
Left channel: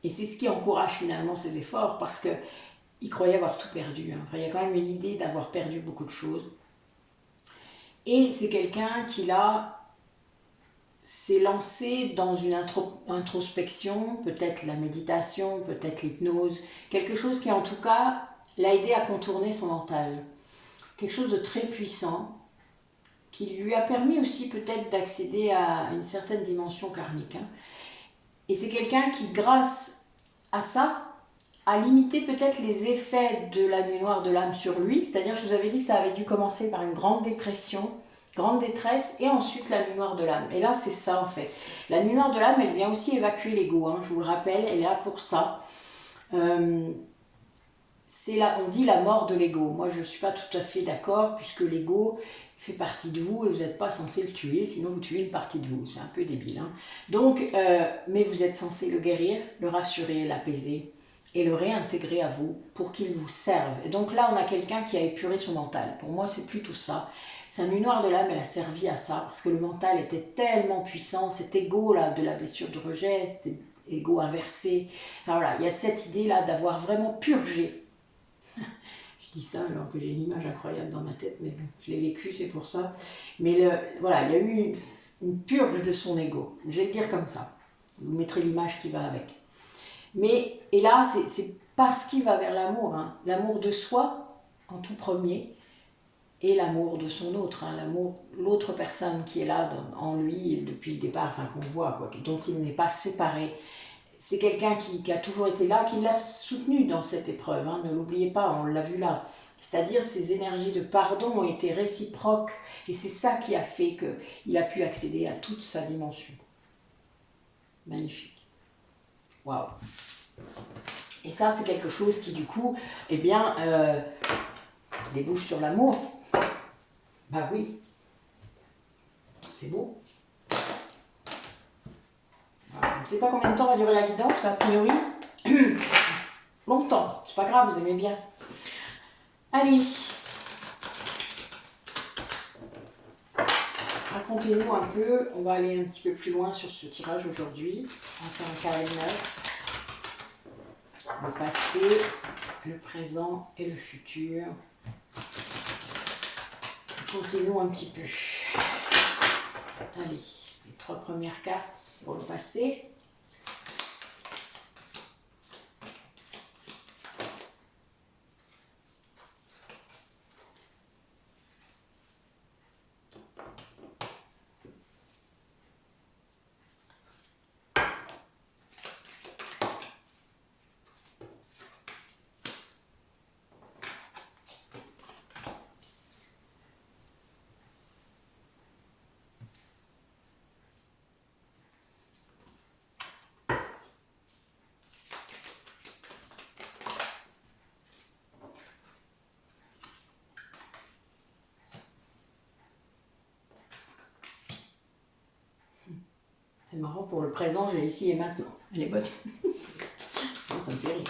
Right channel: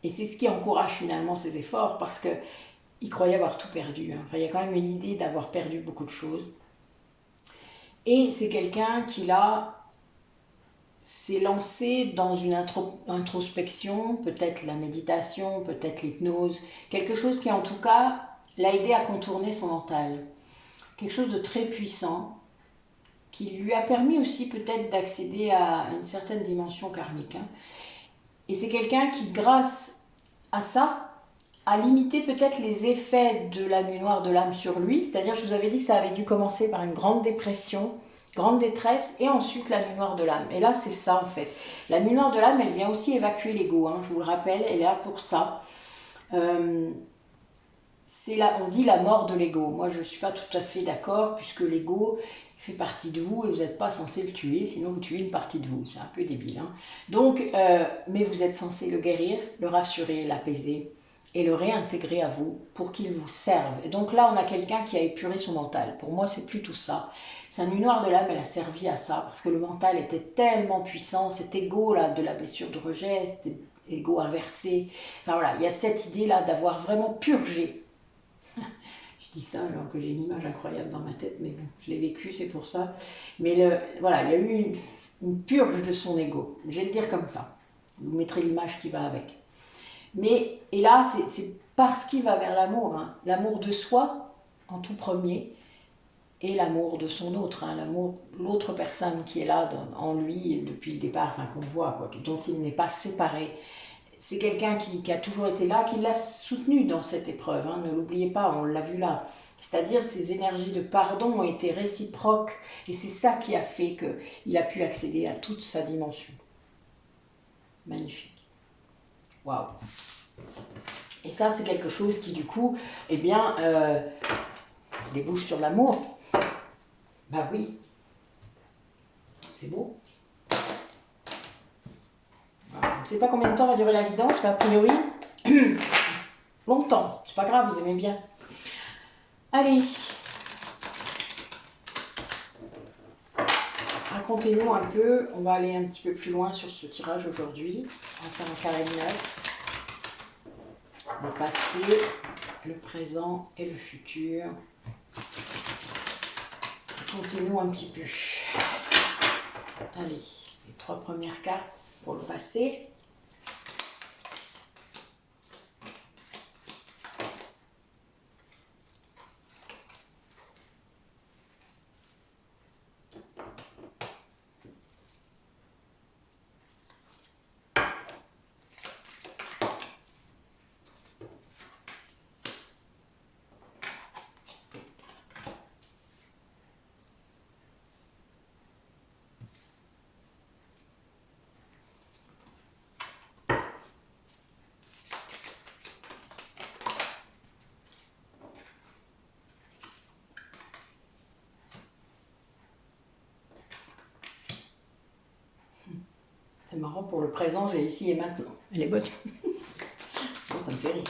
Et c'est ce qui encourage finalement ses efforts, parce qu'il croyait avoir tout perdu. Hein. Enfin, il y a quand même une idée d'avoir perdu beaucoup de choses. Et c'est quelqu'un qui, là, s'est lancé dans une introspection, peut-être la méditation, peut-être l'hypnose, quelque chose qui, en tout cas, l'a aidé à contourner son mental. Quelque chose de très puissant, qui lui a permis aussi peut-être d'accéder à une certaine dimension karmique. Hein. Et c'est quelqu'un qui, grâce à ça, a limité peut-être les effets de la nuit noire de l'âme sur lui. C'est-à-dire, je vous avais dit que ça avait dû commencer par une grande dépression, grande détresse, et ensuite la nuit noire de l'âme. Et là, c'est ça en fait. La nuit noire de l'âme, elle vient aussi évacuer l'ego. Hein, je vous le rappelle, elle est là pour ça. On dit la mort de l'ego. Moi, je ne suis pas tout à fait d'accord, puisque l'ego fait partie de vous et vous n'êtes pas censé le tuer, sinon vous tuez une partie de vous. C'est un peu débile. Hein. Donc, mais vous êtes censé le guérir, le rassurer, l'apaiser et le réintégrer à vous pour qu'il vous serve. Et donc là, on a quelqu'un qui a épuré son mental. Pour moi, c'est plutôt ça. Sa nuit noire de l'âme, elle a servi à ça, parce que le mental était tellement puissant, cet ego là de la blessure de rejet, cet ego inversé. Enfin voilà, il y a cette idée là d'avoir vraiment purgé. Je dis ça alors que j'ai une image incroyable dans ma tête, mais bon, je l'ai vécu, c'est pour ça. Mais voilà, il y a eu une purge de son ego. Je vais le dire comme ça. Vous mettrez l'image qui va avec. Mais, et là, c'est parce qu'il va vers l'amour. Hein. L'amour de soi, en tout premier, et l'amour de son autre. Hein. L'autre personne qui est là en lui depuis le départ, enfin qu'on voit, quoi, dont il n'est pas séparé. C'est quelqu'un qui a toujours été là, qui l'a soutenu dans cette épreuve. Hein. Ne l'oubliez pas, on l'a vu là. C'est-à-dire ces énergies de pardon ont été réciproques. Et c'est ça qui a fait qu'il a pu accéder à toute sa dimension. Magnifique. Waouh. Et ça, c'est quelque chose qui, du coup, eh bien, débouche sur l'amour. Bah oui. C'est beau. Voilà. Je ne sais pas combien de temps va durer la guidance, mais a priori, longtemps. C'est pas grave, vous aimez bien. Allez. Racontez-nous un peu. On va aller un petit peu plus loin sur ce tirage aujourd'hui. On va faire un carré de 9. Le passé, le présent et le futur. Continuons un petit peu. Allez, les 3 premières cartes pour le passé. C'est marrant, pour le présent, j'ai ici et maintenant. Elle est bonne. Ça me fait rire.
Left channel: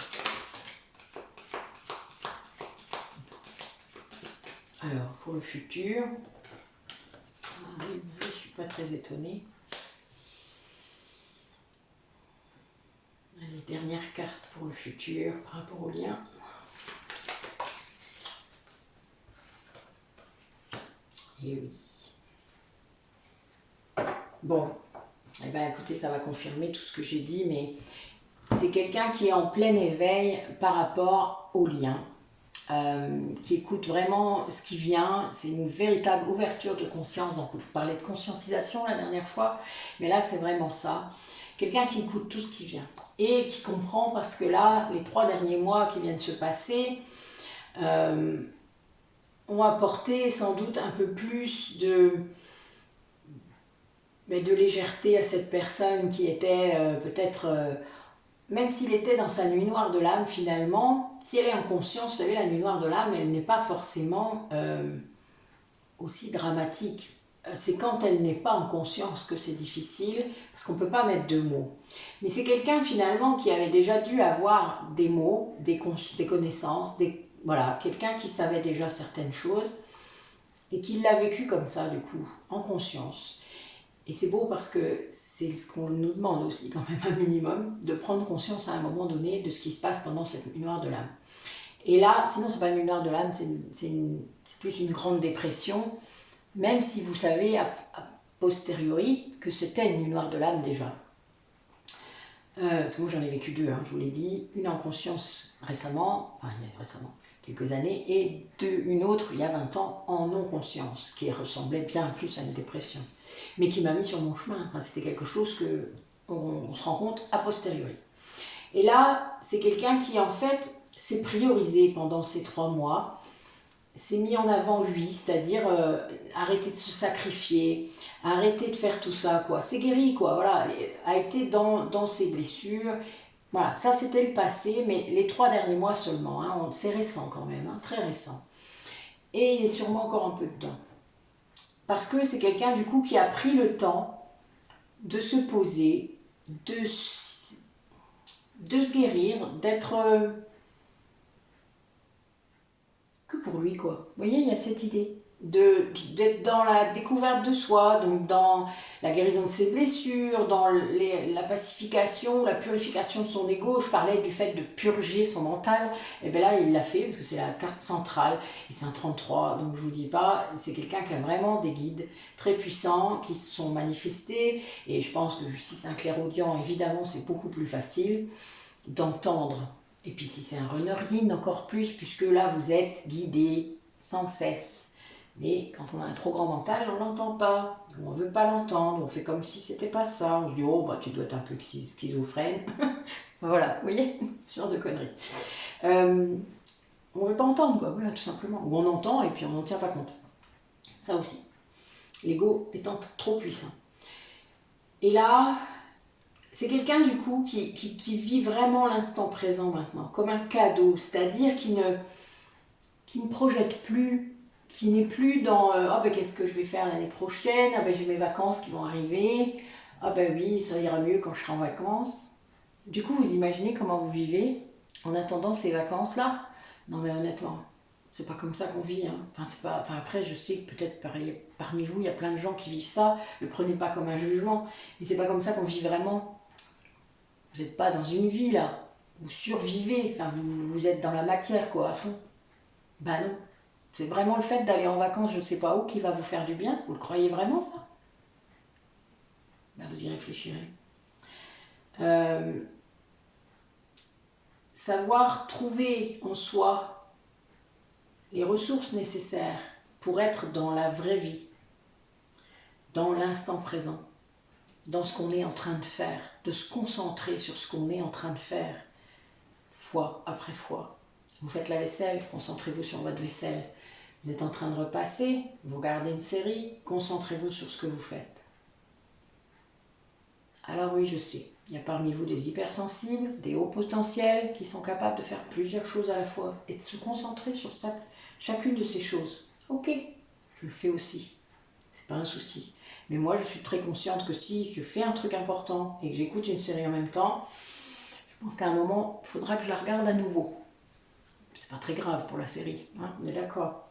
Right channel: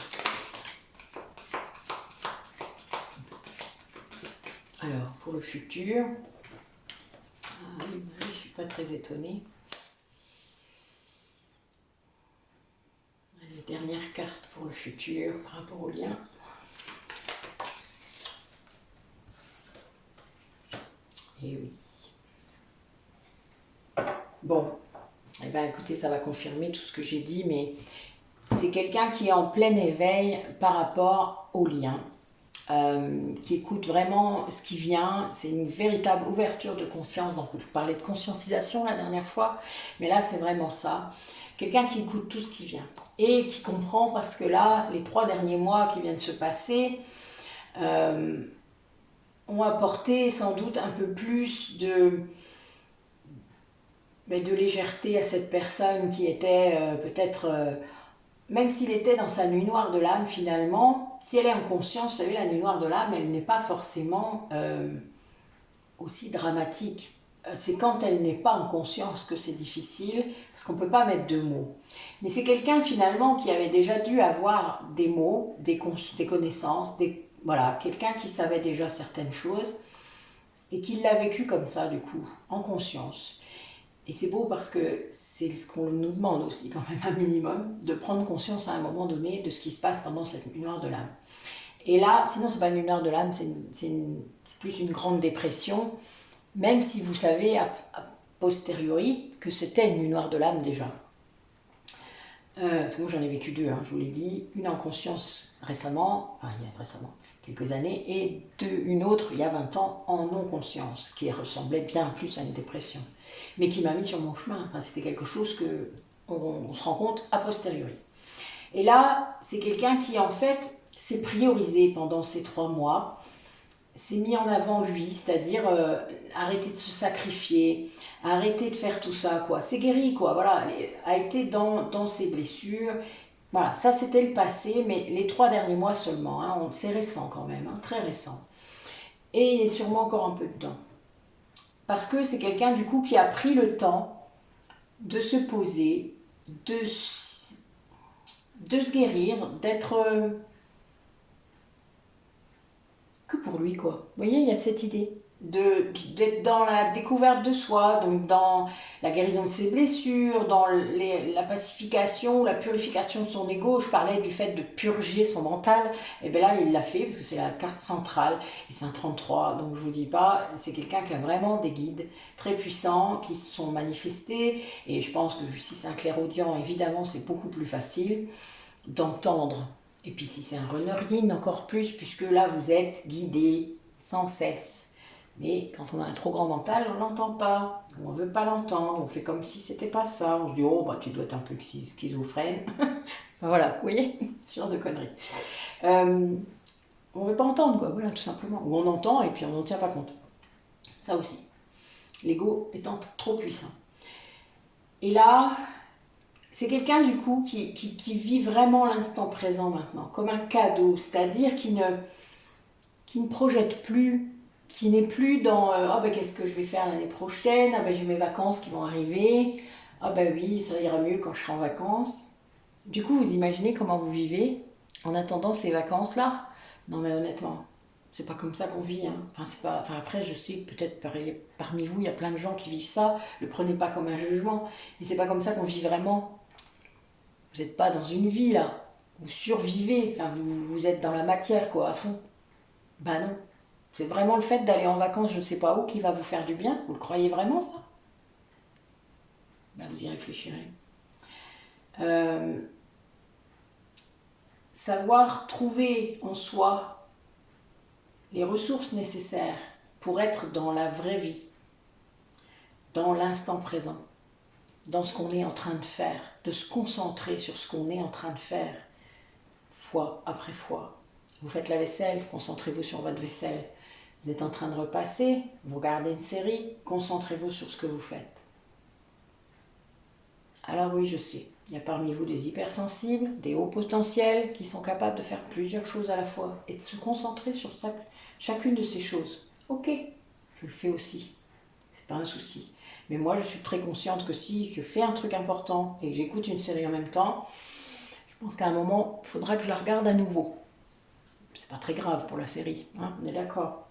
Alors, pour le futur, ah oui, je ne suis pas très étonnée. Les dernières cartes pour le futur par rapport au lien. Et oui. Bon, eh bien écoutez, ça va confirmer tout ce que j'ai dit, mais c'est quelqu'un qui est en plein éveil par rapport au lien. Qui écoute vraiment ce qui vient, c'est une véritable ouverture de conscience. Donc je parlais de conscientisation la dernière fois, mais là c'est vraiment ça. Quelqu'un qui écoute tout ce qui vient et qui comprend, parce que là, les 3 derniers mois qui viennent de se passer ont apporté sans doute un peu plus de légèreté à cette personne qui était peut-être... même s'il était dans sa nuit noire de l'âme, finalement, si elle est en conscience, vous savez, la nuit noire de l'âme, elle n'est pas forcément aussi dramatique. C'est quand elle n'est pas en conscience que c'est difficile, parce qu'on ne peut pas mettre de mots. Mais c'est quelqu'un, finalement, qui avait déjà dû avoir des mots, des connaissances, voilà, quelqu'un qui savait déjà certaines choses, et qui l'a vécu comme ça, du coup, en conscience. Et c'est beau parce que c'est ce qu'on nous demande aussi, quand même un minimum, de prendre conscience à un moment donné de ce qui se passe pendant cette nuit noire de l'âme. Et là, sinon c'est pas une nuit noire de l'âme, c'est plus une grande dépression, même si vous savez a posteriori que c'était une nuit noire de l'âme déjà. Parce que moi j'en ai vécu 2, je vous l'ai dit, une en conscience récemment, enfin il y a récemment, quelques années, et une autre il y a 20 ans en non-conscience, qui ressemblait bien plus à une dépression, mais qui m'a mis sur mon chemin. Enfin, c'était quelque chose que on se rend compte a posteriori. Et là, c'est quelqu'un qui en fait s'est priorisé pendant ces 3 mois, s'est mis en avant lui, c'est-à-dire arrêter de se sacrifier, arrêter de faire tout ça, quoi. C'est guéri, quoi, voilà, a été dans ses blessures. Voilà, ça c'était le passé, mais les 3 derniers mois seulement, c'est récent quand même, très récent. Et il est sûrement encore un peu dedans. Parce que c'est quelqu'un du coup qui a pris le temps de se poser, de se guérir, d'être que pour lui, quoi. Vous voyez, il y a cette idée d'être dans la découverte de soi, donc dans la guérison de ses blessures, dans la pacification, la purification de son ego. Je parlais du fait de purger son mental, et bien là il l'a fait, parce que c'est la carte centrale, et c'est un 33, donc je vous dis pas, c'est quelqu'un qui a vraiment des guides très puissants, qui se sont manifestés, et je pense que si c'est un clairaudient, évidemment c'est beaucoup plus facile d'entendre. Et puis si c'est un runner yin, encore plus, puisque là vous êtes guidé sans cesse. Mais quand on a un trop grand mental, on ne l'entend pas, on ne veut pas l'entendre, on fait comme si c'était pas ça, on se dit oh bah tu dois être un peu schizophrène. Voilà, vous voyez, ce genre de conneries. On ne veut pas entendre, quoi, voilà, tout simplement. Ou on entend et puis on n'en tient pas compte. Ça aussi. L'ego étant trop puissant. Et là, c'est quelqu'un du coup qui vit vraiment l'instant présent maintenant, comme un cadeau, c'est-à-dire qui ne projette plus, qui n'est plus dans ah ben qu'est-ce que je vais faire l'année prochaine, ah ben j'ai mes vacances qui vont arriver, ah ben oui, ça ira mieux quand je serai en vacances. Du coup, vous imaginez comment vous vivez en attendant ces vacances-là? Non mais honnêtement, c'est pas comme ça qu'on vit. Enfin, après, je sais que peut-être parmi vous, il y a plein de gens qui vivent ça, ne le prenez pas comme un jugement, mais c'est pas comme ça qu'on vit vraiment. Vous n'êtes pas dans une vie là, vous survivez, enfin vous êtes dans la matière quoi, à fond. Bah non. C'est vraiment le fait d'aller en vacances, je ne sais pas où, qui va vous faire du bien? Vous le croyez vraiment ça? Ben, vous y réfléchirez. Euh, Savoir trouver en soi les ressources nécessaires pour être dans la vraie vie, dans l'instant présent, dans ce qu'on est en train de faire, de se concentrer sur ce qu'on est en train de faire, fois après fois. Vous faites la vaisselle, concentrez-vous sur votre vaisselle. Vous êtes en train de repasser, vous regardez une série, concentrez-vous sur ce que vous faites. Alors oui, je sais, il y a parmi vous des hypersensibles, des hauts potentiels qui sont capables de faire plusieurs choses à la fois et de se concentrer sur chacune de ces choses. Ok, je le fais aussi, c'est pas un souci. Mais moi, je suis très consciente que si je fais un truc important et que j'écoute une série en même temps, je pense qu'à un moment, il faudra que je la regarde à nouveau. C'est pas très grave pour la série, hein, on est d'accord.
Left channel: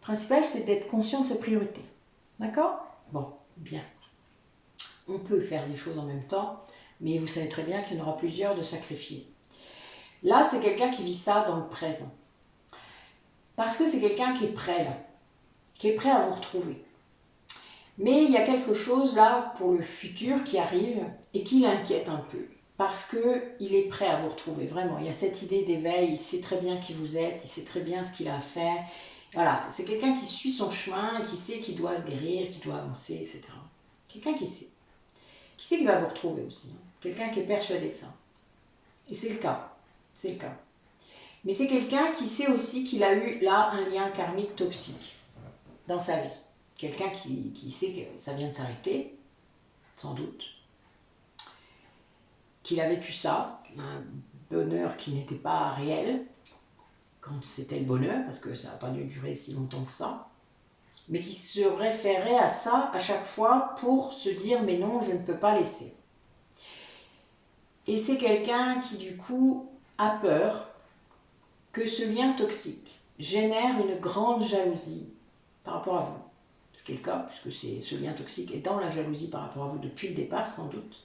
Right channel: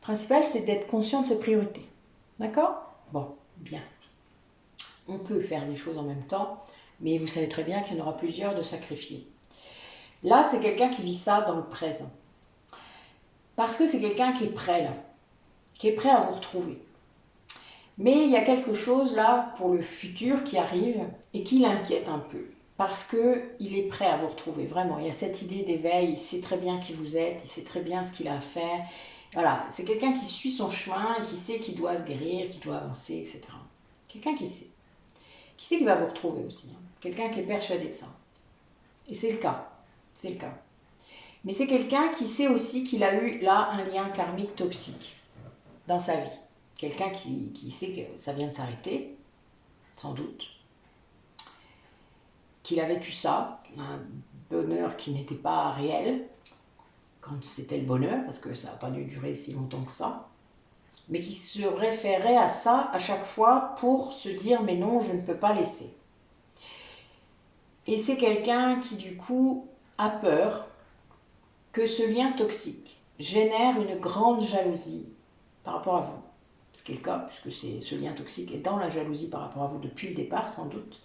Le principal, c'est d'être conscient de ses priorités. D'accord? Bon, bien. On peut faire des choses en même temps, mais vous savez très bien qu'il y en aura plusieurs de sacrifiés. Là, c'est quelqu'un qui vit ça dans le présent. Parce que c'est quelqu'un qui est prêt là, qui est prêt à vous retrouver. Mais il y a quelque chose là pour le futur qui arrive et qui l'inquiète un peu. Parce qu'il est prêt à vous retrouver, vraiment. Il y a cette idée d'éveil, il sait très bien qui vous êtes, il sait très bien ce qu'il a à faire. Voilà, c'est quelqu'un qui suit son chemin, qui sait qu'il doit se guérir, qu'il doit avancer, etc. Quelqu'un qui sait. Qui sait qu'il va vous retrouver aussi. Hein. Quelqu'un qui est persuadé de ça. Et c'est le cas. C'est le cas. Mais c'est quelqu'un qui sait aussi qu'il a eu là un lien karmique toxique dans sa vie. Quelqu'un qui sait que ça vient de s'arrêter, sans doute. Qu'il a vécu ça, un bonheur qui n'était pas réel, quand c'était le bonheur, parce que ça n'a pas dû durer si longtemps que ça, mais qui se référait à ça à chaque fois pour se dire mais non, je ne peux pas laisser. Et c'est quelqu'un qui du coup a peur que ce lien toxique génère une grande jalousie par rapport à vous. Ce qui est le cas, puisque ce lien toxique est dans la jalousie par rapport à vous depuis le départ, sans doute,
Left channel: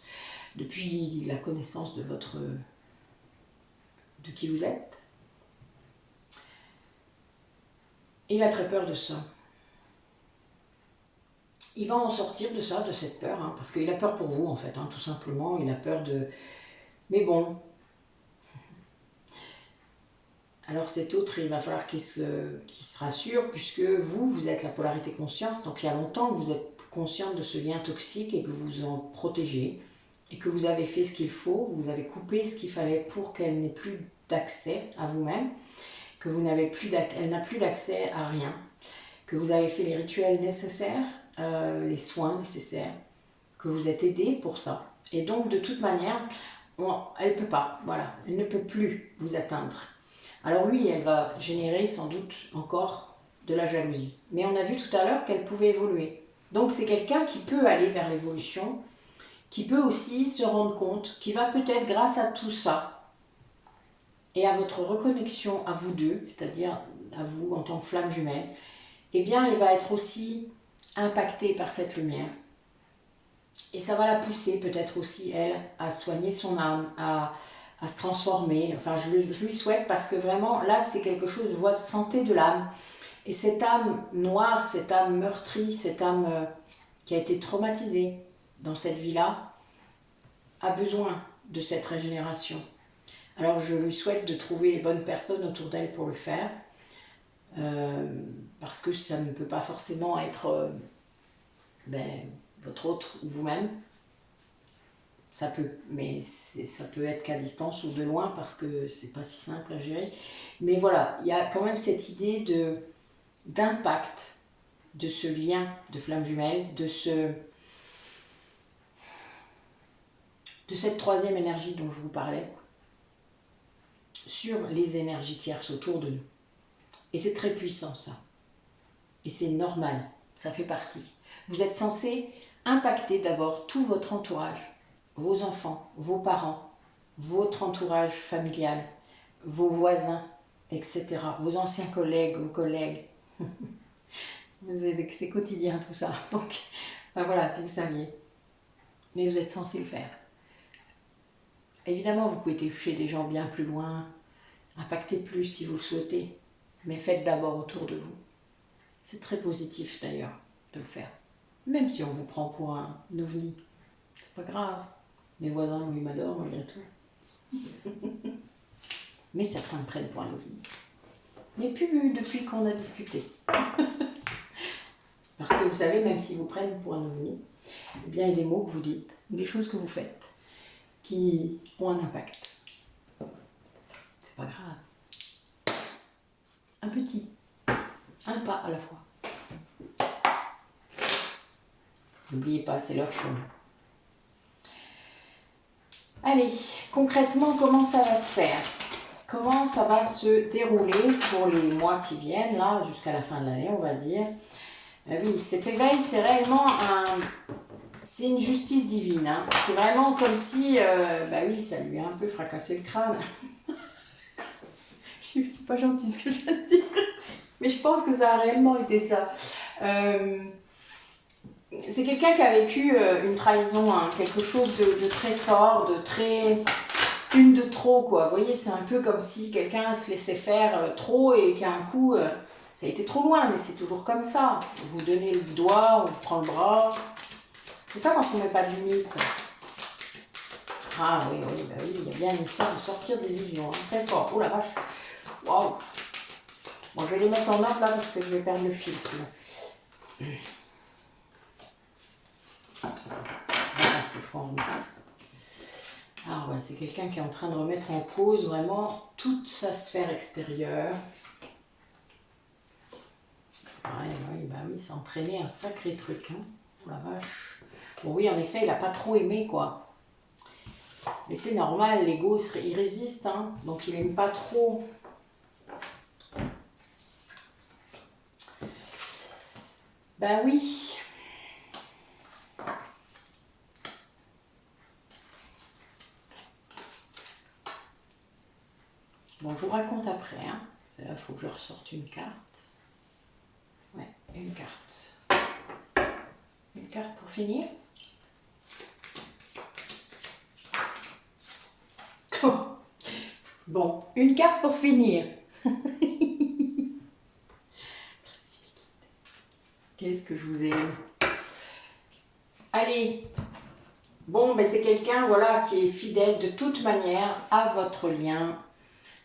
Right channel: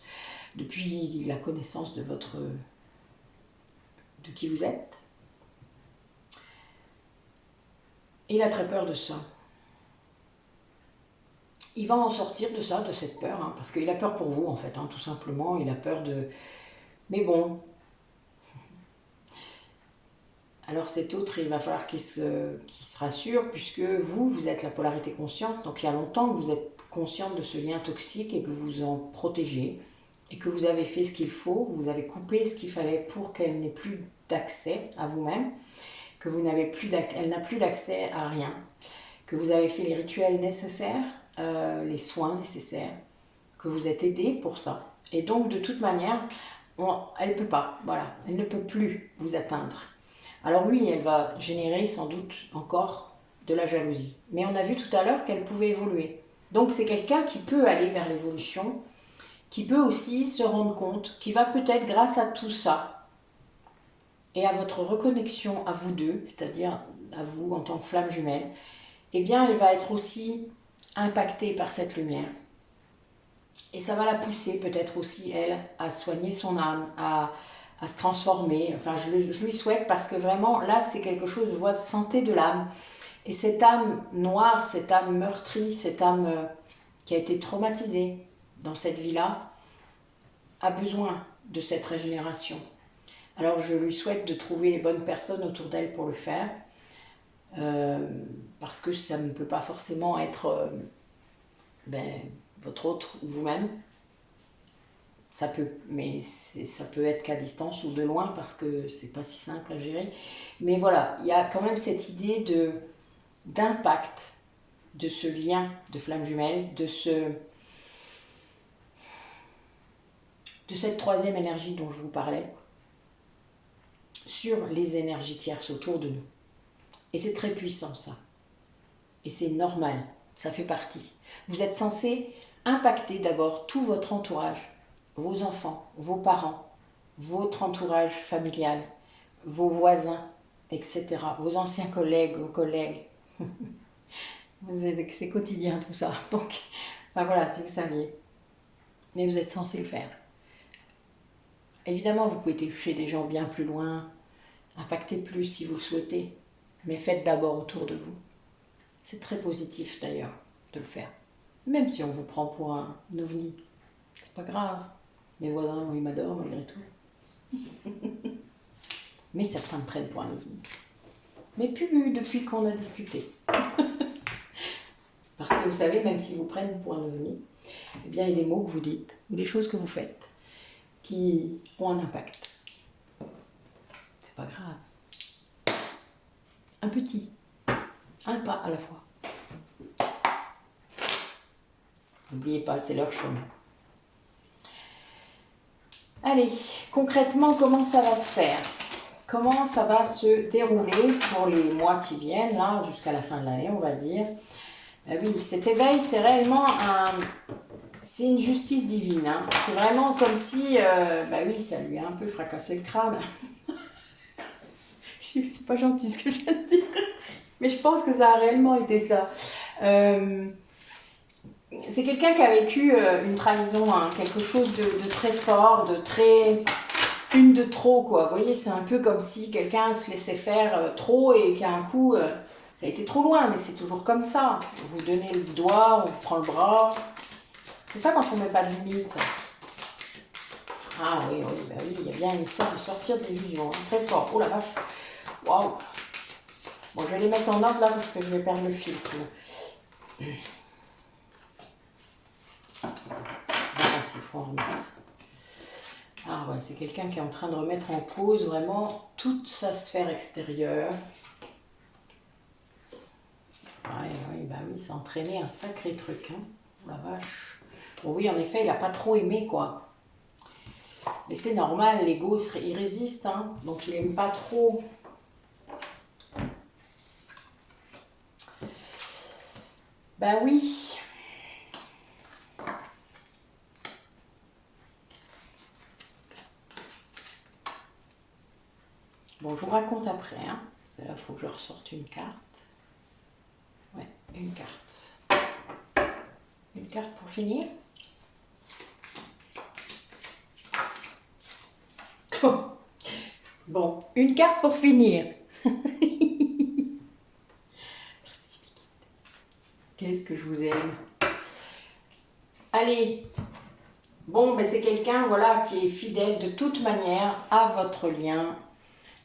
depuis la connaissance de qui vous êtes. Il a très peur de ça. Il va en sortir de ça, de cette peur, hein, parce qu'il a peur pour vous, en fait, hein, tout simplement. Il a peur de... Mais bon. Alors cet autre, il va falloir qu'il se rassure, puisque vous êtes la polarité consciente. Donc il y a longtemps que vous êtes consciente de ce lien toxique et que vous en protégez, et que vous avez fait ce qu'il faut, vous avez coupé ce qu'il fallait pour qu'elle n'ait plus d'accès à vous-même, que vous n'avez plus elle n'a plus d'accès à rien, que vous avez fait les rituels nécessaires, les soins nécessaires, que vous êtes aidé pour ça. Et donc de toute manière, elle ne peut pas, voilà, elle ne peut plus vous atteindre. Alors oui, elle va générer sans doute encore de la jalousie. Mais on a vu tout à l'heure qu'elle pouvait évoluer. Donc c'est quelqu'un qui peut aller vers l'évolution, qui peut aussi se rendre compte, qui va peut-être grâce à tout ça et à votre reconnexion à vous deux, c'est-à-dire à vous en tant que flamme jumelle, eh bien elle va être aussi impactée par cette lumière. Et ça va la pousser peut-être aussi, elle, à soigner son âme, à se transformer. Enfin, je lui souhaite parce que vraiment, là, c'est quelque chose, je vois de santé de l'âme. Et cette âme noire, cette âme meurtrie, cette âme qui a été traumatisée dans cette vie-là, a besoin de cette régénération. Alors, je lui souhaite de trouver les bonnes personnes autour d'elle pour le faire. Parce que ça ne peut pas forcément être votre autre ou vous-même. Ça peut, mais ça peut être qu'à distance ou de loin parce que c'est pas si simple à gérer. Mais voilà, il y a quand même cette idée d'impact de ce lien de flamme jumelle, de cette troisième énergie dont je vous parlais, sur les énergies tierces autour de nous. Et c'est très puissant ça. Et c'est normal, ça fait partie. Vous êtes censé impacter d'abord tout votre entourage, vos enfants, vos parents, votre entourage familial, vos voisins, etc. Vos anciens collègues, vos collègues. C'est quotidien tout ça. Donc, enfin voilà, si vous saviez. Mais vous êtes censé le faire. Évidemment, vous pouvez toucher des gens bien plus loin, impacter plus si vous le souhaitez. mais faites d'abord autour de vous. C'est très positif d'ailleurs de le faire. Même si on vous prend pour un ovni, c'est pas grave. Mes voisins, ils m'adorent malgré tout. Mais certains me prennent pour un ovni. Mais plus depuis qu'on a discuté. Parce que vous savez, même s'ils vous prennent pour un ovni, eh bien, il y a des mots que vous dites, ou des choses que vous faites, qui ont un impact. C'est pas grave. Un petit, un pas à la fois. N'oubliez pas, c'est leur chemin. Allez, concrètement, comment ça va se faire? Comment ça va se dérouler pour les mois qui viennent, là, jusqu'à la fin de l'année, on va dire. Oui, cet éveil, c'est réellement c'est une justice divine. Hein. C'est vraiment comme si, oui, ça lui a un peu fracassé le crâne. C'est pas gentil ce que je viens de dire, mais je pense que ça a réellement été ça. C'est quelqu'un qui a vécu une trahison, hein, quelque chose de très fort, de très... une de trop, quoi. Vous voyez, c'est un peu comme si quelqu'un se laissait faire trop et qu'à un coup, ça a été trop loin, mais c'est toujours comme ça. Vous donnez le doigt, on vous prend le bras. C'est ça quand on ne met pas de limite. Ah oui, il y a bien une histoire de sortir de l'illusion, hein, très fort. Oh la vache, waouh. Bon, je vais les mettre en ordre là parce que je vais perdre le fil sinon. C'est fort en remettre. Ah ouais, c'est quelqu'un qui est en train de remettre en cause vraiment toute sa sphère extérieure. Oui, ça a entraîné un sacré truc, hein. Oh la vache. Bon oui, en effet, il n'a pas trop aimé, quoi. Mais c'est normal, l'ego, il résiste, hein. Donc il n'aime pas trop. Ben oui. Bon, je vous raconte après, hein. Là, il faut que je ressorte une carte. Ouais, une carte. Une carte pour finir. Bon, une carte pour finir. Qu'est-ce que je vous aime. Allez. Bon, c'est quelqu'un, voilà, qui est fidèle de toute manière à votre lien,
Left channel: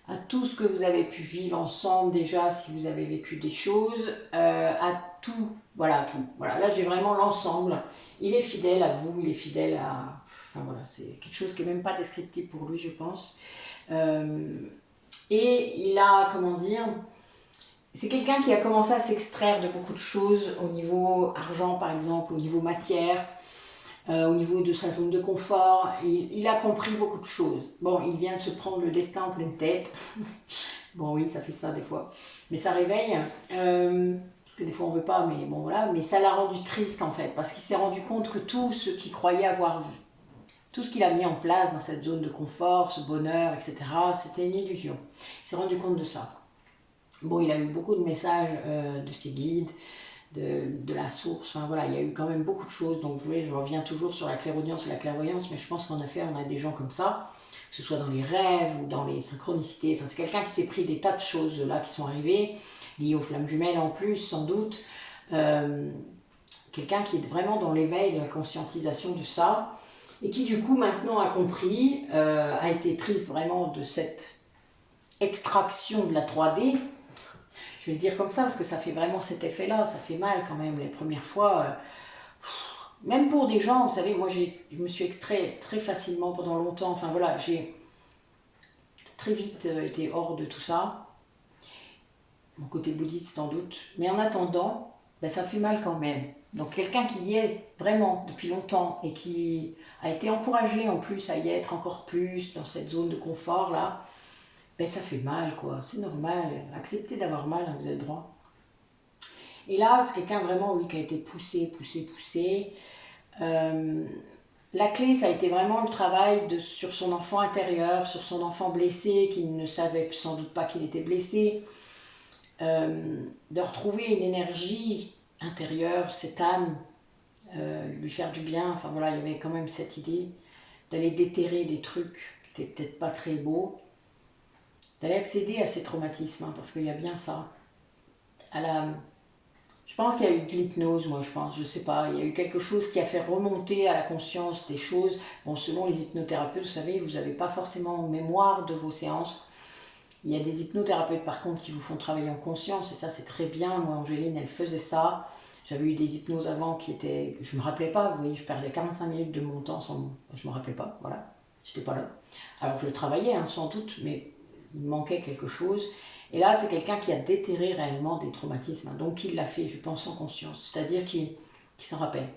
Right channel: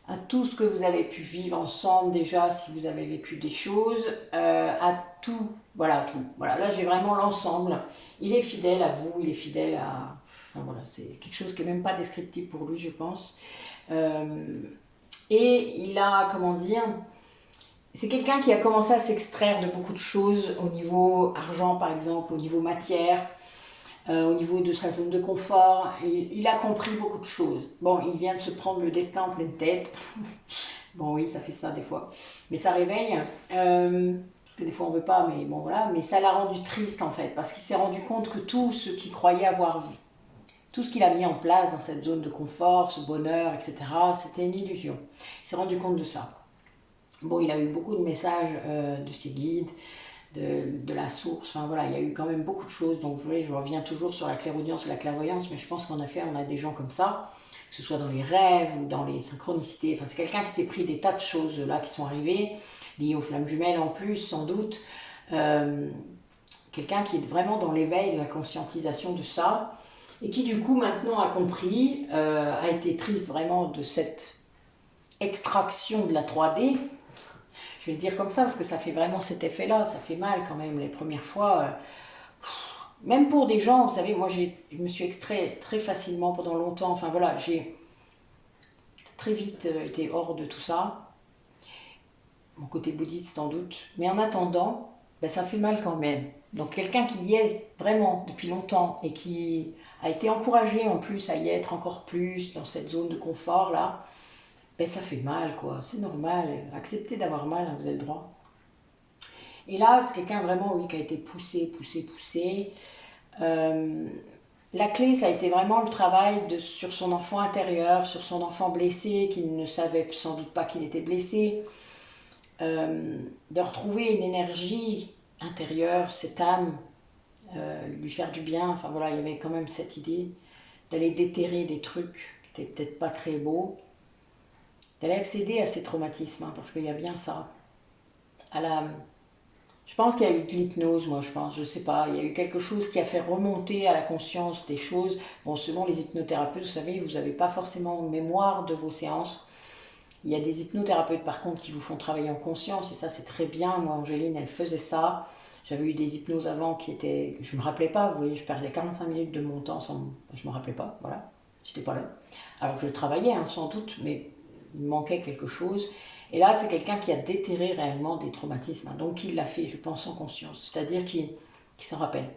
à tout ce que vous avez pu vivre ensemble déjà, si vous avez vécu des choses, à tout, voilà, tout. Voilà, là, j'ai vraiment l'ensemble. Il est fidèle à vous, il est fidèle à... Enfin, voilà, c'est quelque chose qui n'est même pas descriptif pour lui, je pense. Et il a, comment dire... C'est quelqu'un qui a commencé à s'extraire de beaucoup de choses au niveau argent, par exemple, au niveau matière, au niveau de sa zone de confort. Il a compris beaucoup de choses. Bon, il vient de se prendre le destin en pleine tête. Bon, oui, ça fait ça des fois. Mais ça réveille. Parce que des fois, on ne veut pas, mais bon, voilà. Mais ça l'a rendu triste, en fait, parce qu'il s'est rendu compte que tout ce qu'il croyait avoir vu, tout ce qu'il a mis en place dans cette zone de confort, ce bonheur, etc., c'était une illusion. Il s'est rendu compte de ça. Bon, il a eu beaucoup de messages de ses guides, de la source, enfin voilà, il y a eu quand même beaucoup de choses, donc vous voyez, je reviens toujours sur la clairaudience et la clairvoyance, mais je pense qu'en effet, on a des gens comme ça, que ce soit dans les rêves ou dans les synchronicités, enfin c'est quelqu'un qui s'est pris des tas de choses là qui sont arrivées, liées aux flammes jumelles en plus, sans doute, quelqu'un qui est vraiment dans l'éveil de la conscientisation de ça, et qui du coup maintenant a compris, a été triste vraiment de cette extraction de la 3D. Je vais le dire comme ça parce que ça fait vraiment cet effet-là, ça fait mal quand même les premières fois. Même pour des gens, vous savez, moi je me suis extrait très facilement pendant longtemps, enfin voilà, j'ai très vite été hors de tout ça, mon côté bouddhiste sans doute, mais en attendant, ça fait mal quand même. Donc quelqu'un qui y est vraiment depuis longtemps et qui a été encouragé en plus à y être encore plus dans cette zone de confort là, ça fait mal quoi, c'est normal, acceptez d'avoir mal, hein, vous avez le droit. Et là, c'est quelqu'un vraiment, oui, qui a été poussé. La clé, ça a été vraiment le travail sur son enfant intérieur, sur son enfant blessé, qui ne savait sans doute pas qu'il était blessé, de retrouver une énergie intérieure, cette âme, lui faire du bien. Enfin voilà, il y avait quand même cette idée d'aller déterrer des trucs qui n'étaient peut-être pas très beaux. d'aller accéder à ces traumatismes, hein, parce qu'il y a bien ça. Je pense qu'il y a eu de l'hypnose, moi je pense, je sais pas, il y a eu quelque chose qui a fait remonter à la conscience des choses. Bon, selon les hypnothérapeutes, vous savez, vous n'avez pas forcément mémoire de vos séances. Il y a des hypnothérapeutes par contre qui vous font travailler en conscience, et ça c'est très bien. Moi, Angéline, elle faisait ça. J'avais eu des hypnoses avant qui étaient... Je me rappelais pas, vous voyez, je perdais 45 minutes de mon temps sans... Je me rappelais pas, voilà. J'étais pas là. Alors je travaillais, hein, sans doute, mais il me manquait quelque chose. Et là, c'est quelqu'un qui a déterré réellement des traumatismes. Hein, donc il l'a fait, je pense, en conscience. C'est-à-dire qu'il s'en rappelle.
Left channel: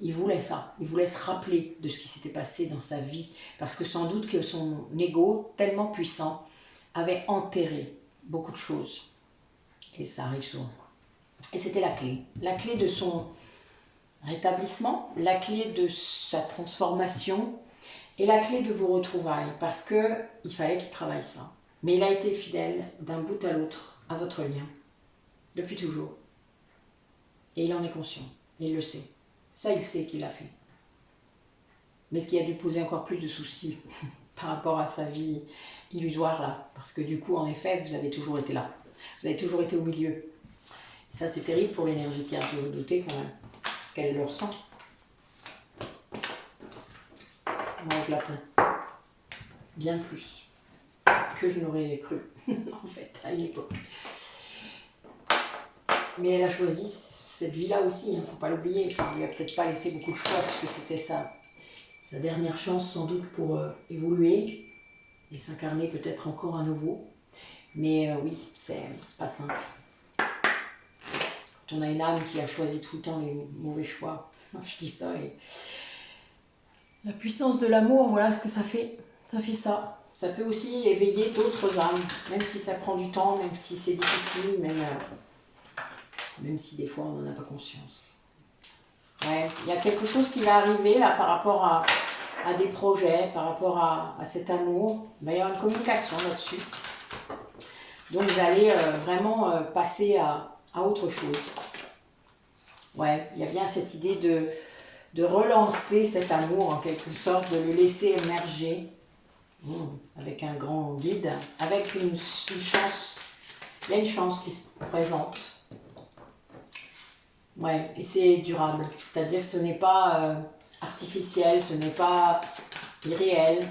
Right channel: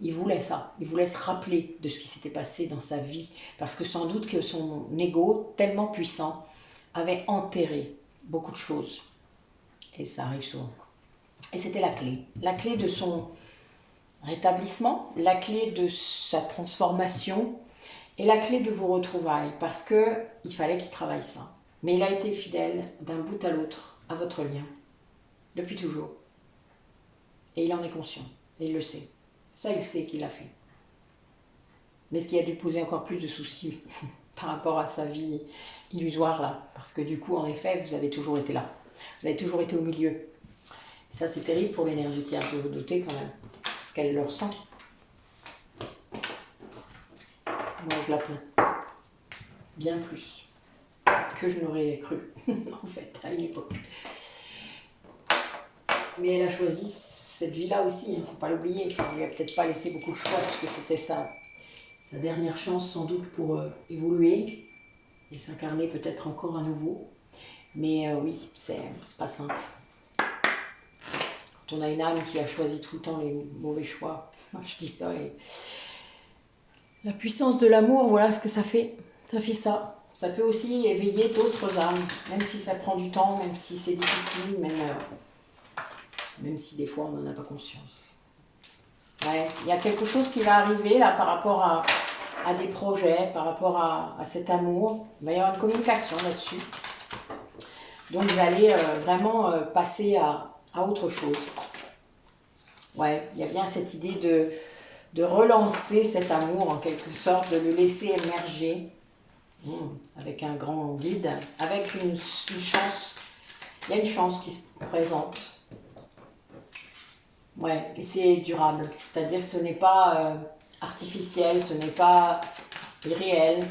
Il voulait ça. Il voulait se rappeler de ce qui s'était passé dans sa vie. Parce que sans doute que son ego, tellement puissant, avait enterré beaucoup de choses. Et ça arrive souvent. Et c'était la clé. La clé de son rétablissement, la clé de sa transformation et la clé de vos retrouvailles. Parce qu'il fallait qu'il travaille ça. Mais il a été fidèle d'un bout à l'autre à votre lien. Depuis toujours. Et il en est conscient. Et il le sait. Ça, il sait qu'il l'a fait. Mais ce qui a dû poser encore plus de soucis par rapport à sa vie illusoire là. Parce que du coup, en effet, vous avez toujours été là. Vous avez toujours été au milieu. Et ça, c'est terrible pour l'énergie tierce, vous vous doutez quand même. Parce qu'elle le ressent. Moi, je la plains. Bien plus que je n'aurais cru, en fait, à une époque. Mais elle a choisi cette vie-là aussi, il ne faut pas l'oublier. Enfin, on lui a peut-être pas laissé beaucoup de choix, parce que c'était sa dernière chance sans doute pour évoluer et s'incarner peut-être encore à nouveau. Mais oui, c'est pas simple. Quand on a une âme qui a choisi tout le temps les mauvais choix, je dis ça, et la puissance de l'amour, voilà ce que ça fait. Ça fait ça. Ça peut aussi éveiller d'autres âmes, même si ça prend du temps, même si c'est difficile, même si des fois on n'en a pas conscience. Ouais, il y a quelque chose qui va arriver là par rapport à des projets, par rapport à cet amour. Il va y avoir une communication là-dessus. Donc vous allez vraiment passer à autre chose. Ouais, il y a bien cette idée de relancer cet amour en quelque sorte, de le laisser émerger avec un grand guide, avec une chance. Il y a une chance qui se présente. Ouais, et c'est durable. C'est-à-dire que ce n'est pas artificiel, ce n'est pas irréel,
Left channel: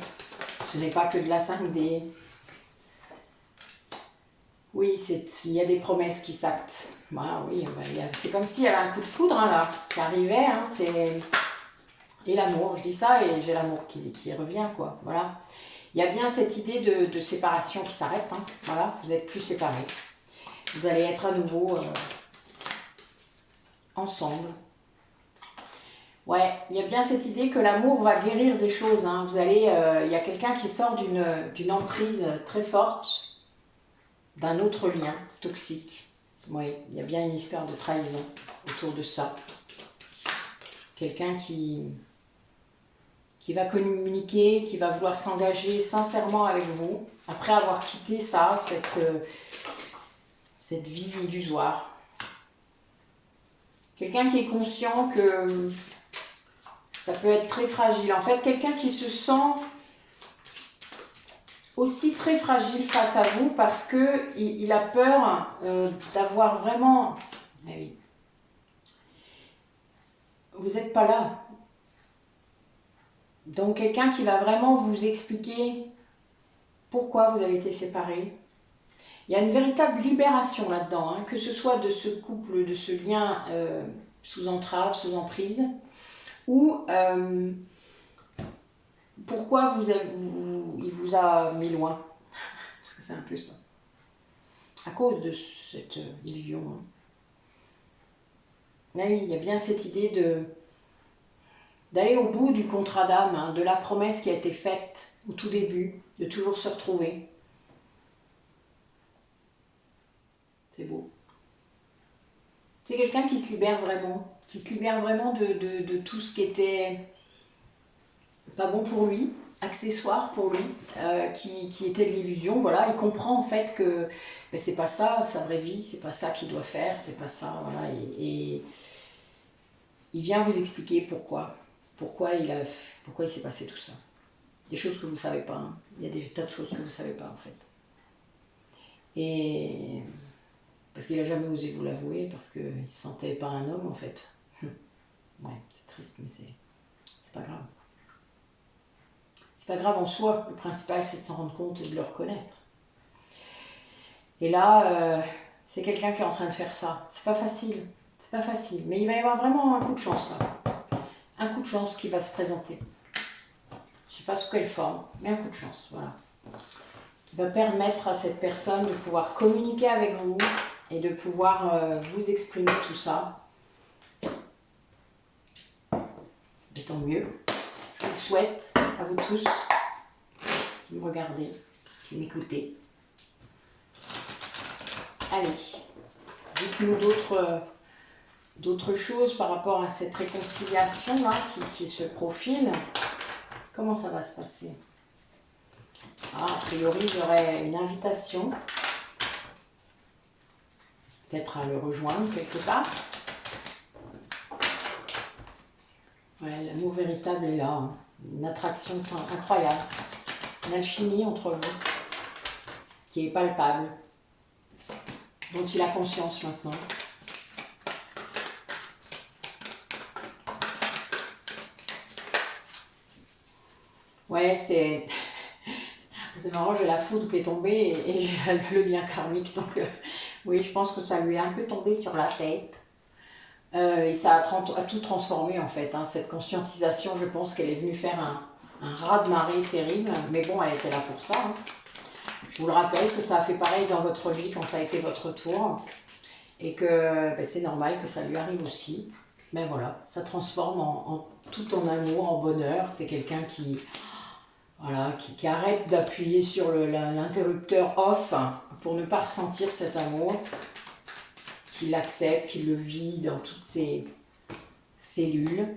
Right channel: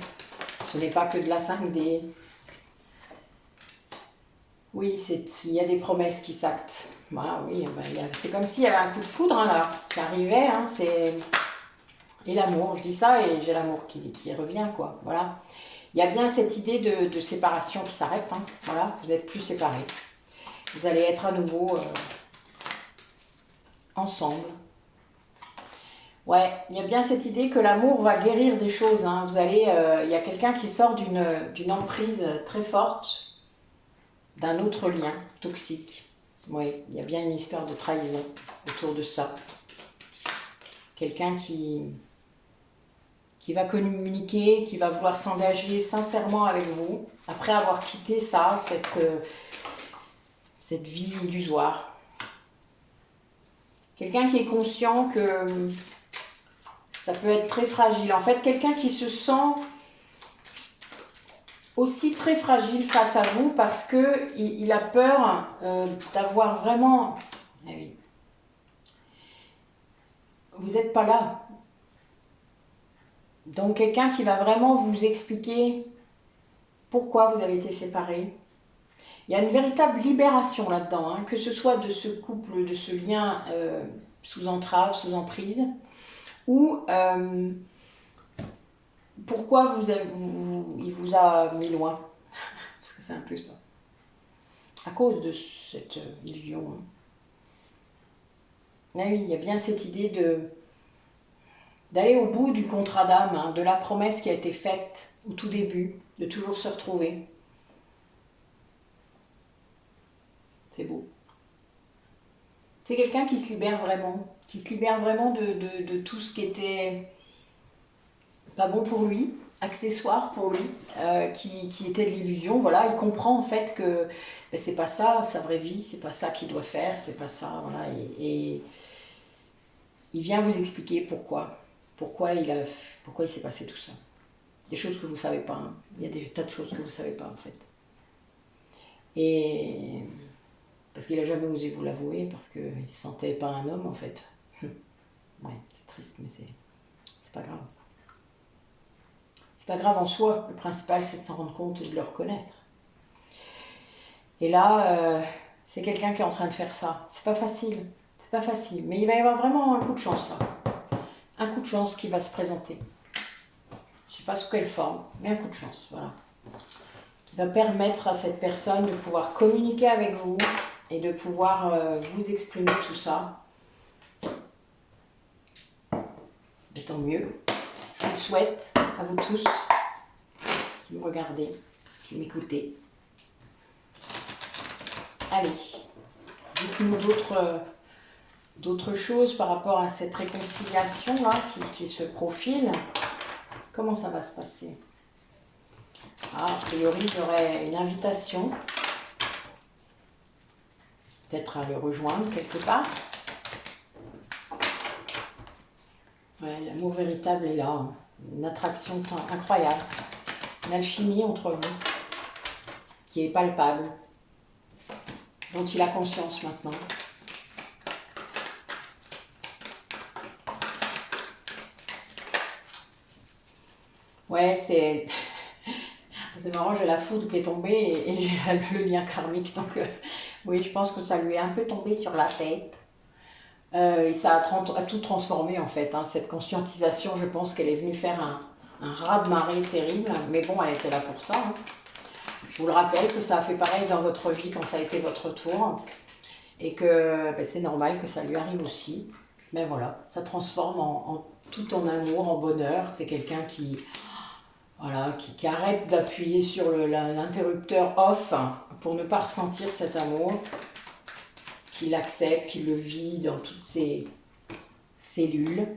ce n'est pas que de la 5D. Oui, il y a des promesses qui s'actent. Ah, oui, c'est comme s'il y avait un coup de foudre hein, là, qui arrivait. Hein, et l'amour, je dis ça et j'ai l'amour qui revient, quoi. Voilà. Il y a bien cette idée de séparation qui s'arrête. Hein, voilà, vous n'êtes plus séparés. Vous allez être à nouveau ensemble. Ouais, il y a bien cette idée que l'amour va guérir des choses. Hein. Vous allez, il y a quelqu'un qui sort d'une emprise très forte, d'un autre lien toxique. Oui, il y a bien une histoire de trahison autour de ça. Quelqu'un qui va communiquer, qui va vouloir s'engager sincèrement avec vous, après avoir quitté ça, cette vie illusoire. Quelqu'un qui est conscient que ça peut être très fragile. En fait, quelqu'un qui se sent aussi très fragile face à vous parce qu'il a peur d'avoir vraiment... Ah oui. Vous n'êtes pas là. Donc quelqu'un qui va vraiment vous expliquer pourquoi vous avez été séparés. Il y a une véritable libération là-dedans, hein, que ce soit de ce couple, de ce lien sous entrave, sous emprise, ou pourquoi il vous a mis loin. Parce que c'est un peu ça. À cause de cette illusion. Mais oui, il y a bien cette idée d'aller au bout du contrat d'âme, hein, de la promesse qui a été faite au tout début, de toujours se retrouver. C'est beau. C'est quelqu'un qui se libère vraiment, de tout ce qui était pas bon pour lui, accessoire pour lui, qui était de l'illusion. Voilà, il comprend en fait que ben, c'est pas ça, sa vraie vie, c'est pas ça qu'il doit faire, c'est pas ça, voilà, et il vient vous expliquer pourquoi il s'est passé tout ça. Des choses que vous ne savez pas, hein. Il y a des tas de choses que vous ne savez pas en fait. Et parce qu'il n'a jamais osé vous l'avouer, parce qu'il ne se sentait pas un homme en fait. Ouais, c'est triste, mais c'est pas grave. C'est pas grave en soi, le principal c'est de s'en rendre compte et de le reconnaître. Et là, c'est quelqu'un qui est en train de faire ça. C'est pas facile, mais il va y avoir vraiment un coup de chance là. Un coup de chance qui va se présenter. Je sais pas sous quelle forme, mais un coup de chance, voilà. Qui va permettre à cette personne de pouvoir communiquer avec vous et de pouvoir vous exprimer tout ça. Et tant mieux. Je vous le souhaite à vous tous qui me regardez, qui m'écoutez. Allez, dites-nous d'autres choses par rapport à cette réconciliation là qui se profile. Comment ça va se passer? A priori, il y aurait une invitation, peut-être à le rejoindre quelque part. Ouais, l'amour véritable est là, hein. Une attraction incroyable, une alchimie entre vous qui est palpable, dont il a conscience maintenant. Ouais, c'est marrant, j'ai la foudre qui est tombée et j'ai le lien karmique, donc oui, je pense que ça lui est un peu tombé sur la tête. Et ça a tout transformé en fait, hein. Cette conscientisation, je pense qu'elle est venue faire un raz-de-marée terrible, mais bon, elle était là pour ça, hein. Je vous le rappelle que ça a fait pareil dans votre vie quand ça a été votre tour, et que ben, c'est normal que ça lui arrive aussi. Mais voilà, ça transforme tout en amour, en bonheur. C'est quelqu'un qui, voilà, qui arrête d'appuyer sur l'interrupteur off pour ne pas ressentir cet amour, qui l'accepte, qui le vit dans toutes ses cellules,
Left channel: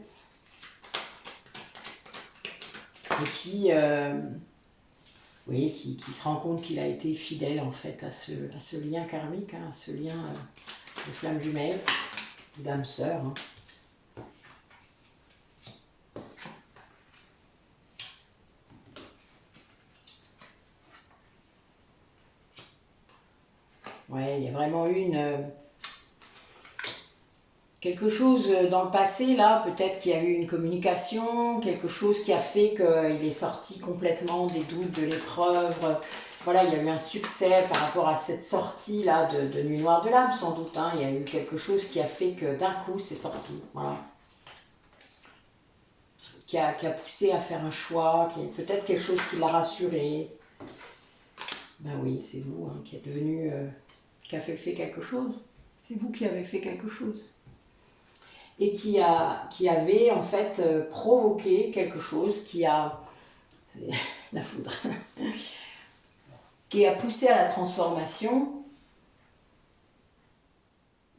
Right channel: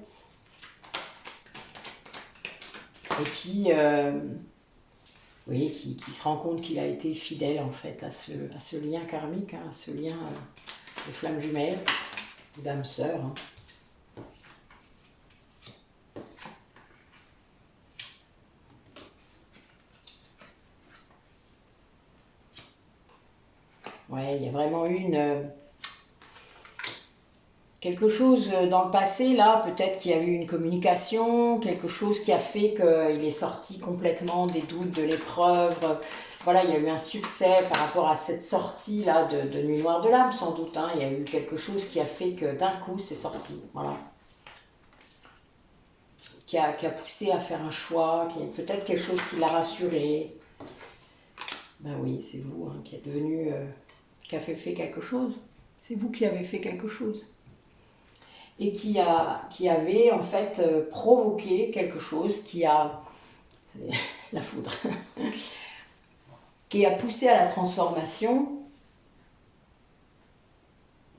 et qui, oui, qui se rend compte qu'il a été fidèle en fait à ce lien karmique, hein, à ce lien de flamme jumelle, d'âme sœur. Hein. Ouais, il y a vraiment eu quelque chose dans le passé, là, peut-être qu'il y a eu une communication, quelque chose qui a fait qu'il est sorti complètement des doutes, de l'épreuve. Voilà, il y a eu un succès par rapport à cette sortie-là de Nuit Noire de l'âme, sans doute. Hein. Il y a eu quelque chose qui a fait que d'un coup, c'est sorti. Voilà. Qui a poussé à faire un choix, peut-être quelque chose qui l'a rassuré. Ben oui, c'est vous hein, qui êtes devenu, qui a fait quelque chose. C'est vous qui avez fait quelque chose. Et qui avait en fait provoqué quelque chose la foudre, qui a poussé à la transformation,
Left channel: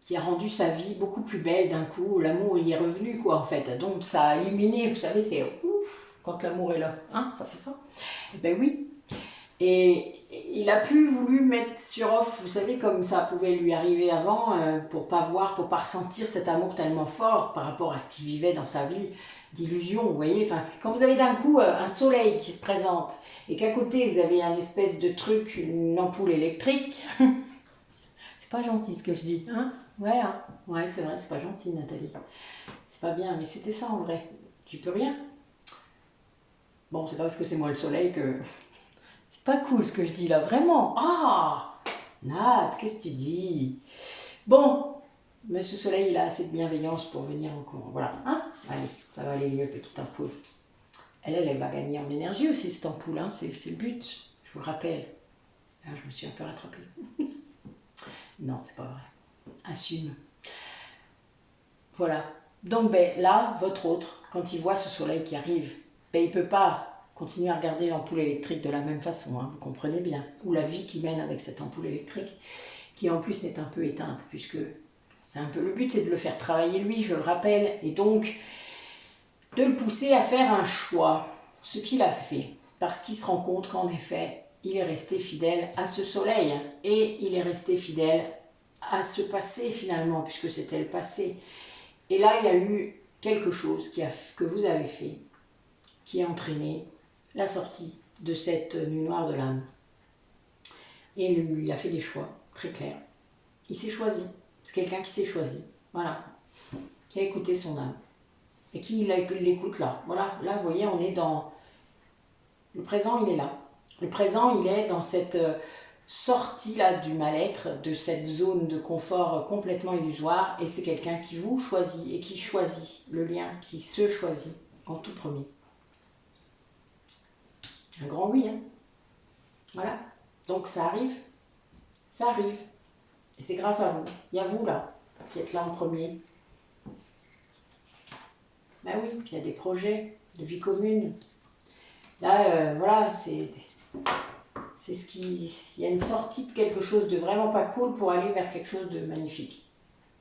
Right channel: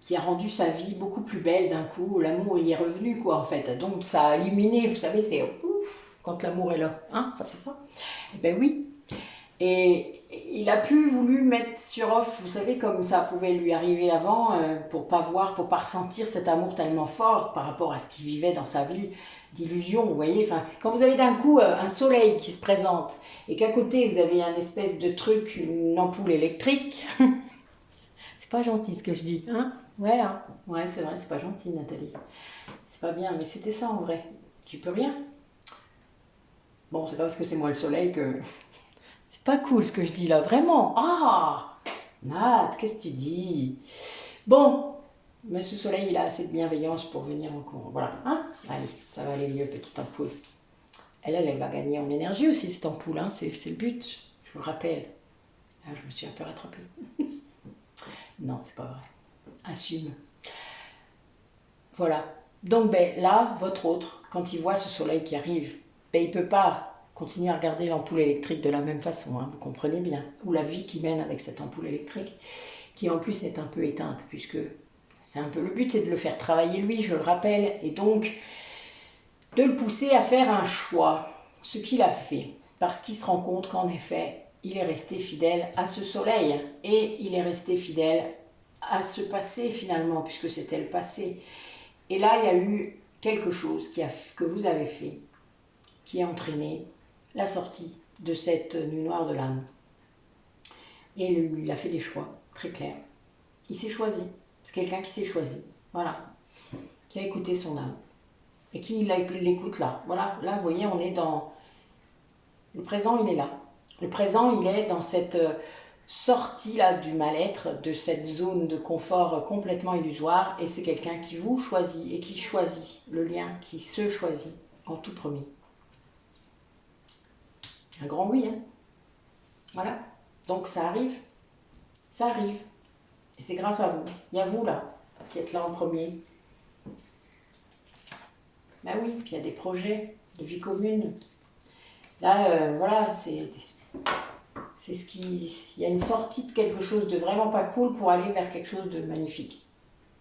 qui a rendu sa vie beaucoup plus belle d'un coup. L'amour y est revenu quoi en fait, donc ça a éliminé, vous savez, c'est ouf quand l'amour est là, hein, ça fait ça. Et ben oui. Et il a plus voulu mettre sur off, vous savez, comme ça pouvait lui arriver avant, pour pas voir, pour pas ressentir cet amour tellement fort par rapport à ce qu'il vivait dans sa vie d'illusion, vous voyez. Enfin, quand vous avez d'un coup un soleil qui se présente et qu'à côté vous avez un espèce de truc, une ampoule électrique, c'est pas gentil ce que je dis, hein? Ouais, hein, ouais, c'est vrai, c'est pas gentil, Nathalie. C'est pas bien, mais c'était ça en vrai. Tu peux rien. Bon, c'est pas parce que c'est moi le soleil que... C'est pas cool ce que je dis là, vraiment. Ah, Nat, qu'est-ce que tu dis? Bon, mais ce soleil, il a assez de bienveillance pour venir encore. Voilà, hein? Allez, ça va aller mieux, petite ampoule. Elle va gagner en énergie aussi, cette ampoule, hein? C'est le but, je vous le rappelle. Ah, je me suis un peu rattrapée. Non, c'est pas vrai. Assume. Voilà. Donc, ben, là, votre autre, quand il voit ce soleil qui arrive, ben, il ne peut pas continuer à regarder l'ampoule électrique de la même façon, hein, vous comprenez bien. Ou la vie qui mène avec cette ampoule électrique, qui en plus est un peu éteinte, puisque c'est un peu le but, c'est de le faire travailler lui, je le rappelle, et donc de le pousser à faire un choix, ce qu'il a fait, parce qu'il se rend compte qu'en effet, il est resté fidèle à ce soleil, et il est resté fidèle à ce passé finalement, puisque c'était le passé. Et là, il y a eu quelque chose que vous avez fait, qui a entraîné la sortie de cette nuit noire de l'âme. Et il a fait des choix, très clairs. Il s'est choisi. C'est quelqu'un qui s'est choisi. Voilà. Qui a écouté son âme. Et qui l'écoute là. Voilà. Là, vous voyez, on est dans... Le présent, il est là. Le présent, il est dans cette sortie là du mal-être, de cette zone de confort complètement illusoire. Et c'est quelqu'un qui vous choisit et qui choisit le lien, qui se choisit en tout premier. Un grand oui, hein. Voilà. Donc ça arrive. Ça arrive. Et c'est grâce à vous. Il y a vous là, qui êtes là en premier. Ben oui, puis il y a des projets de vie commune. Là, voilà, c'est ce qui... Il y a une sortie de quelque chose de vraiment pas cool pour aller vers quelque chose de magnifique.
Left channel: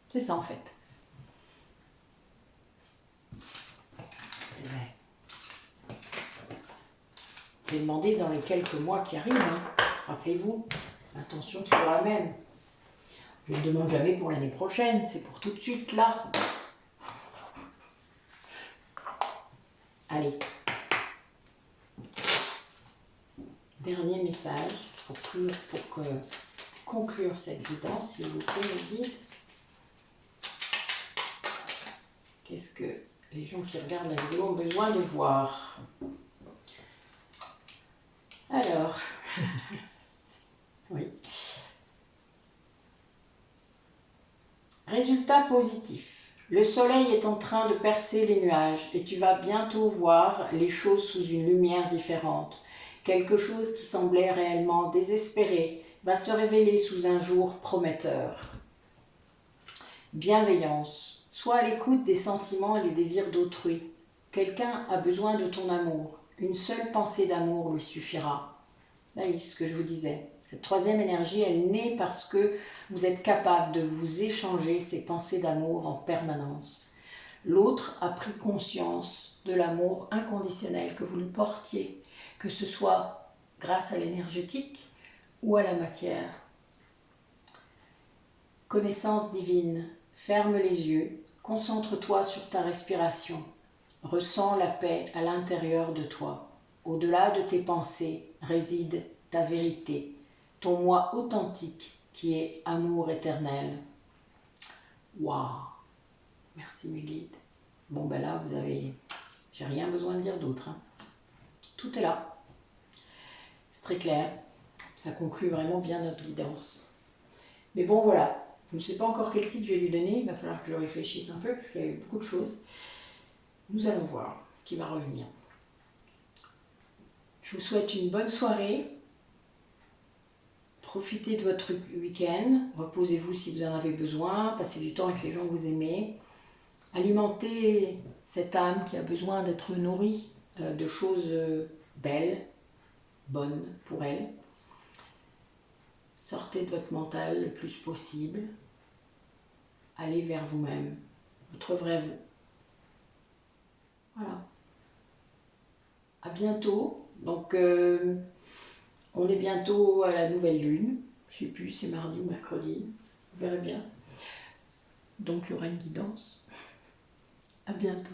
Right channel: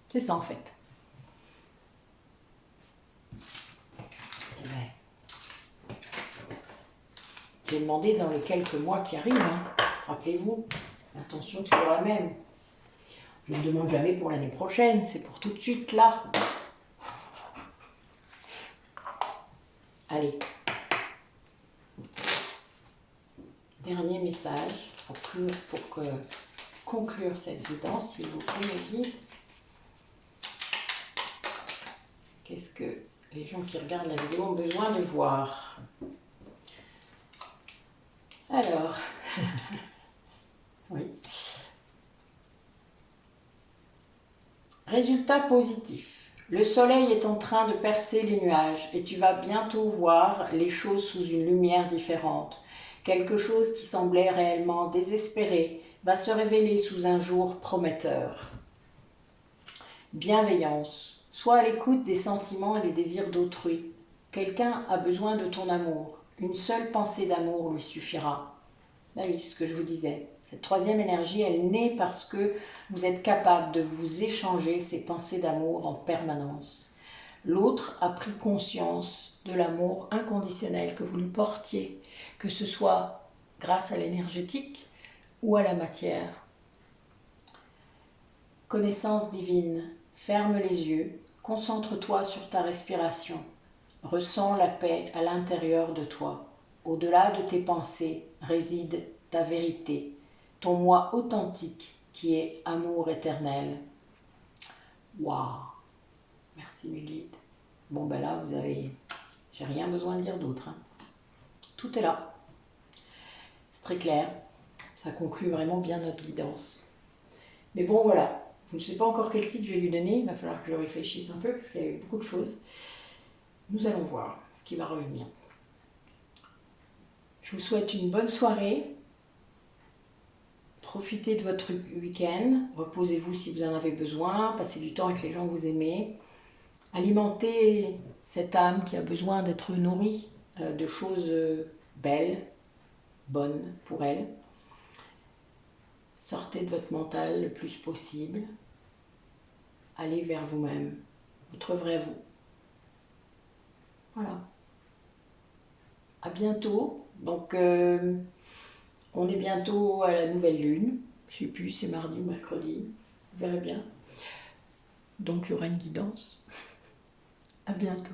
C'est ça en fait. Ouais. J'ai demandé dans les quelques mois qui arrivent, hein. Rappelez-vous, l'intention toujours la même. Je ne demande jamais pour l'année prochaine, c'est pour tout de suite là. Allez. Dernier message pour conclure cette guidance, s'il vous plaît, mes guides. Qu'est-ce que les gens qui regardent la vidéo ont besoin de voir? Alors, oui. Résultat positif. Le soleil est en train de percer les nuages et tu vas bientôt voir les choses sous une lumière différente. Quelque chose qui semblait réellement désespéré va se révéler sous un jour prometteur. Bienveillance. Sois à l'écoute des sentiments et des désirs d'autrui. Quelqu'un a besoin de ton amour. Une seule pensée d'amour lui suffira. Ah oui, c'est ce que je vous disais. Cette troisième énergie, elle naît parce que vous êtes capable de vous échanger ces pensées d'amour en permanence. L'autre a pris conscience de l'amour inconditionnel que vous lui portiez, que ce soit grâce à l'énergétique ou à la matière. Connaissance divine, ferme les yeux, concentre-toi sur ta respiration, ressens la paix à l'intérieur de toi. Au-delà de tes pensées réside ta vérité, ton moi authentique qui est amour éternel. Waouh! Merci mes guides. Bon ben là, j'ai rien besoin de dire d'autre, hein. Tout est là. C'est très clair. Ça conclut vraiment bien notre guidance. Mais bon voilà, je ne sais pas encore quel titre je vais lui donner. Il va falloir que je réfléchisse un peu parce qu'il y a eu beaucoup de choses. Nous allons voir ce qui va revenir. Je vous souhaite une bonne soirée. Profitez de votre week-end. Reposez-vous si vous en avez besoin. Passez du temps avec les gens que vous aimez. Alimentez cette âme qui a besoin d'être nourrie de choses belles, bonnes pour elle. Sortez de votre mental le plus possible. Allez vers vous-même, votre vrai vous. Voilà. À bientôt. Donc, on est bientôt à la nouvelle lune. Je ne sais plus, c'est mardi ou mercredi. Vous verrez bien. Donc, il y aura une guidance. À bientôt.